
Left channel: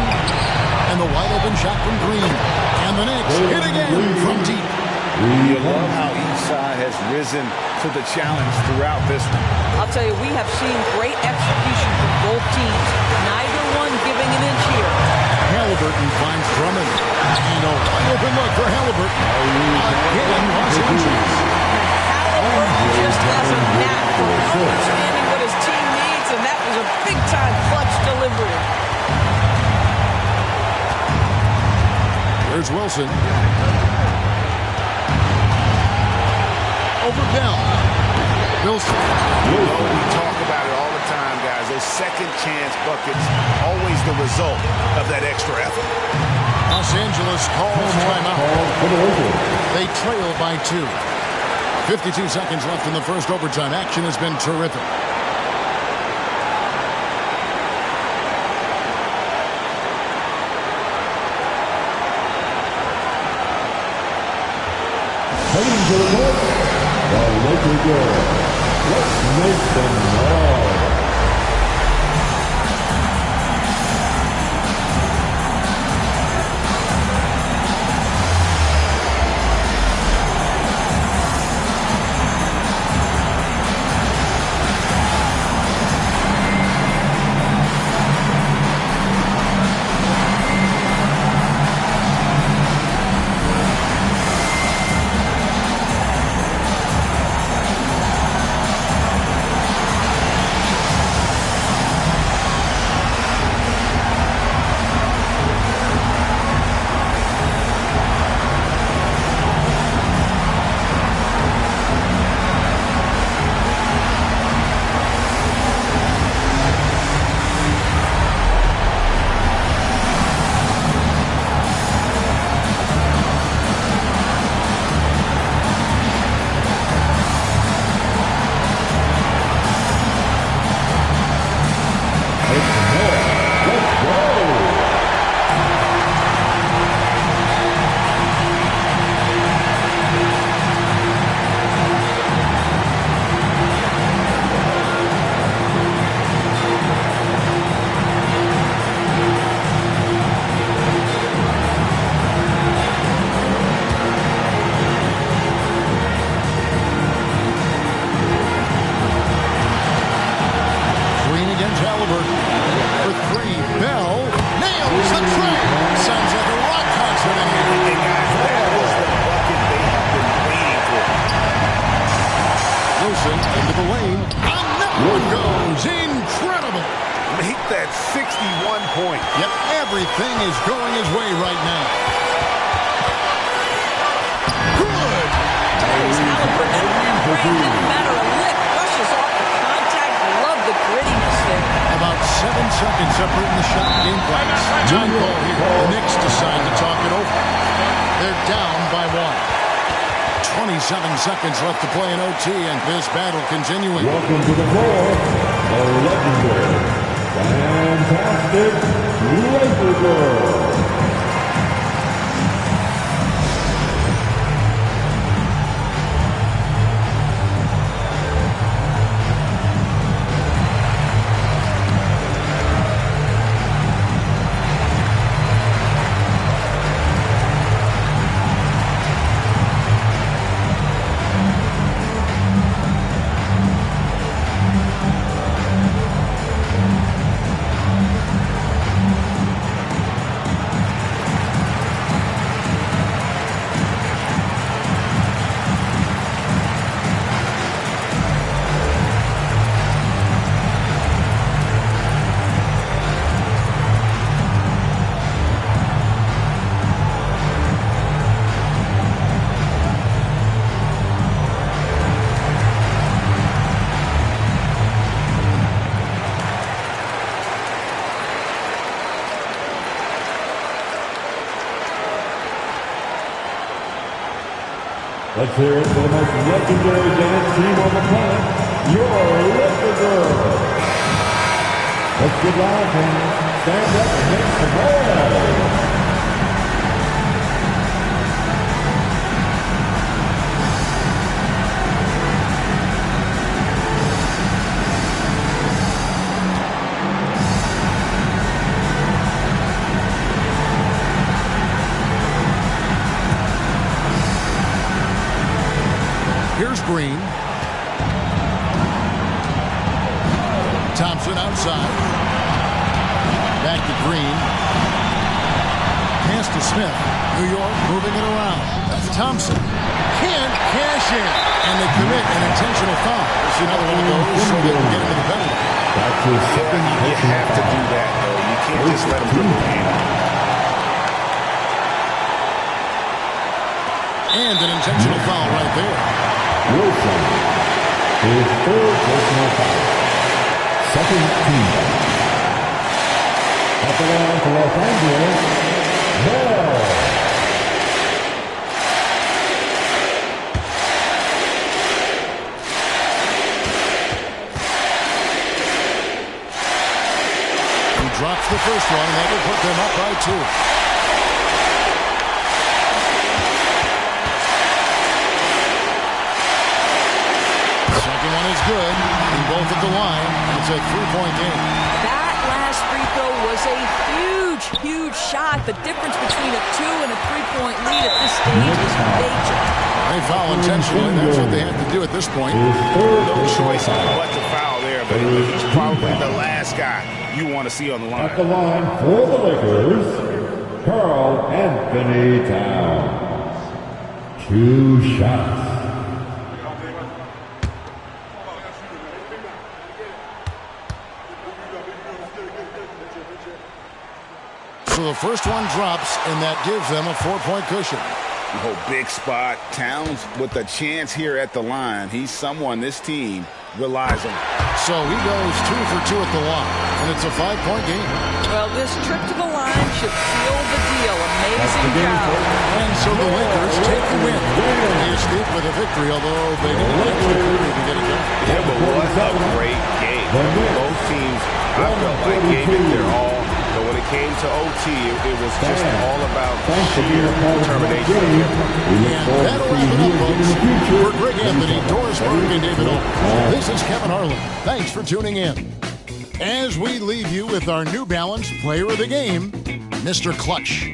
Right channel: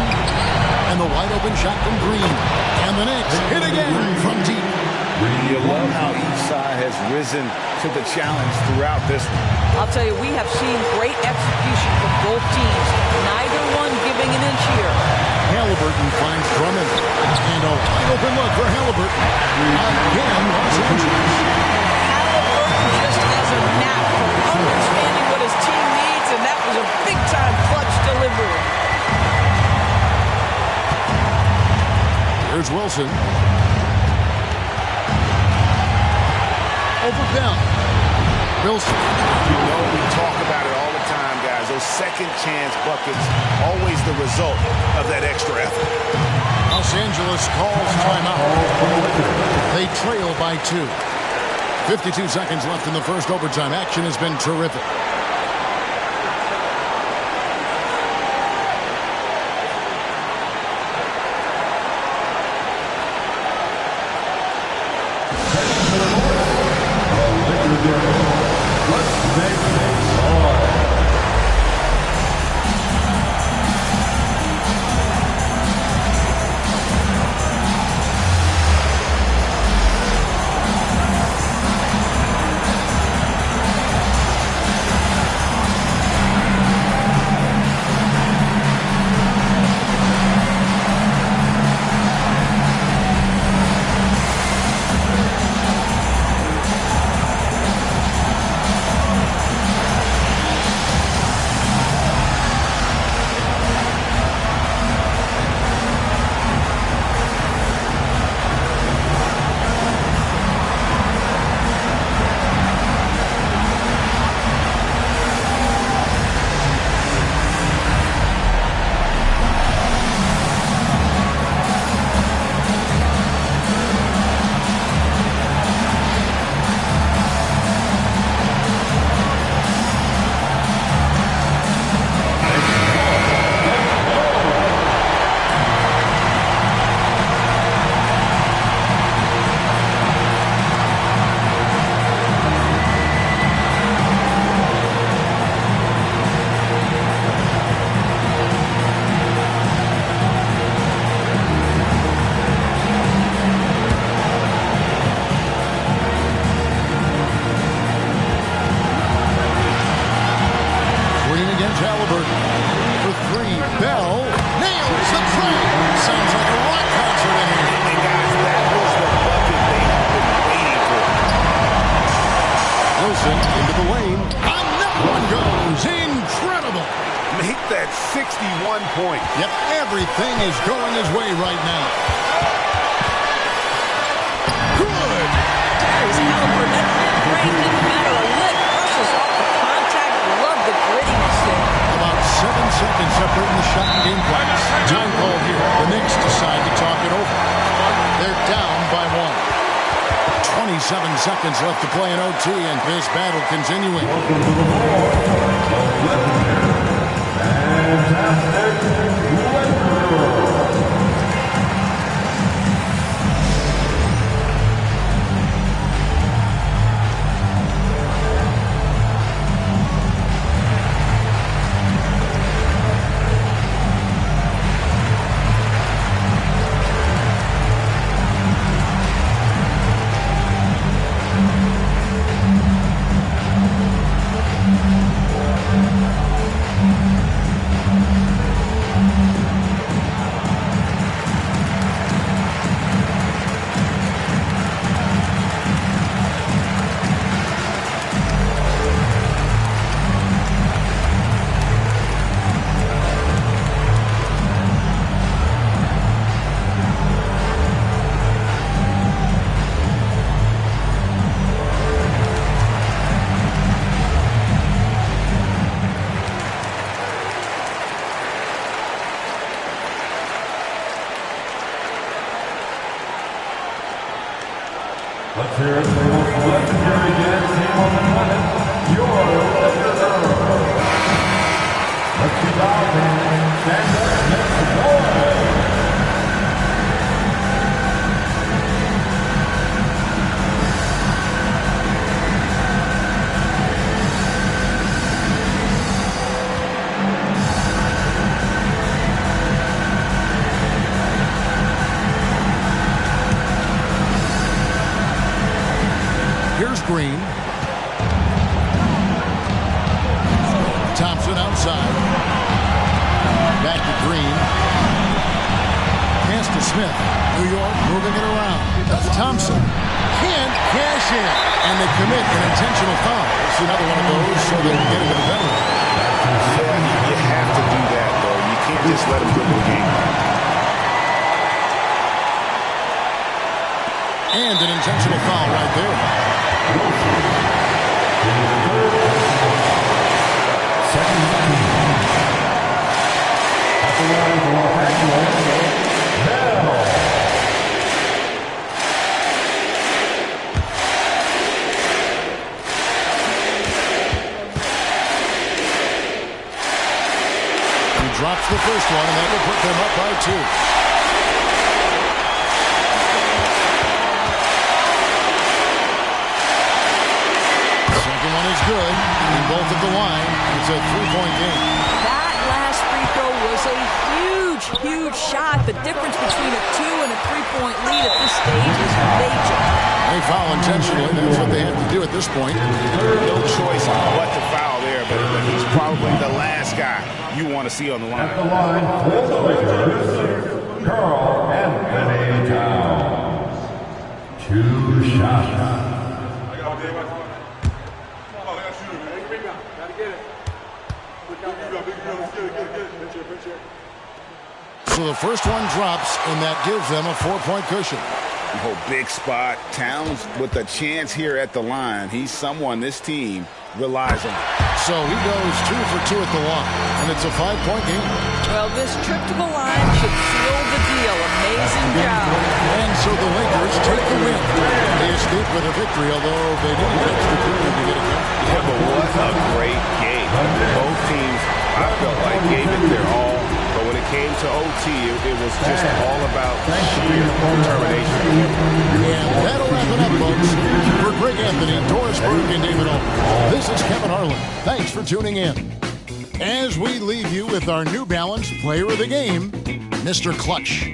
And the wide-open shot from Green. And the Knicks hit again from deep. You love how each side has risen to the challenge throughout this one. I'll tell you, we have seen great execution from both teams. Neither one giving an inch here. Halliburton finds Drummond. And a wide-open look for Halliburton. Again, Los Angeles. And Halliburton just has a knack for understanding what his team needs, and that was a big-time clutch delivery. Here's Wilson. Over Bell. Wilson. You know we talk about it all the time, guys. Those second chance buckets, always the result of that extra effort. Los Angeles calls timeout. They trail by 2. 52 seconds left in the first overtime. Action has been terrific. Let's make things loud. against Halliburton. For three, Bell nails the tray. Sounds like a rock concert in here. And guys, that was the bucket they have been waiting for. Wilson into the lane. Another one goes. Incredible. Make that 61 points. Yep, everything is going his way right now. Good. Tyrese Halliburton, that mid-range didn't matter a lick. Rushes off the contact. Love the grittiness there. About 7 seconds separating the shot and game clocks. Time call here. The Knicks decide to talk it over. They're down by 1. 27 seconds left to play in OT, and this battle continuing. Welcome to the floor, the legendary, fantastic Laker Girl. Let's hear it for the most legendary dance team on the planet, your Laker Girls. Let's get loud, man. Stand up and make some noise. Here's Green. Thompson outside. Back to Green. Pass to Smith. New York moving it around. Thompson can't cash in. And they commit an intentional foul. It's another one of those so they can get into the penalty. Yeah, you have to do that, though. You can't just let them dribble the game out. And an intentional foul right there. Wilson, his third personal foul. Second team. At the line for Los Angeles, Bell. He drops the first one, and that will put them up by 2. Second one is good. Hitting both at the line, and it's a 3-point game. That last free throw was a huge, huge shot. The difference between a 2 and a 3-point lead at this stage is major. They foul intentionally. That's what they have to do at this point. No choice but to foul there, but he's probably the last guy you want to see on the line. At the line for the Lakers, Karl Anthony Towns. 2 shots. So the first one drops, and that gives them a 4-point cushion. Oh, big spot. Towns with a chance here at the line. He's someone this team relies on. So he goes 2 for 2 at the line, and it's a 5-point game. Well, this trip to the line should seal the deal. Amazing job. And so the Lakers take the win. They escape with a victory, although they needed an extra quarter to get it done. Yeah, but what a great game. Both teams, I felt like, gave it their all. But when it came to OT, it was just all about sheer determination on their part. And that'll wrap it up, folks. For Greg Anthony, Doris Burke, and David Owens, this is Kevin Harlan. Thanks for tuning in. As we leave you with our New Balance Player of the Game, Mr. Clutch.